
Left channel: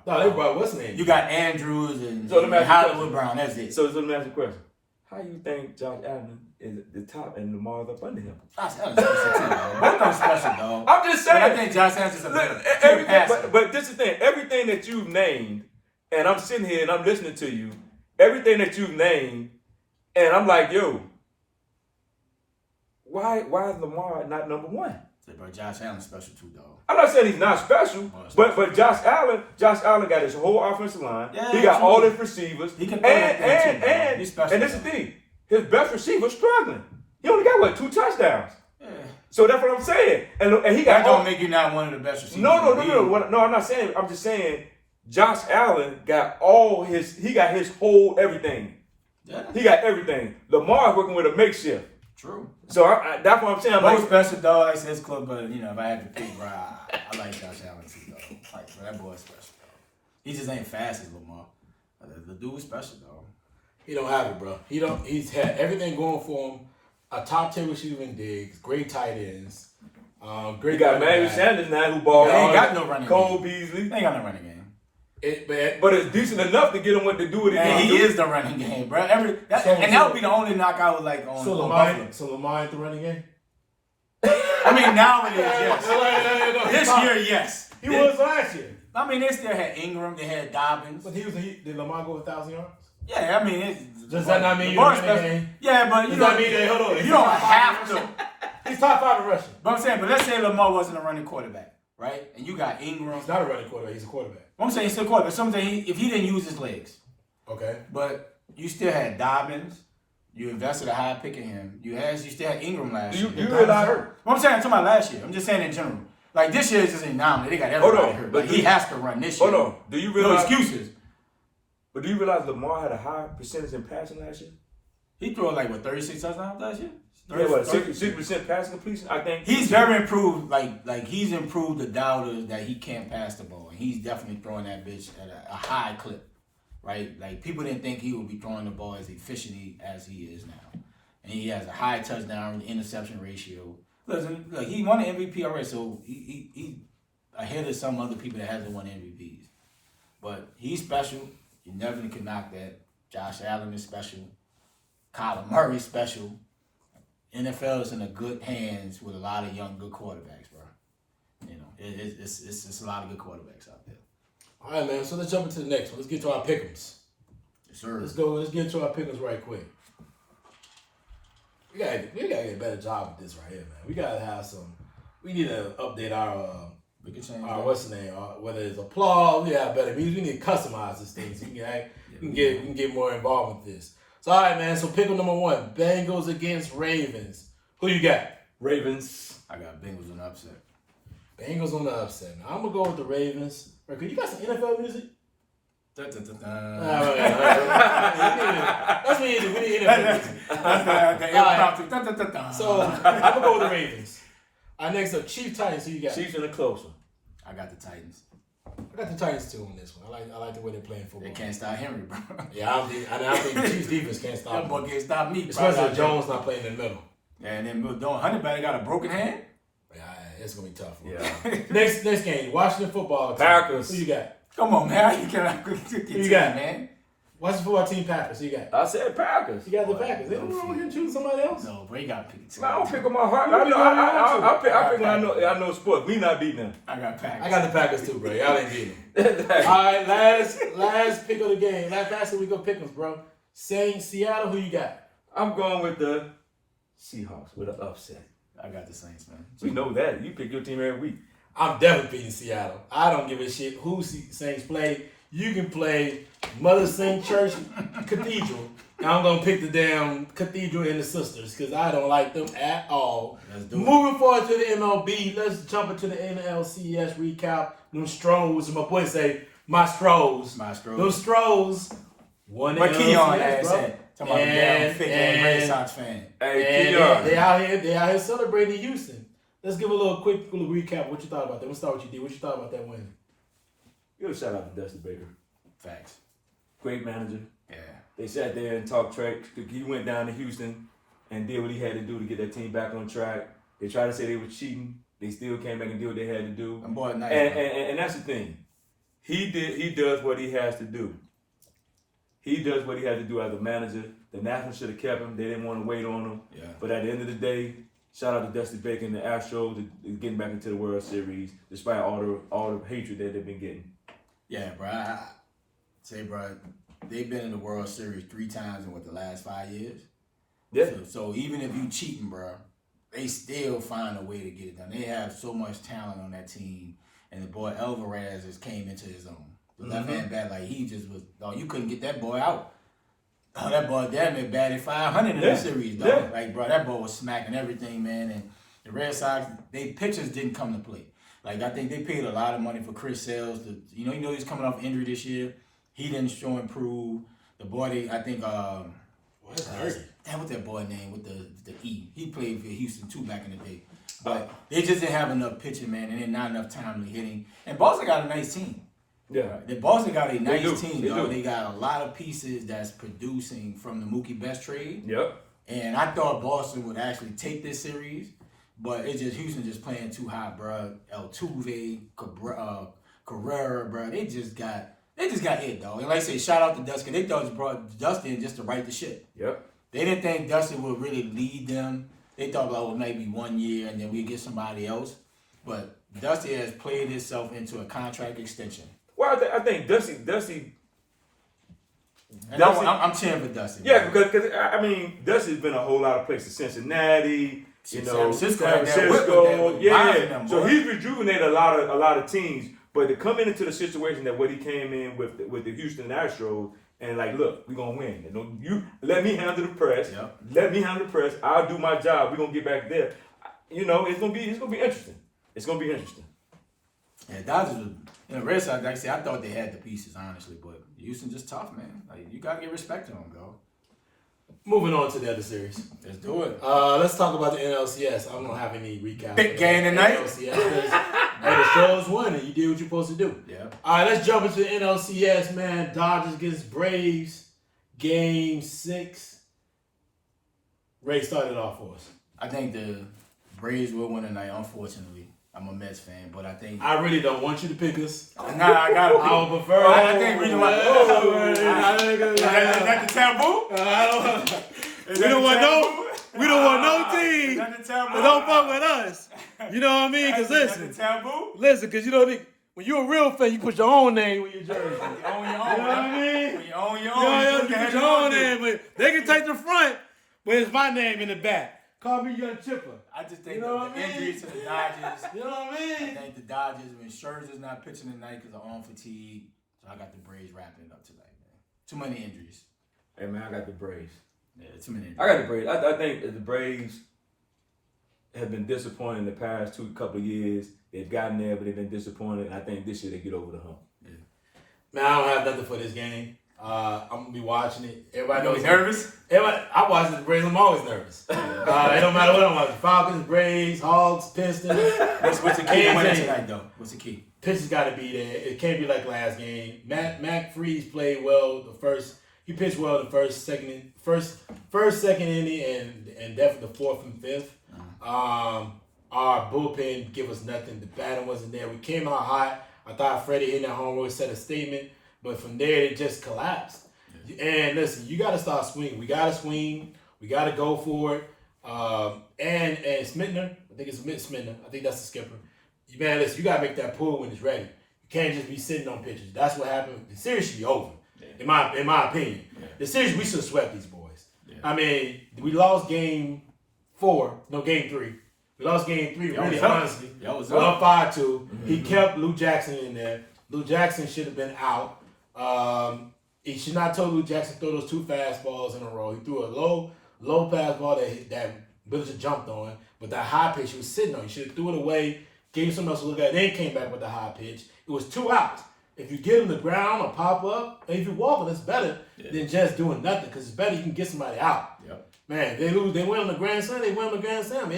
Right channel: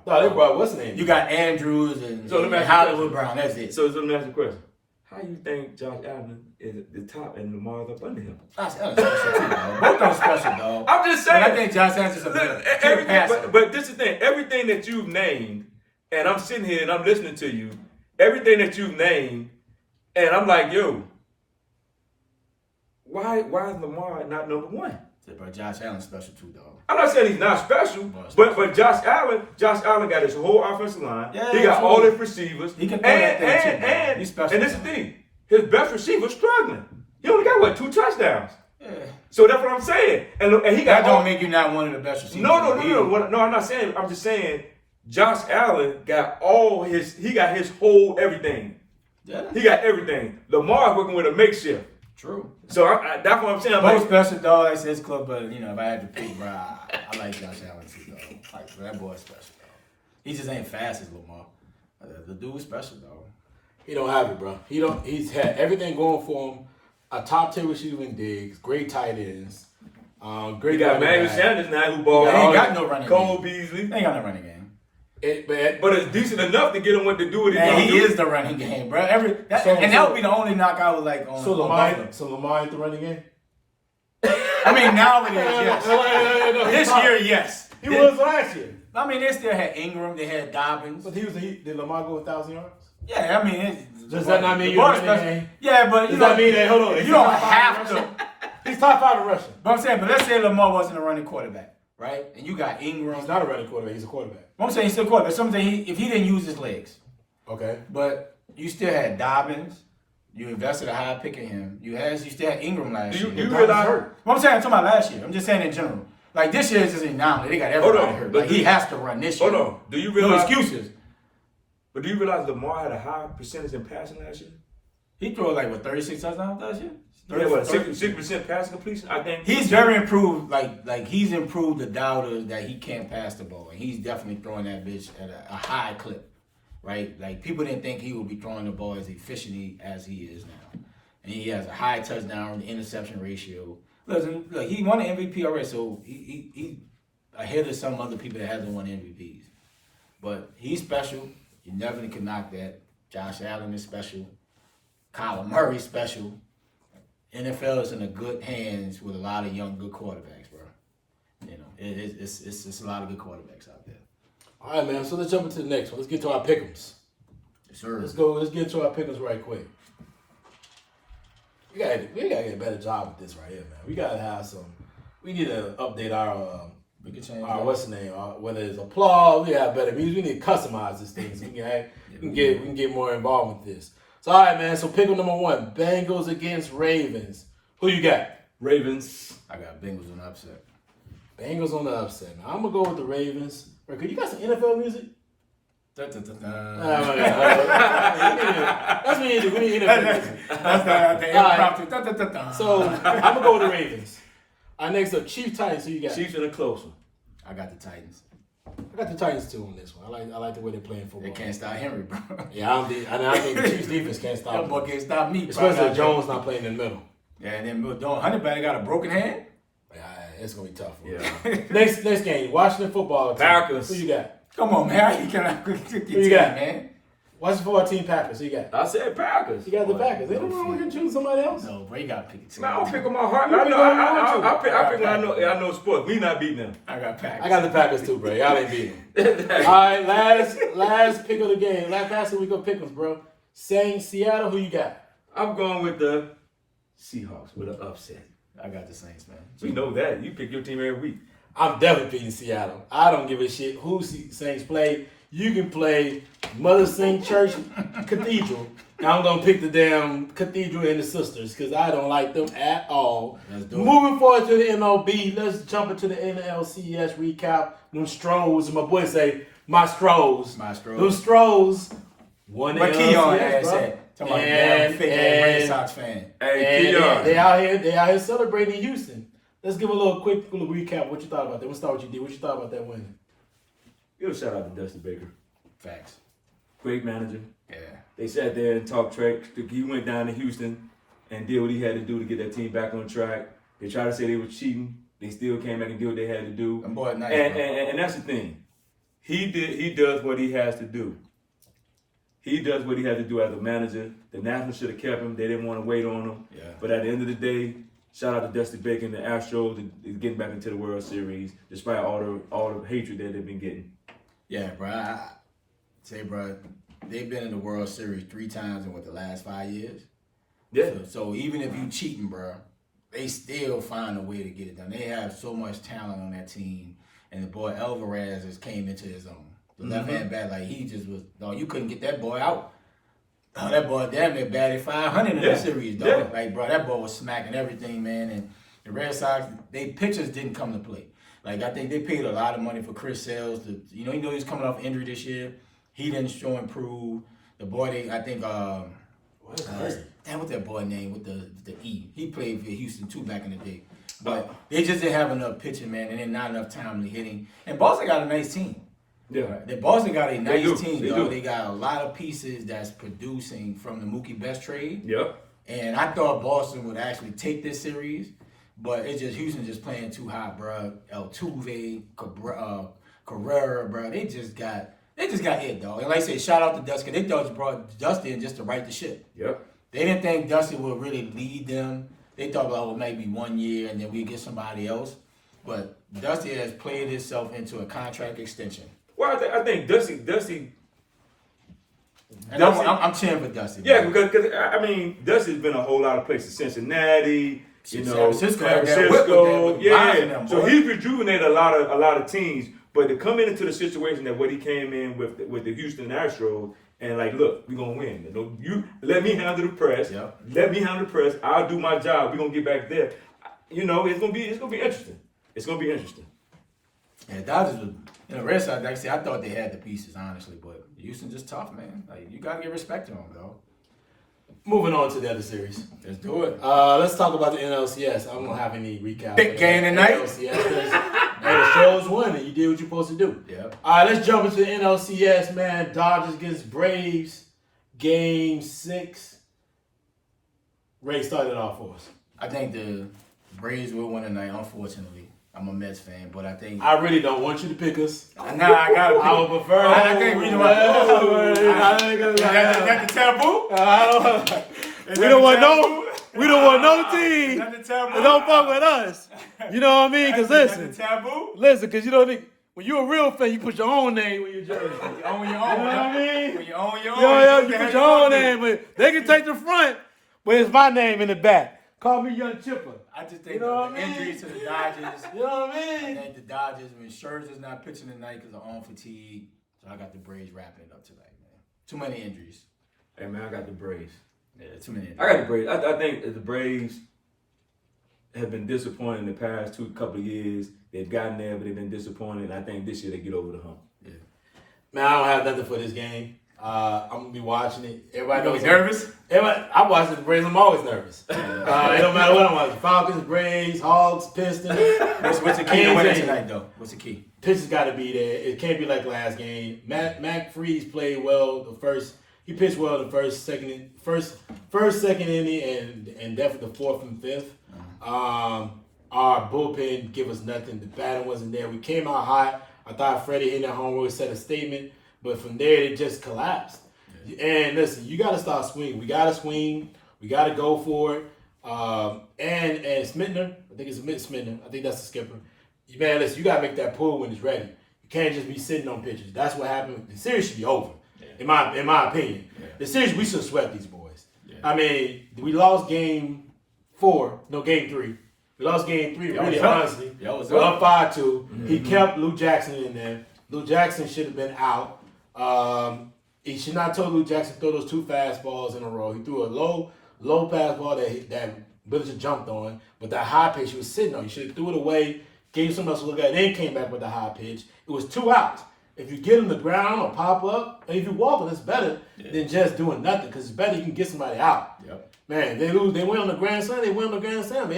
No, they brought what's his name? You got Andrews and Hollywood Brown. That's it. So let me ask you a question. How do you think Josh Allen is at the top and Lamar's up under him? Josh Allen's special too, dog. Both of them special, dog. I'm just saying. But I think Josh Allen's just a better passer. But this is the thing. Everything that you've named, and I'm sitting here and I'm listening to you, everything that you've named, and I'm like, yo, why is Lamar not number one? But Josh Allen's special too, dog. I'm not saying he's not special, but Josh Allen got his whole offensive line. Yeah, he got all his receivers. He can throw that thing too, and he's special. And this is the thing. His best receiver's struggling. He only got 2 touchdowns. Yeah. So that's what I'm saying. And he got that don't make you not one of the best receivers. No. No, I'm not saying. I'm just saying Josh Allen got his whole everything. Yeah. He got everything. Lamar's working with a makeshift. True. So that's what I'm saying. Most special, dog. That's his club, but if I had to pick, bro, I like Josh Allen too, dog. Like, bro, that boy's special, dog. He just ain't fast as Lamar. The dude's special, dog. He don't have it, bro. He's had everything going for him. A top 10 receiver in Diggs, great tight ends. Great. He got Emmanuel Sanders now who ball. He ain't got no running game. Cole Beasley. He ain't got no running game. But it's decent enough to get him what to do with it. And he is the running game, bro. That would be the only knockout like on. So Lamar ain't the running game. I mean, now it is, yes. This year, yes. He was last year. I mean, they still had Ingram, they had Dobbins. But did Lamar go 1,000 yards? Yeah, I mean, does that not mean you're running game? Yeah, but does that mean that? Hold on, you don't have to. He's top 5 in rushing. But I'm saying, but let's say Lamar wasn't a running quarterback, right? And you got Ingram. He's not a running quarterback. He's a quarterback. I'm saying he's still a quarterback. So I'm saying if he didn't use his legs. Okay. But you still had Dobbins. You invested a high pick in him. You still had Ingram last year. You realize? What I'm saying, I'm talking about last year. I'm just saying in general. Like this year is just an anomaly. They got everybody hurt. Like he has to run this year. Hold on. Do you realize? No excuses. But do you realize Lamar had a high percentage in passing last year? He threw like 36 touchdowns last year. 6% passing completion. I think he's very improved. Like he's improved the doubters that he can't pass the ball, and he's definitely throwing that bitch at a high clip, right? Like people didn't think he would be throwing the ball as efficiently as he is now, and he has a high touchdown interception ratio. Listen, look, he won the MVP already, so he ahead of some other people that hasn't won MVPs. But he's special. You never can knock that. Josh Allen is special. Kyler Murray's special. NFL is in a good hands with a lot of young, good quarterbacks, bro. You know, it's a lot of good quarterbacks out there. All right, man. So let's jump into the next one. Let's get to our pick'ems. Yes, sir. Let's go. Let's get into our pick'ems right quick. We gotta get a better job with this right here, man. We gotta have some. We need to update our. We can change. What's the name? Whether it's applause, we got better. We need to customize this thing so we can get more involved with this. So all right, man. So pick up number 1, Bengals against Ravens. Who you got? Ravens. I got Bengals on the upset. Bengals on the upset. Now, I'm gonna go with the Ravens. Right, you got some NFL music? That's That's what we need. We need NFL music. the impromptu. So I'm gonna go with the Ravens. All right, next up, Chiefs Titans. Who you got? Chiefs in the closer. I got the Titans. I got the Titans too on this one. I like the way they're playing football. They can't stop Henry, bro. Yeah, I think the Chiefs defense can't stop That him. boy can't stop me. Especially if Jones not playing in the middle. Yeah, and then Hunter Badger got a broken hand. Yeah, it's gonna be tough. Yeah. Next game, Washington football team. Packers. Who you got? Come on, man. How you can Who you got, man? Washington football team Packers. Who you got? I said Packers. You got the Packers. Ain't no wrong with choosing somebody else. No, bro, you got to pick a team. Man, I don't pick on my heart. I pick when I know sports. We not beating them. I got Packers. I got the Packers too, bro. Y'all ain't beating them. All right, last pick of the game. Last week of pick 'em, bro. Saints, Seattle. Who you got? I'm going with the Seahawks with an upset. I got the Saints, man. You know that. You pick your team every week. I'm definitely picking Seattle. I don't give a shit who Saints play. You can play Mother St. Church Cathedral. I'm going to pick the damn Cathedral and the Sisters because I don't like them at all. Moving forward to the MLB, let's jump into the NLCS recap. Them Stros, my boy say, my Stros. Them Stros won the NLCS, bro. Talking about the damn fake Red Sox fan. Hey, they out here celebrating Houston. Let's give a quick recap. What you thought about that? Let's start with you, D. What you thought about that win? Give a shout out to Dusty Baker. Facts. Great manager. Yeah. They sat there and talked track. He went down to Houston and did what he had to do to get that team back on track. They tried to say they were cheating. They still came back and did what they had to do. I'm boy nice, and that's the thing. He does what he has to do. He does what he had to do as a manager. The Nationals should have kept him. They didn't want to wait on him. Yeah. But at the end of the day, shout out to Dusty Baker and the Astros getting back into the World Series despite all the hatred that they've been getting. Yeah, bro. I say, bro, they've been in the World Series 3 times in the last 5 years. Yeah. So even if you cheating, bro, they still find a way to get it done. They have so much talent on that team, and the boy Alvarez just came into his own. The left-hand bat, like he just was. Dog, you couldn't get that boy out. Oh, that boy damn near batted 500 in the series, dog. Yeah. Like, bro, that boy was smacking everything, man. And the Red Sox, they pitchers didn't come to play. Like, I think they paid a lot of money for Chris Sales. He was coming off injury this year. He didn't show improve. The boy, what's that boy name with the E? He played for Houston too back in the day. But they just didn't have enough pitching, man, and then not enough timely hitting. And Boston got a nice team. Yeah, the Boston got a nice team, though. They got a lot of pieces that's producing from the Mookie Betts trade. Yep. And I thought Boston would actually take this series, but Houston just playing too hot, bro. Altuve, Carrera, bro. They just got hit, dog. And like I say, shout out to Dusty. They thought just brought Dusty in just to right the ship. Yep. They didn't think Dusty would really lead them. They thought, well, maybe 1 year and then we get somebody else. But Dusty has played himself into a contract extension. Well, I think Dusty. And I'm cheering for Dusty. Yeah, because Dusty's been a whole lot of places. Cincinnati, San Francisco. Yeah. So he's rejuvenated a lot of teams. But to come into the situation that what he came in with the Houston Astros, and like, look, we're gonna win. You let me handle the press. Yep. Let me handle the press. I'll do my job. We're gonna get back there. It's gonna be interesting. It's gonna be interesting. Yeah, Dodgers was, Red Sox, like I said, I thought they had the pieces, honestly, but Houston just tough, man. Like, you gotta give respect to them, though. Moving on to the other series. Let's do it. Let's talk about the NLCS. I don't have any recap. Big game tonight. NLCS. Hey, the Stros won and you did what you're supposed to do. Yeah. All right, let's jump into the NLCS, man. Dodgers against Braves. Game 6. Ray started off for us. I think the Braves will win tonight, unfortunately. I'm a Mets fan, but I think... I really don't want you to pick us. Nah, I gotta pick. I would prefer... I think reason why... Is that the taboo? We don't want no team Is that the taboo? that don't fuck with us. You know what I mean? Because Is that the taboo? listen, because you don't think... When you're a real fan, you put your own name with your jersey. You own your own. You know what I mean? When you own your own, You put your own name. But they can take the front, but it's my name in the back. Call me Young Chipper. I just think You know what the I mean? injuries to the Dodgers. You know what I I mean? think the Dodgers, when Scherzer's not pitching tonight because of arm fatigue, so I got the Braves wrapping it up tonight, man. Too many injuries. Hey man, I got the Braves. Yeah, too many injuries. I got the Braves. I think the Braves have been disappointed in the past couple of years. They've gotten there, but they've been disappointed. I think this year they get over the hump. Yeah. Man, I don't have nothing for this game. I'm gonna be watching it. Everybody You knows nervous? I watch the Braves. I'm always nervous. It don't matter what I'm watching. Falcons, Braves, Hogs, Pistons. What's the key to winning tonight, though? What's the key? Pitcher's got to be there. It can't be like last game. Mac Freeze played well the first. He pitched well the first, second inning, and definitely the fourth and fifth. Our bullpen give us nothing. The batting wasn't there. We came out hot. I thought Freddie hitting that home run set a statement, but from there it just collapsed. Yeah. And listen, you got to start swinging. We got to swing. We got to go for it. And Smitner, I think it's Smitner. I think that's the skipper. Man, listen, you got to make that pull when it's ready. You can't just be sitting on pitches. That's what happened. The series should be over, in my opinion. Yeah. The series, we should sweat these boys. Yeah. I mean, we lost game 3. We lost game 3, really, honestly. We up 5-2. Mm-hmm. He kept Lou Jackson in there. Lou Jackson should have been out. He should not told Lou Jackson to throw those 2 fastballs in a row. He threw a low fastball that Billinger jumped on, but that high pitch he was sitting on. He should have threw it away, gave someone else a look at it, then came back with the high pitch. It was 2 outs. If you get him the ground or pop up, and if you walk it, it's better than just doing nothing, because it's better you can get somebody out. Yep. Man, they lose. They win on the Grand Slam. It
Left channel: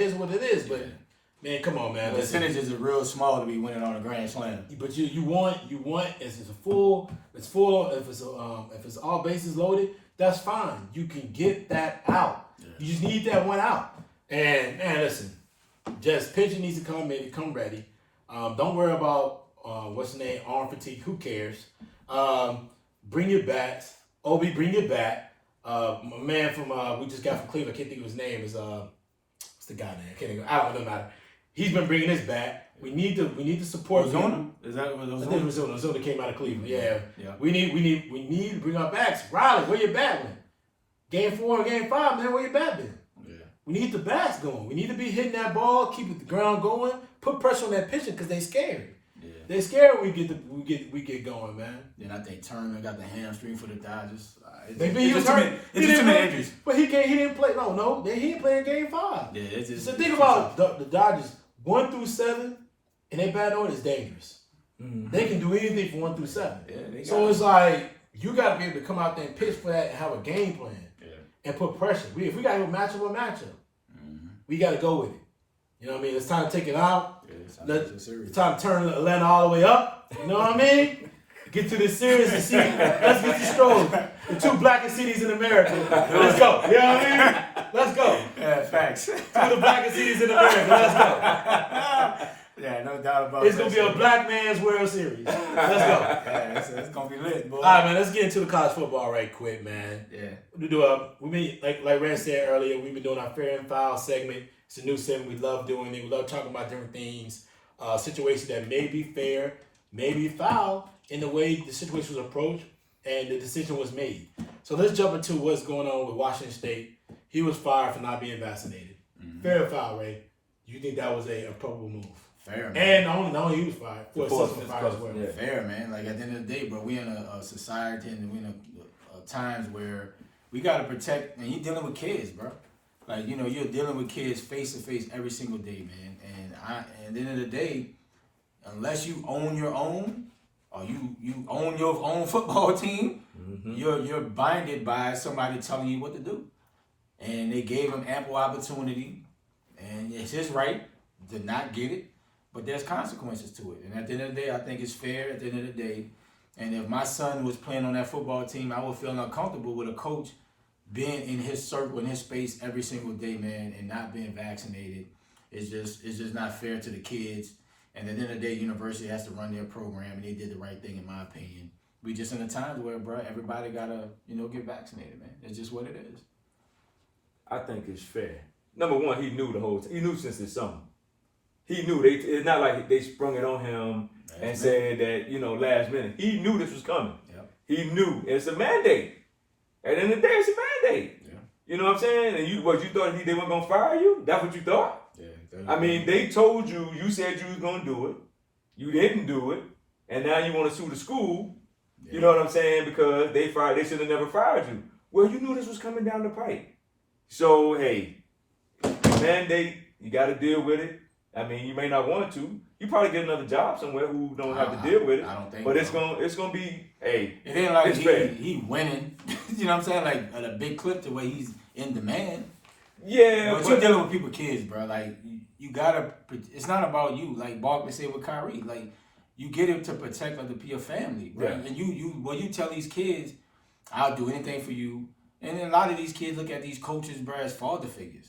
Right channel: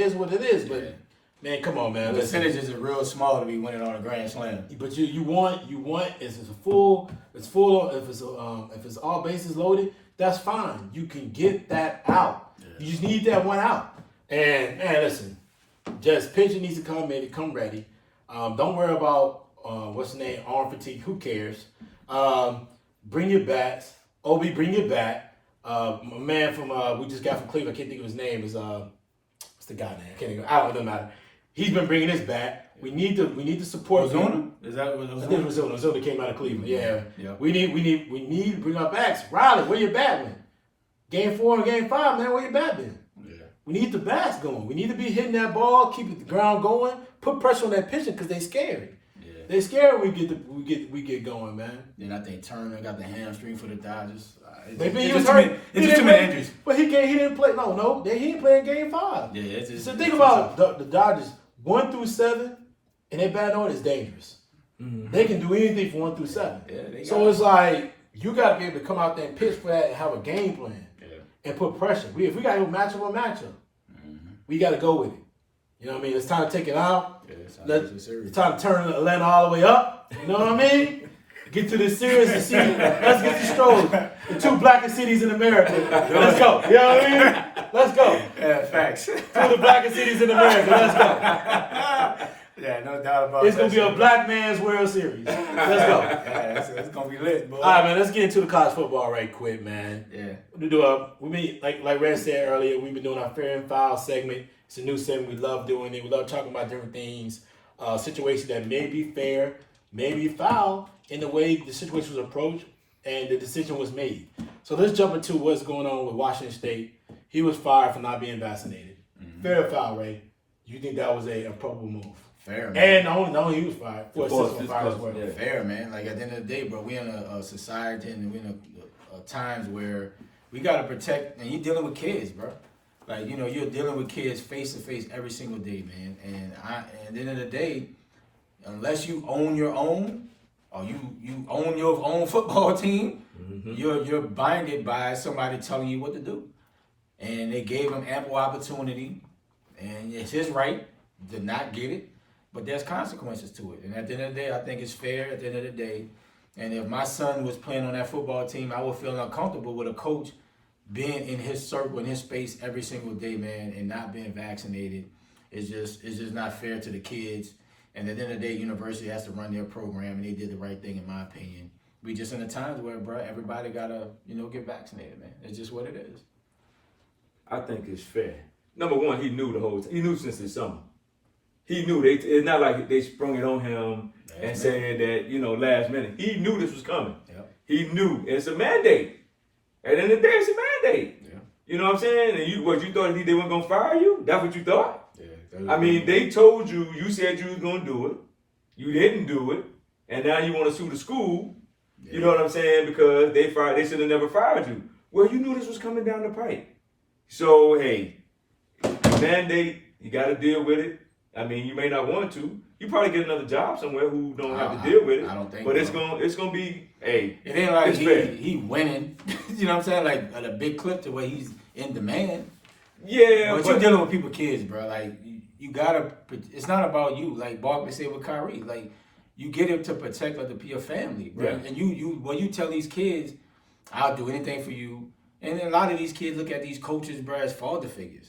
is what it is. But man, come on, man. The percentages are real small to be winning on a Grand Slam. But you want if it's full. If it's all bases loaded, that's fine. You can get that out. Yeah. You just need that one out. And man, listen, just pitching needs to come ready. Don't worry about what's the name, arm fatigue. Who cares? Bring your bats. Obi, bring your bat. A man from we just got from Cleveland, I can't think of his name, is what's the guy name? I can't think of, I don't know, doesn't matter. He's been bringing his back. We need to support Ozuna? Is that what Ozuna? I think Ozuna came out of Cleveland. Yeah. We need to bring our backs. Riley, where your bat went? Game 4 and Game 5, man, where your bat been? Yeah. We need the bats going. We need to be hitting that ball, keep the ground going, put pressure on that pitcher because they scary. Yeah. They scared we get going, man. Then I think Turner got the hamstring for the Dodgers. Maybe he was hurt. It's just too many injuries. But he didn't play. No, he didn't play in Game 5. Yeah, it's just. So think about the Dodgers 1 through 7, and their bat order is dangerous. Mm-hmm. They can do anything from 1 through 7. Yeah, so it's like you got to be able to come out there and pitch for that and have a game plan and put pressure. If we got to match up, we got to go with it. You know what I mean? It's time to take it out. Yeah, it's time to turn Atlanta all the way up. You know what I mean? Get to this series and see. Let's get the Stros, the 2 blackest cities in America. Let's go. You know what I mean? Let's go. Yeah, facts. 2 of the blackest cities in America. Let's go. Yeah, no doubt about it. It's going to be a black man's World Series. Let's go. Yeah, it's going to be lit, boy. All right, man, let's get into the college football right quick, man. Yeah. We been, like Red said earlier, we've been doing our fair and foul segment. It's a new segment. We love doing it. We love talking about different things, situations that may be fair, may be foul, in the way the situation was approached and the decision was made. So let's jump into what's going on with Washington State. He was fired for not being vaccinated. Mm-hmm. Fair or foul, Ray? You think that was a appropriate move? Fair, man. And not only he was fired, for assistant fired as well. Yeah. Fair, man. Like at the end of the day, bro, we in a society and we in a times where we got to protect, and you're dealing with kids, bro. Like, you know, you're dealing with kids face to face every single day, man. And at the end of the day, unless you own your own, or you own your own football team, you're binded by somebody telling you what to do. And they gave him ample opportunity, and it's his right to not get it, but there's consequences to it. And at the end of the day, I think it's fair at the end of the day. And if my son was playing on that football team, I would feel uncomfortable with a coach being in his circle, in his space every single day, man, and not being vaccinated. It's just not fair to the kids. And at the end of the day, university has to run their program, and they did the right thing, in my opinion. We just in a times where, bro, everybody gotta, you know, get vaccinated, man. It's just what it is. I think it's fair. Number one, he knew the whole time. He knew since the summer. He knew. It's not like they sprung it on him and said that, you know, last minute. He knew this was coming. Yep. He knew. It's a mandate. At the end of the day, it's a mandate. Yeah. You know what I'm saying? And you thought they weren't going to fire you? That's what you thought? Yeah. I mean, they told you, you said you was going to do it. You didn't do it. And now you want to sue the school. Yeah. You know what I'm saying? Because they should have never fired you. Well, you knew this was coming down the pipe. So, hey, mandate, you got to deal with it. I mean, you may not want to. You probably get another job somewhere who don't have to deal with it. I don't think but so. it's gonna be, hey. It ain't like he winning. You know what I'm saying? Like at a big clip to where he's in demand. Yeah, but you're dealing with people's kids, bro. Like you gotta. It's not about you. Like Barkley said with Kyrie. Like you get him to protect your family, bro. Yeah. And you tell these kids, I'll do anything for you. And then a lot of these kids look at these coaches, bro, as father figures.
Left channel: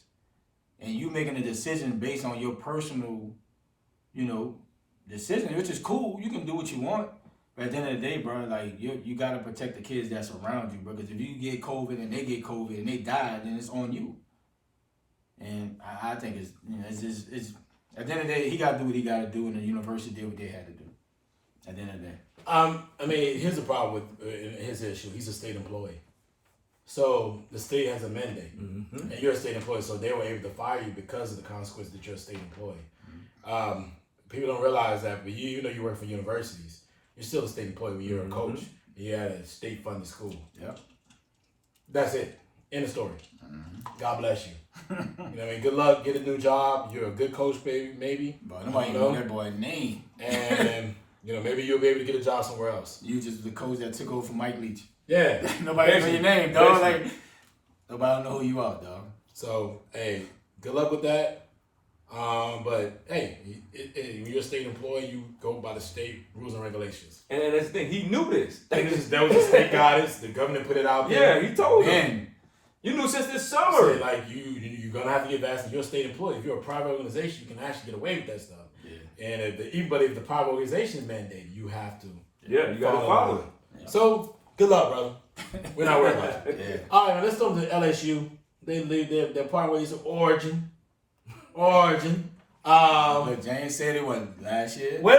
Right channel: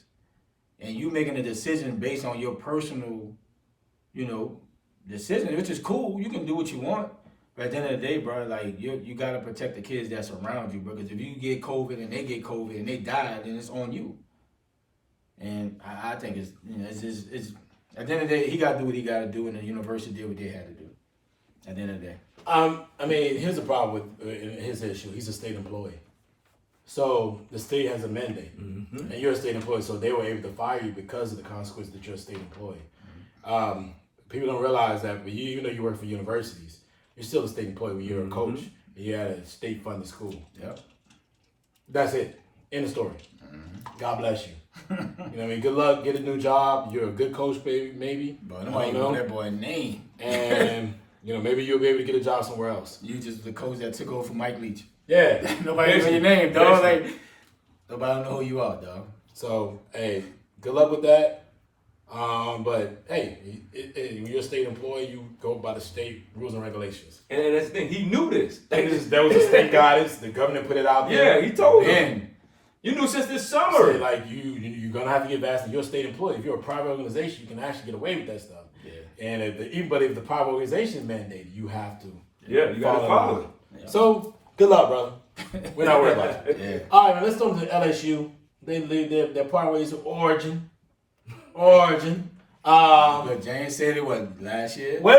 And you making a decision based on your personal, you know, decision, which is cool. You can do what you want. But at the end of the day, bro, like you got to protect the kids that's around you, bro. Because if you get COVID and they get COVID and they die, then it's on you. And I think it's, you know, it's at the end of the day, he got to do what he got to do, and the university did what they had to do. At the end of the day. I mean, here's the problem with his issue. He's a state employee. So the state has a mandate, and you're a state employee, so they were able to fire you because of the consequence that you're a state employee. People don't realize that, but you know you work for universities, you're still a state employee when you're a coach, and you're at a state-funded school. Yep. That's it. End of story. God bless you. You know what I mean? Good luck. Get a new job. You're a good coach, baby, maybe. But nobody know that boy's name. And, you know, maybe you'll be able to get a job somewhere else. You just the coach that took over for Mike Leach. Yeah. Nobody know your name, dog. Like, nobody know who you are, dog. So, hey, good luck with that. But, hey, when you're a state employee, you go by the state rules and regulations. And that's the thing. He knew this. That was a state guidance. The governor put it out there. Yeah, he told him. You knew since this summer. So, like, you're going to have to get vaccinated. You're a state employee. If you're a private organization, you can actually get away with that stuff. Yeah. And if the private organization is mandated, you have to. Yeah, you got to follow it. Yeah. So, good luck, brother. We're not worried about it. Yeah. All right, man, let's go to LSU. They leave their part ways of origin. But James said it wasn't last year. Wait.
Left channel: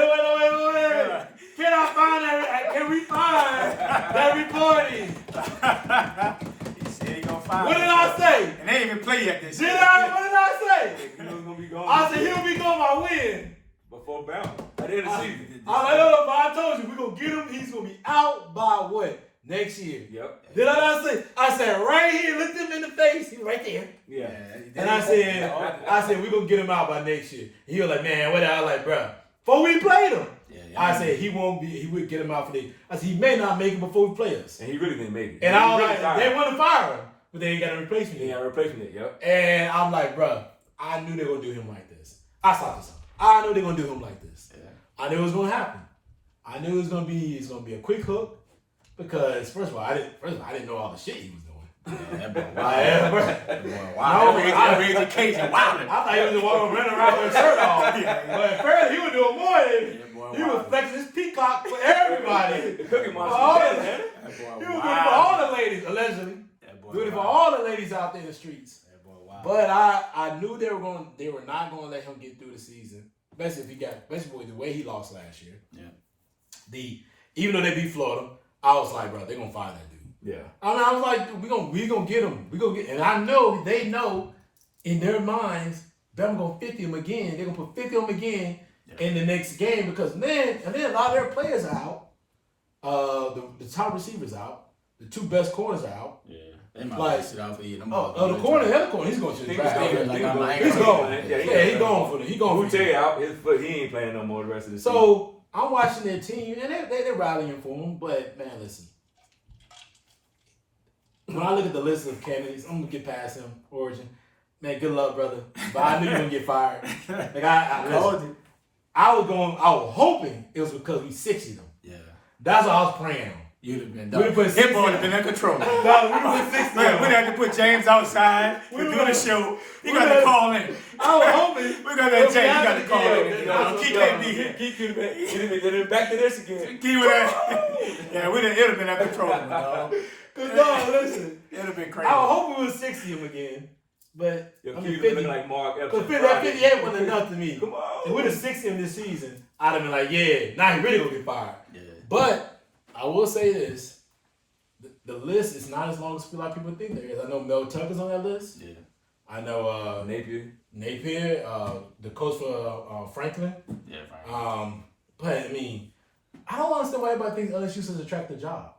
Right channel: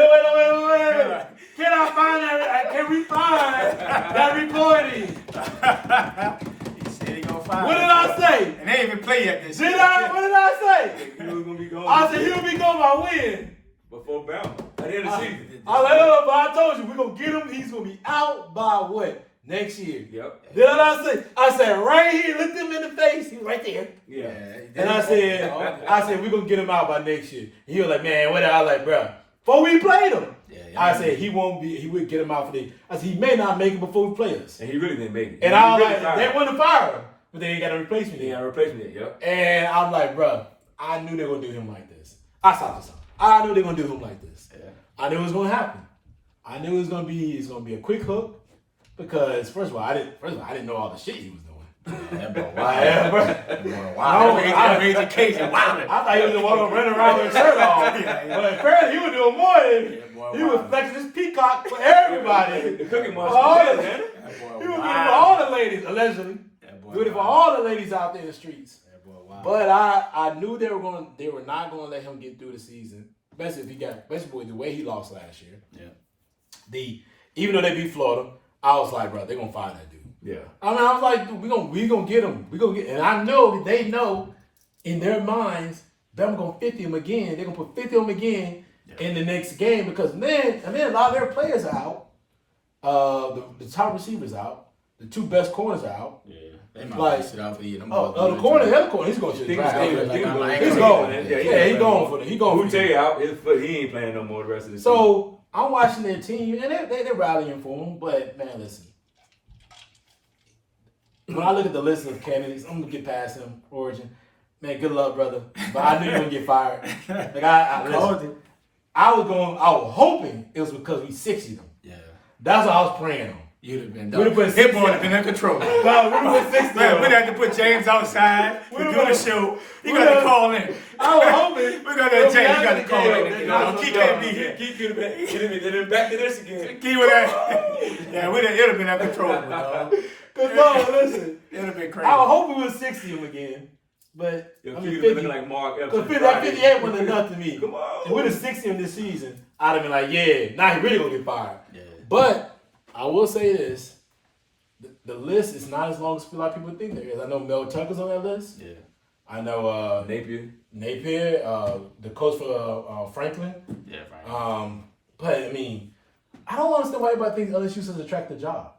Can I find that? Can we find that reporting? He said he gonna find What did I say? And they didn't even play yet this year. What did I say? He was going to be gone. I said he would be gone by when? Before Bama. At the end of the season. I was like, no, but I told you, we're going to get him. He's going to be out by what? Next year. Yep. Did I not say? I said right here, looked him in the face. He was right there. Yeah. And I said, we're going to get him out by next year. He was like, man, what? I was like, bro, before we played him. I said he would get him out for the. I said he may not make it before we play us. And he really didn't make it. And I was like, they want to fire him, but they ain't got a replacement. They ain't got a replacement yet, yep. And I'm like, bro, I knew they were gonna do him like this. I saw this. I knew they were gonna do him like this. Yeah. I knew it was gonna happen. I knew it's gonna be a quick hook because first of all, I didn't know all the shit he was doing. Yeah, that boy wild. That made the case and wilding. I thought he was the one running around with his shirt off. But apparently he was doing more than he was flexing his peacock for everybody. The cookie monster. He was doing it for all the ladies, allegedly. Doing it for all the ladies out there in the streets. But I knew they were not gonna let him get through the season. Especially the way he lost last year. Yeah. Even though they beat Florida, I was like, bro, they're gonna fire that dude. Yeah. I mean, I was like, we gonna get him. And I know they know in their minds, Bama gonna 50 him again. They're gonna put 50 him again in the next game because man, a lot of their players are out. The top receivers out. The two best corners are out. Yeah. They might Like, sit out for you. the corner, the other corner, he's going to the draft. He's going. Yeah, he's going for the. He going for Uche out. His foot. He ain't playing no more the rest of the season. So I'm watching their team, and they're rallying for him. But man, listen. When I look at the list of candidates, I'm gonna get past him. Origin, man, good luck, brother. But I knew you were gonna get fired. Like listen, I was hoping it was because we 60'd him. Yeah. That's what I was praying on. You'd have been We'd have done. put Hit would have been in control. No, we'd have put 60 Man, we'd have to put James outside to do the show. You got to call in. I was hoping. We're going to have James. You got to call in. Keith can't be here. Keith could have been back to this again. Keith would have. Yeah, it would have been out of control. Because no, listen. It would have been crazy. I was hoping we would 60 him again. But I mean, 50. Like Mark Because 58 wasn't enough to me. Come on. If we'd have 60 him this season, I'd have been like, yeah, now he really going to get fired. Yeah. But I will say this. The list is not as long as a lot of people think there is. I know Mel Tucker's on that list. Yeah. I know Napier, the coach for Franklin. Yeah, Franklin. But I mean, I don't understand why everybody thinks LSU is such an attractive job.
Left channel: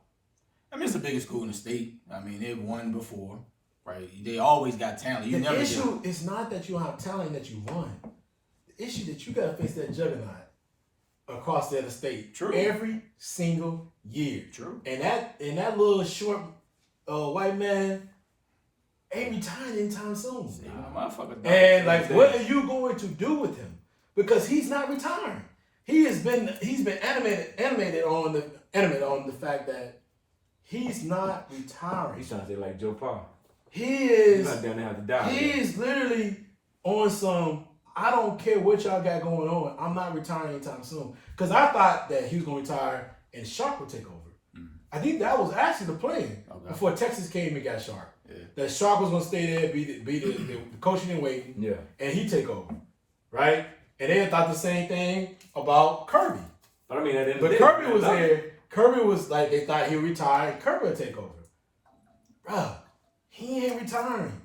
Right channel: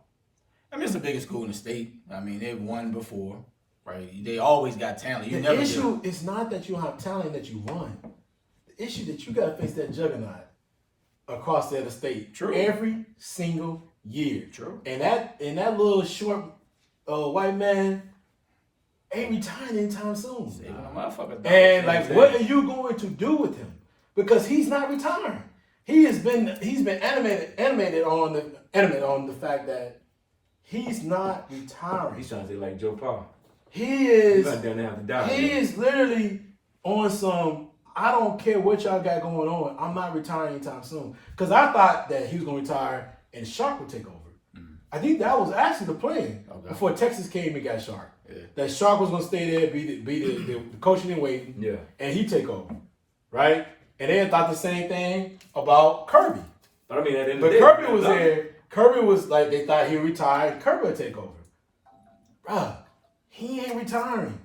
I mean, it's the biggest school in the state. I mean, they've won before, right? They always got talent. The issue is not that you don't have talent that you won. The issue that you got to face that juggernaut across the other state. True. Every single year. True. And that little short white man ain't retiring anytime soon. And like, what are you going to do with him? Because he's not retiring. He's been animated on the fact that he's not retiring. He's trying to say like Joe Paul. He is. He's not down there have to die. He is literally on some. I don't care what y'all got going on. I'm not retiring anytime soon. Because I thought that he was going to retire and Shark would take over. I think that was actually the plan before Texas came and got Shark. Yeah. That Shark was going to stay there, be the coaching and waiting, and he take over, right? And they thought the same thing about Kirby. But I mean, but Kirby was there. Kirby was like, they thought he would retire and Kirby would take over. Bruh, he ain't retiring.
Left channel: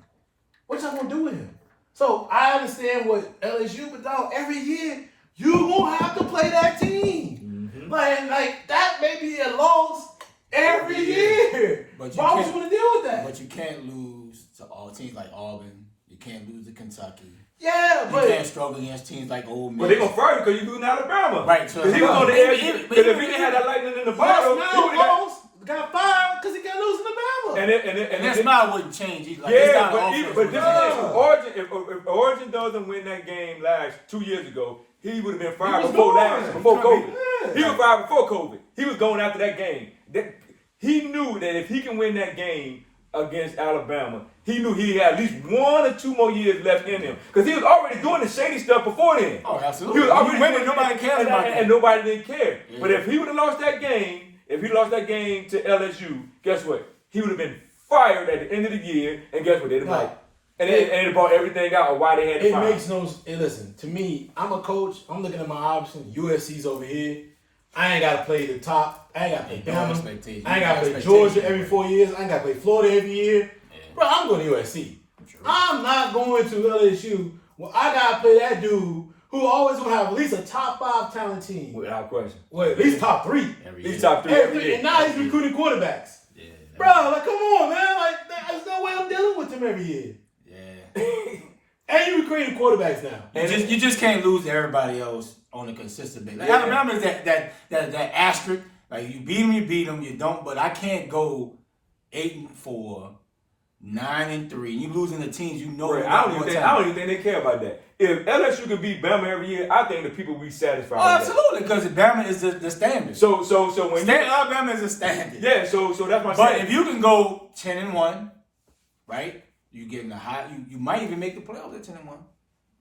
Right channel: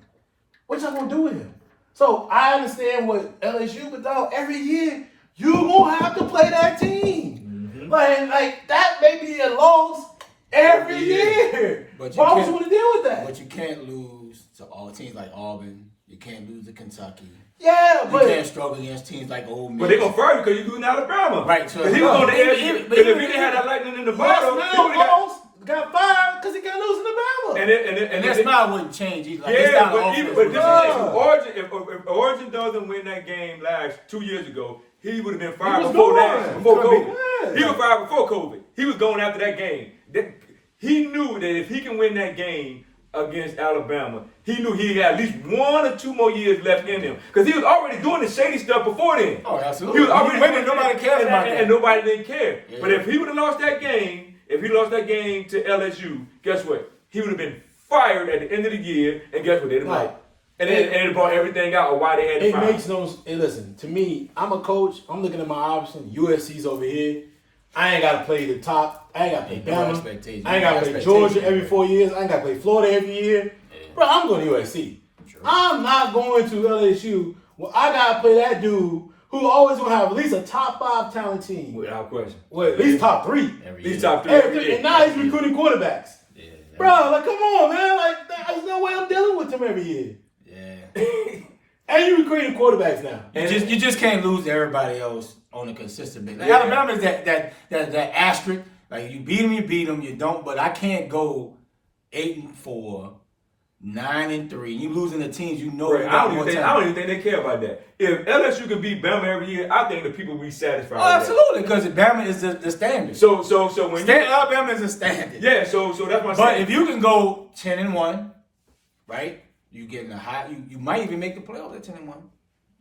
What y'all going to do with him? So I understand what LSU, but dog, every year you gonna have to play that team. Mm-hmm. Like that may be a loss every year. But why would you want to deal with that? But you can't lose to all teams like Auburn. You can't lose to Kentucky. Yeah, you can't struggle against teams like Ole Miss. But they gonna fire you because you losing Alabama. Right. So he was going to LSU. But if he didn't have that lightning in the bottle, almost got fired because he got losing to Alabama. And that smile wouldn't change either. Like, if Origin doesn't win that game 2 years ago, he would have been fired before COVID. He was fired before COVID. He was going after that game. He knew that if he can win that game against Alabama, he knew he had at least 1 or 2 more years left in him. Because he was already doing the shady stuff before then. Oh, absolutely. He was already winning. Nobody cares about that. And nobody didn't care. Yeah. But if he would have lost that game, to LSU, guess what? He would have been fired at the end of the year, and guess what? They'd have like, and it brought everything out of why they had to fire. It makes no sense. And listen, to me, I'm a coach. I'm looking at my options. USC's over here. I ain't got to play the top. I ain't got to play Bama. I ain't got to play Georgia every 4 years. I ain't got to play Florida every year. Yeah. Bro, I'm going to USC. True. I'm not going to LSU. Well, I got to play that dude who always going to have at least a top 5 talent team. Without question. Well, at least top 3. At least top 3. And now he's recruiting quarterbacks. Yeah, bro, like, come on, man. Like, there's no way I'm dealing with him every year. Yeah. And you're recruiting quarterbacks now. You just can't lose to everybody else on a consistent basis. Like, Alabama is that asterisk. Like, you beat them, you don't. But I can't go 8-4, 9-3. You losing the teams you know. Right. I don't even think they care about that. If LSU can beat Bama every year, I think the people will be satisfied. Oh, absolutely, because Bama is the standard. So when Alabama is a standard. Yeah. So that's my. But if you can go 10-1, right? You getting a high. You might even make the playoffs at 10-1.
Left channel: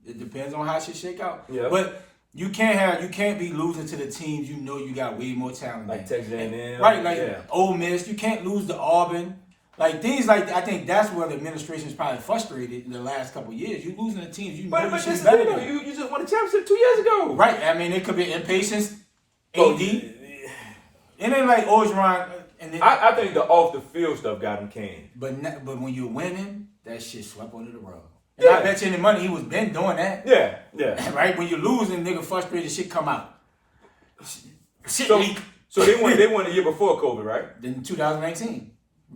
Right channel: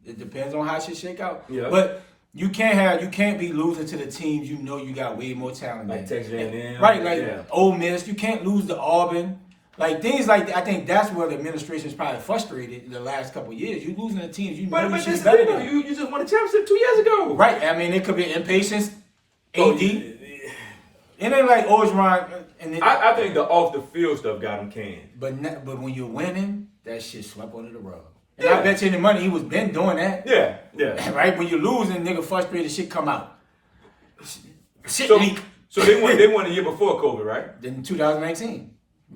It depends on how shit shake out. Yeah. But you can't be losing to the teams you know you got way more talent. Like Texas A&M. Right, like Ole Miss. You can't lose to Auburn. Like things like that. I think that's where the administration is probably frustrated in the last couple of years. You losing to teams you know you should be better than. You just won a championship 2 years ago. Right. I mean, it could be impatience. AD. It ain't like Orgeron. I think the off the field stuff got him canned. But when you're winning, that shit swept under the rug. And I bet you any money he was been doing that. Yeah. Right? When you're losing, nigga frustrated, shit come out. Shit leak. So they won the year before COVID, right? Then 2019.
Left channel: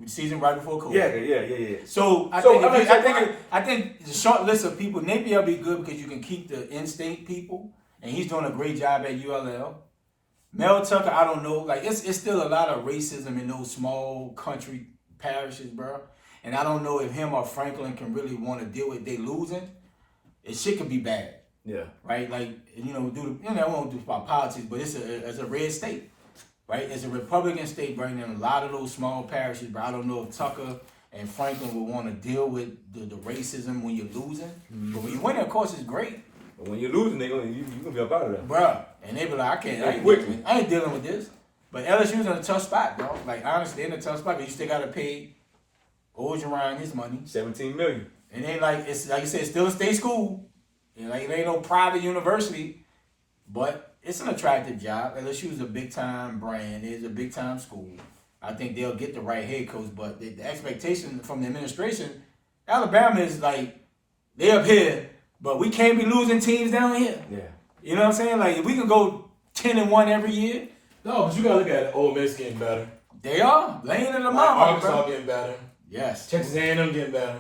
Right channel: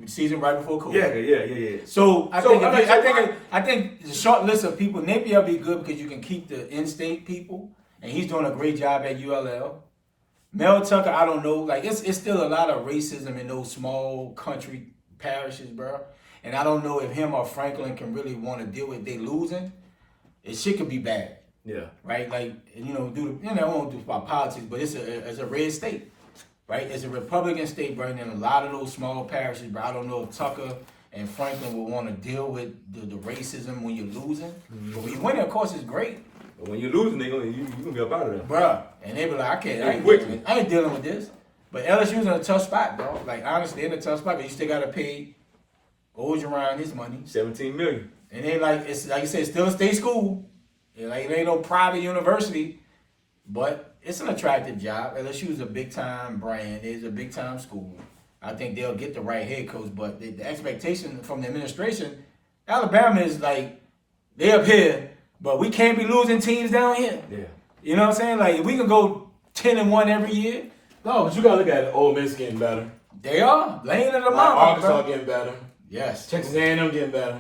season right before COVID. Yeah. So I think the short list of people, Napier will be good because you can keep the in-state people, and he's doing a great job at ULL. Mel Tucker, I don't know, like it's still a lot of racism in those small country parishes, bro. And I don't know if him or Franklin can really want to deal with they losing. It shit could be bad. Yeah. Right? Like, I won't do about politics, but it's a red state. Right? It's a Republican state, bro, and a lot of those small parishes, bro. I don't know if Tucker and Franklin will want to deal with the racism when you're losing. Mm-hmm. But when you win, of course, it's great. But when you're losing, you're gonna be up out of there. Bruh. And they be like, I ain't dealing with this. But LSU's in a tough spot, bro. Like, honestly, they're in a tough spot because you still got to pay Ogeron his money. $17 million. And then, like, it's like you said, it's still a state school. Like, it ain't no private university. But it's an attractive job. LSU is a big-time brand. It's a big-time school. I think they'll get the right head coach. But the expectation from the administration, Alabama is like, they up here, but we can't be losing teams down here. Yeah. You know what I'm saying? Like, if we can go 10-1 every year. No, but you gotta look at it. Ole Miss getting better. They are. Laying in the Like Arkansas getting better. Yes. Texas A&M getting better.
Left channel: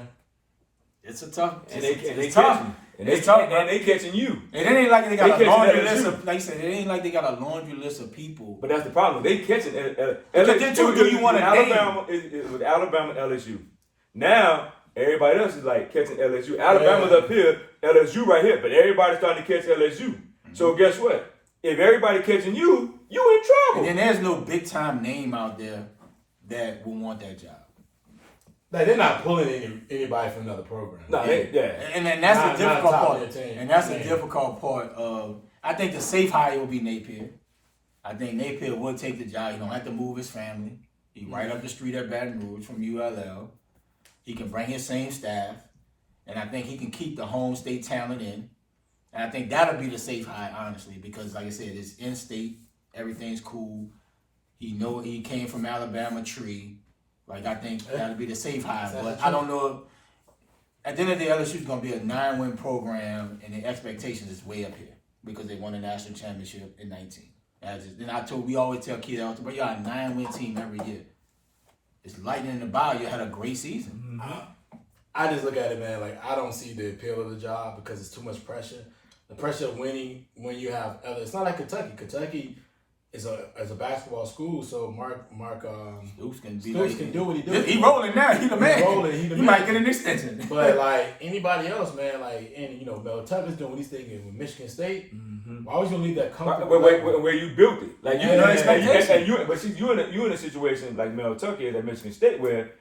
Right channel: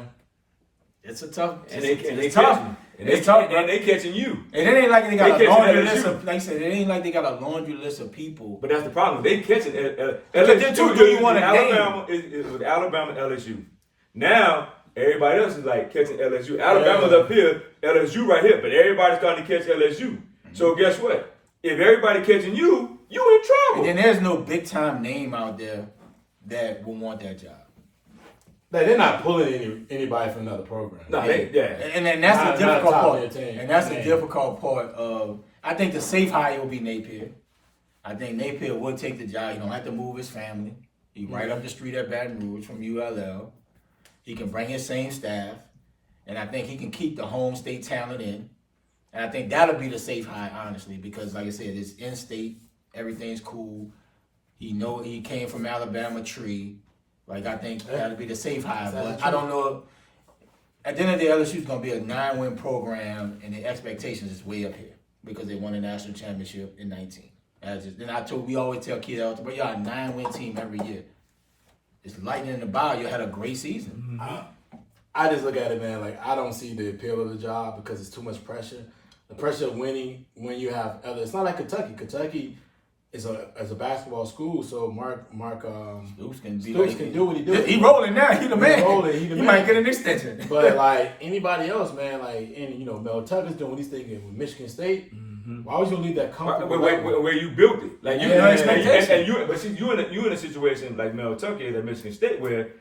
It's a tough. It's tough. It's tough, and they catching you. And it ain't like they got a laundry list of, like you said, it ain't like they got a laundry list of people. But that's the problem. They catching LSU. Do you want to name? Alabama with Alabama, LSU. Now everybody else is like catching LSU. Alabama's up here, LSU right here, but everybody's starting to catch LSU. Mm-hmm. So guess what? If everybody catching you in trouble. And then there's no big time name out there that will want that job. Like, they're not pulling anybody from another program. No, And then that's the difficult part. And that's the difficult part of, I think the safe hire will be Napier. I think Napier will take the job. He don't have to move his family. He right up the street at Baton Rouge from ULL. He can bring his same staff. And I think he can keep the home state talent in. And I think that'll be the safe hire, honestly, because like I said, it's in-state. Everything's cool. He came from Alabama tree. Like, I think that'll be the safe hire. But I don't know. At the end of the day, LSU's going to be a 9-win program, and the expectations is way up here because they won a national championship in 19. We always tell kids, but y'all a 9-win team every year. It's lightning in the bow. You had a great season. Mm-hmm. I just look at it, man, like, I don't see the appeal of the job because it's too much pressure. The pressure of winning when you have other. It's not like Kentucky. Kentucky is a basketball school, so Mark Stoops can do what he do. He rolling now. He the man. He might get an extension. But like anybody else, man, like, and Mel Tucker's doing what he's thinking with Michigan State. Mm-hmm. Why was you gonna leave that comfortable? Where you built it, like expectation. You in a situation like Mel Tucker is at Michigan State where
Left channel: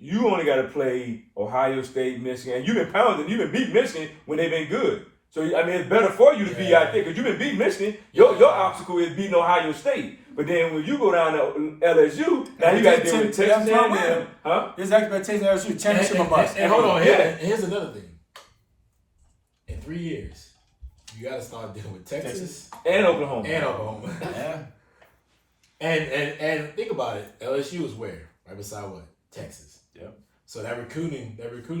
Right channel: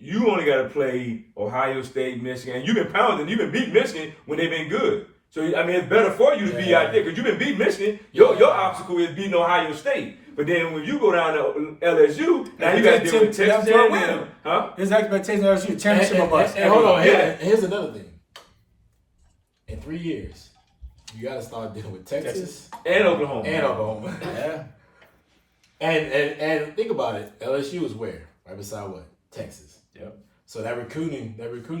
you only got to play Ohio State, Michigan, and you've been beating Michigan when they've been good. So, I mean, it's better for you to be out there because you've been beating Michigan. Your obstacle is beating Ohio State. But then when you go down to LSU, now you got to deal with Texas A&M. Huh? His expectation is LSU championship or bust. And hold on, here's another thing. In 3 years, you got to start dealing with Texas and Oklahoma. Yeah. And think about it. LSU is where? Right beside what? Texas. Yep. So that recruiting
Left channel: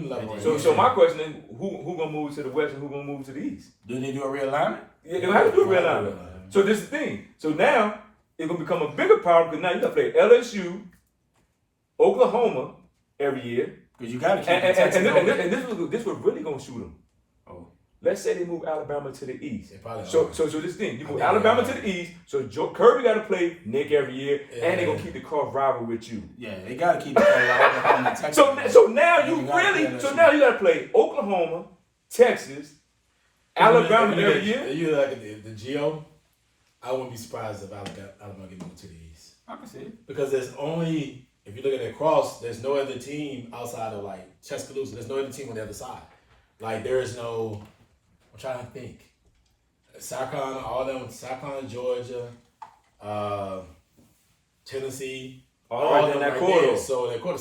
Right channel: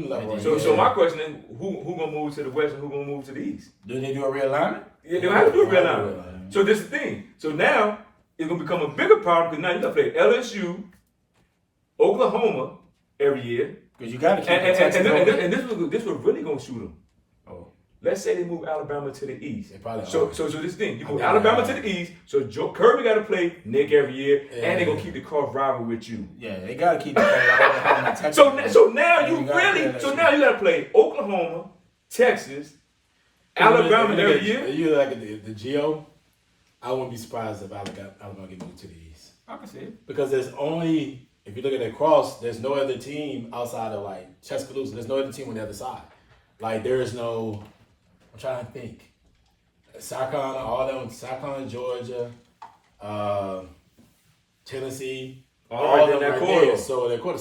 level. So my question is, who gonna move to the west and who gonna move to the east? Do they do a realignment? Yeah, they have to do a realignment. So this is the thing. So now it's gonna become a bigger problem because now you gotta play LSU, Oklahoma every year. Because you gotta keep Texas. And this was really gonna shoot them. Oh. Let's say they move Alabama to the east. So this thing, you move Alabama to the east. So Kirby got to play Nick every year, and they're gonna keep the cross rival with you. Yeah, they gotta keep the cross rival. So now you got to play Oklahoma, Texas, Alabama every year. You like the Geo. I wouldn't be surprised if Alabama get moved to the east. I can see it because there's only, if you look at the cross, there's no other team outside of like Tuscaloosa. There's no other team on the other side. Like there is no. I'm trying to think. South Carolina, Georgia, Tennessee, all of them right there. So it'll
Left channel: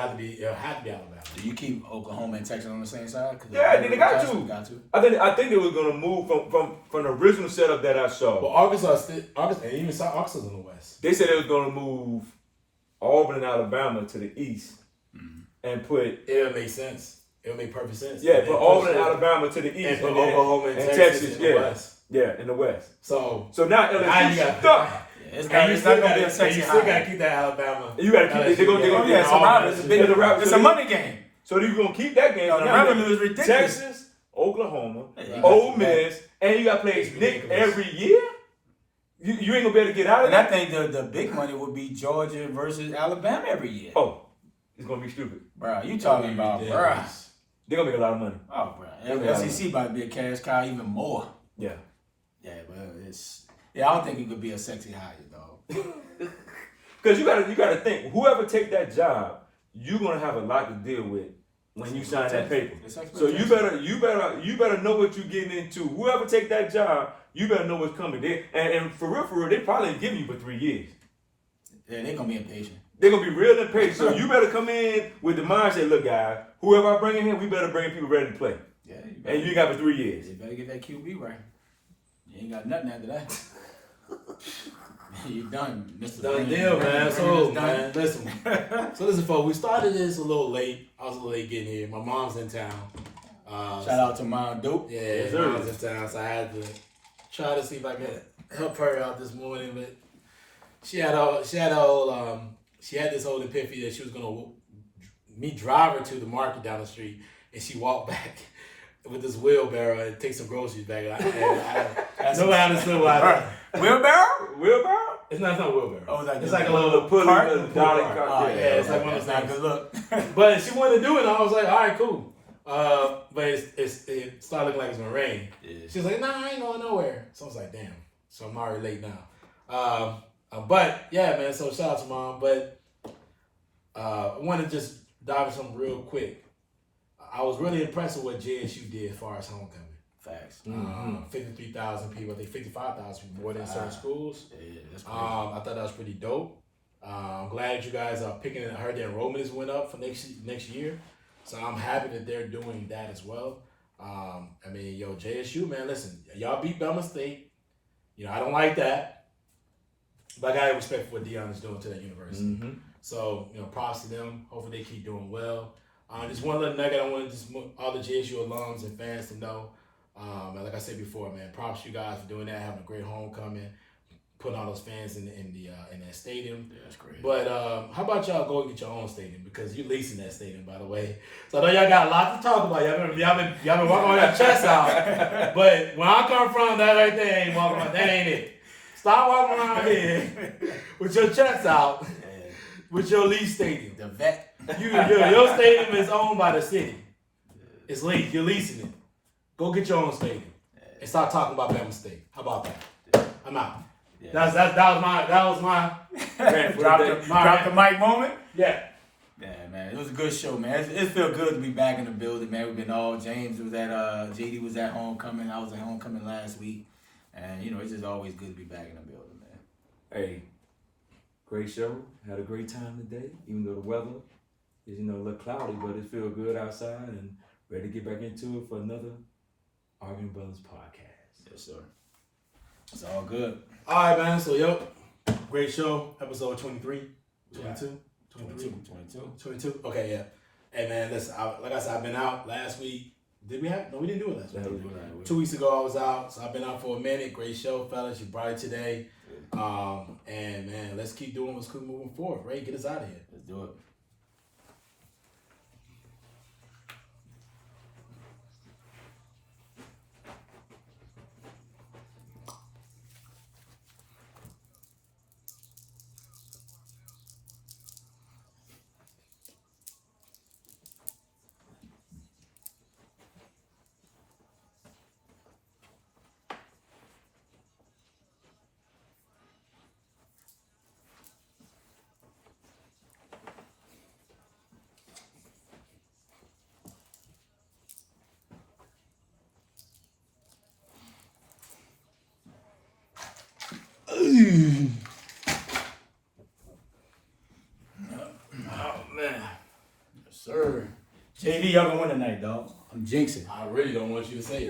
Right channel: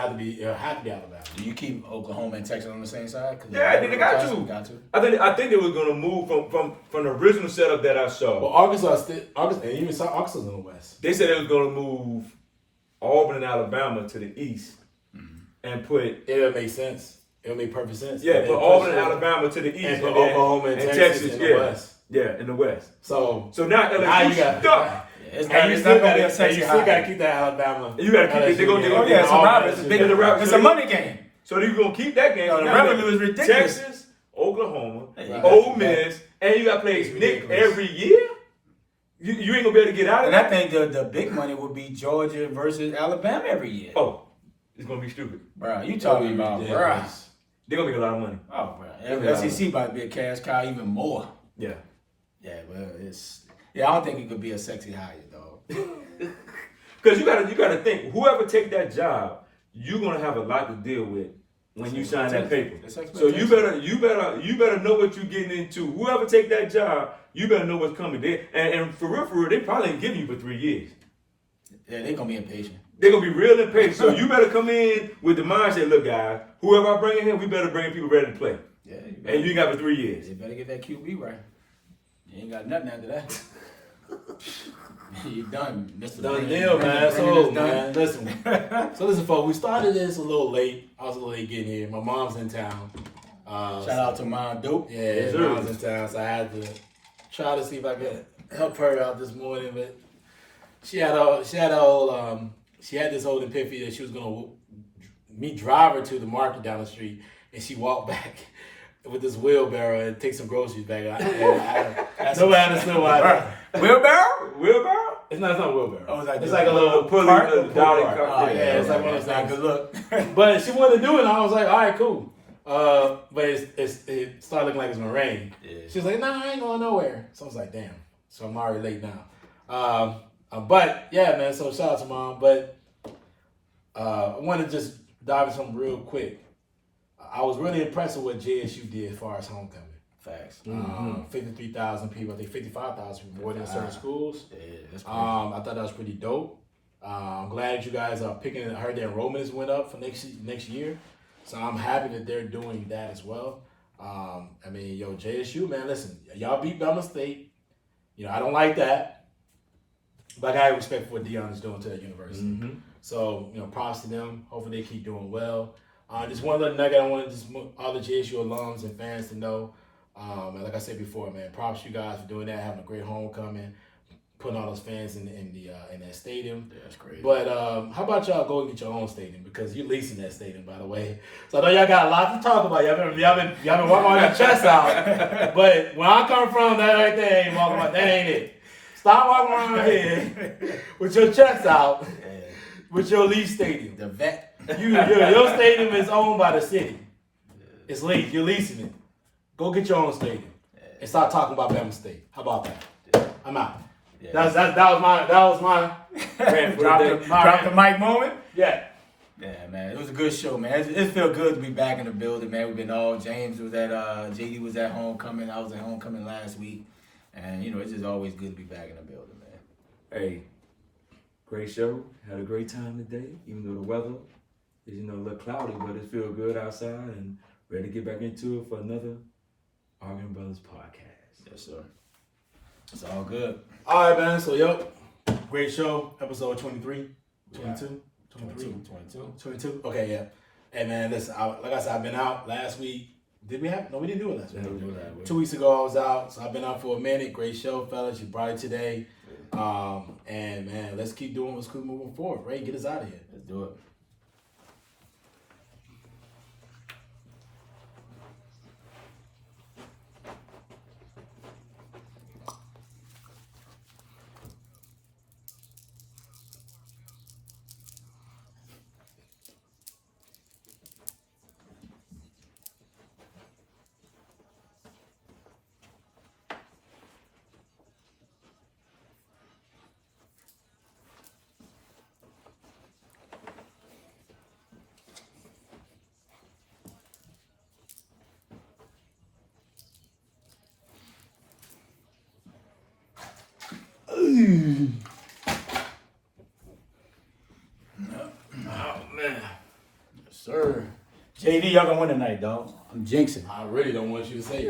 have to be Alabama. Do you keep Oklahoma and Texas on the same side? Yeah, I think they got to. I think they were going to move from the original setup that I saw. Well, Arkansas, and even Arkansas in the West. They said they was going to move Auburn and Alabama to the east and put. It'll make sense. It'll make perfect sense. Yeah, put Auburn and Alabama to the east, and put Oklahoma and Texas in the West. Yeah, in the West. So now LSU stuck. It's And not gonna be a sexy You still high. gotta keep that Alabama. You gotta keep it. They're gonna Oh yeah, it's a rival. It's a big. It's a money game. So you're gonna keep that game. No, the Now, revenue is ridiculous. Texas, Oklahoma, Hey, Ole Miss, and you gotta play It's Nick ridiculous. every year. You ain't gonna be able to get out of And it. I think the big money would be Georgia versus Alabama every year. Oh, it's gonna be stupid. Bro, you talking about, bro? They're gonna make a lot of money. Oh, bro. SEC about to be a cash cow even more. Yeah. Yeah, well, it's. Yeah, I don't think it could be a sexy hire, dog. Because you gotta think, whoever take that job, you're gonna have a lot to deal with when you sign that paper. So you better know what you're getting into. Whoever take that job, you better know what's coming. And for real, they probably ain't giving you for 3 years. Yeah, they're gonna be impatient. They're gonna be real impatient. So you better come in with the mindset, look, guys, whoever I bring in here, we better bring people ready to play. Yeah, And you got for 3 years. You better get that QB right. You ain't got nothing after that. You're done, Mr. Done Brandon. deal, man. So, Brandon man, is listen. So, listen, folks. We started this a little late. I was a little late getting here. My mom's in town. Shout out to Mom Dope. Yeah, Yes, sir. mom's in town, so I had to try to see if I could help her out this morning. But she had this whole epiphany that she was gonna drive her to the market down the street, and she walked back with this wheelbarrow and take some groceries back. Nobody understood why. Wheelbarrow? Wheelbarrow? It's not a wheelbarrow. Oh, it's like a little pulley, cart. a dolly cart. Oh, Yeah, it's like one of those not things. good look. But she wanted to do it, and I was like, all right, cool. But it started looking like it's gonna rain. Yeah. She was like, nah, I ain't going nowhere. So I was like, damn. So I'm already late now. But yeah, man. So shout out to Mom. But I want to just dive into something real quick. I was really impressed with what JSU did as far as homecoming. Facts. 53,000 people. I think 55,000 people more than certain schools. Yeah, that's crazy. I thought that was pretty dope. I'm glad that you guys are picking it. I heard the enrollment went up for next year. So I'm happy that they're doing that as well. I mean, JSU, man, listen, y'all beat Bama State. I don't like that. But I got respect for what Deion is doing to that university. Mm-hmm. So, props to them. Hopefully they keep doing well. Just one little nugget I wanted all the JSU alums and fans to know. And like I said before, man, props to you guys for doing that, having a great homecoming, putting all those fans in that stadium. Yeah, that's great. But how about y'all go and get your own stadium, because you're leasing that stadium, by the way. So I know y'all got a lot to talk about. Y'all been walking on your chest out. But where I come from, that right there ain't walking around. That ain't it. Stop walking around here with your chest out with your lease stadium. The vet. Your stadium is owned by the city. It's leased. You're leasing it. Go get your own stadium and start talking about Bama State. How about that? I'm out. Yeah. That was my Drop the mic moment. Yeah. Yeah, man, it was a good show, man. It felt good to be back in the building, man. We've been James was at JD was at homecoming. I was at homecoming last week, and it's just always good to be back in the building, man. Hey, great show. Had a great time today, even though the weather is, a little cloudy, but it feels good outside and ready to get back into it for another Arguing Brothers podcast. Yes, sir. It's all good. All right, man. So, great show. Episode 23, 22, 22. Okay, yeah. Hey, man, listen, like I said, I've been out last week. Did we have? No, we didn't do it last week. 2 weeks ago, I was out. So I've been out for a minute. Great show, fellas. You brought it today. And, man, let's keep doing what's good moving forward. Ray, get us out of here. Let's do it. Oh, man. Yes, sir. JD, y'all gonna win tonight, dog. I'm jinxing. I really don't want you to say it.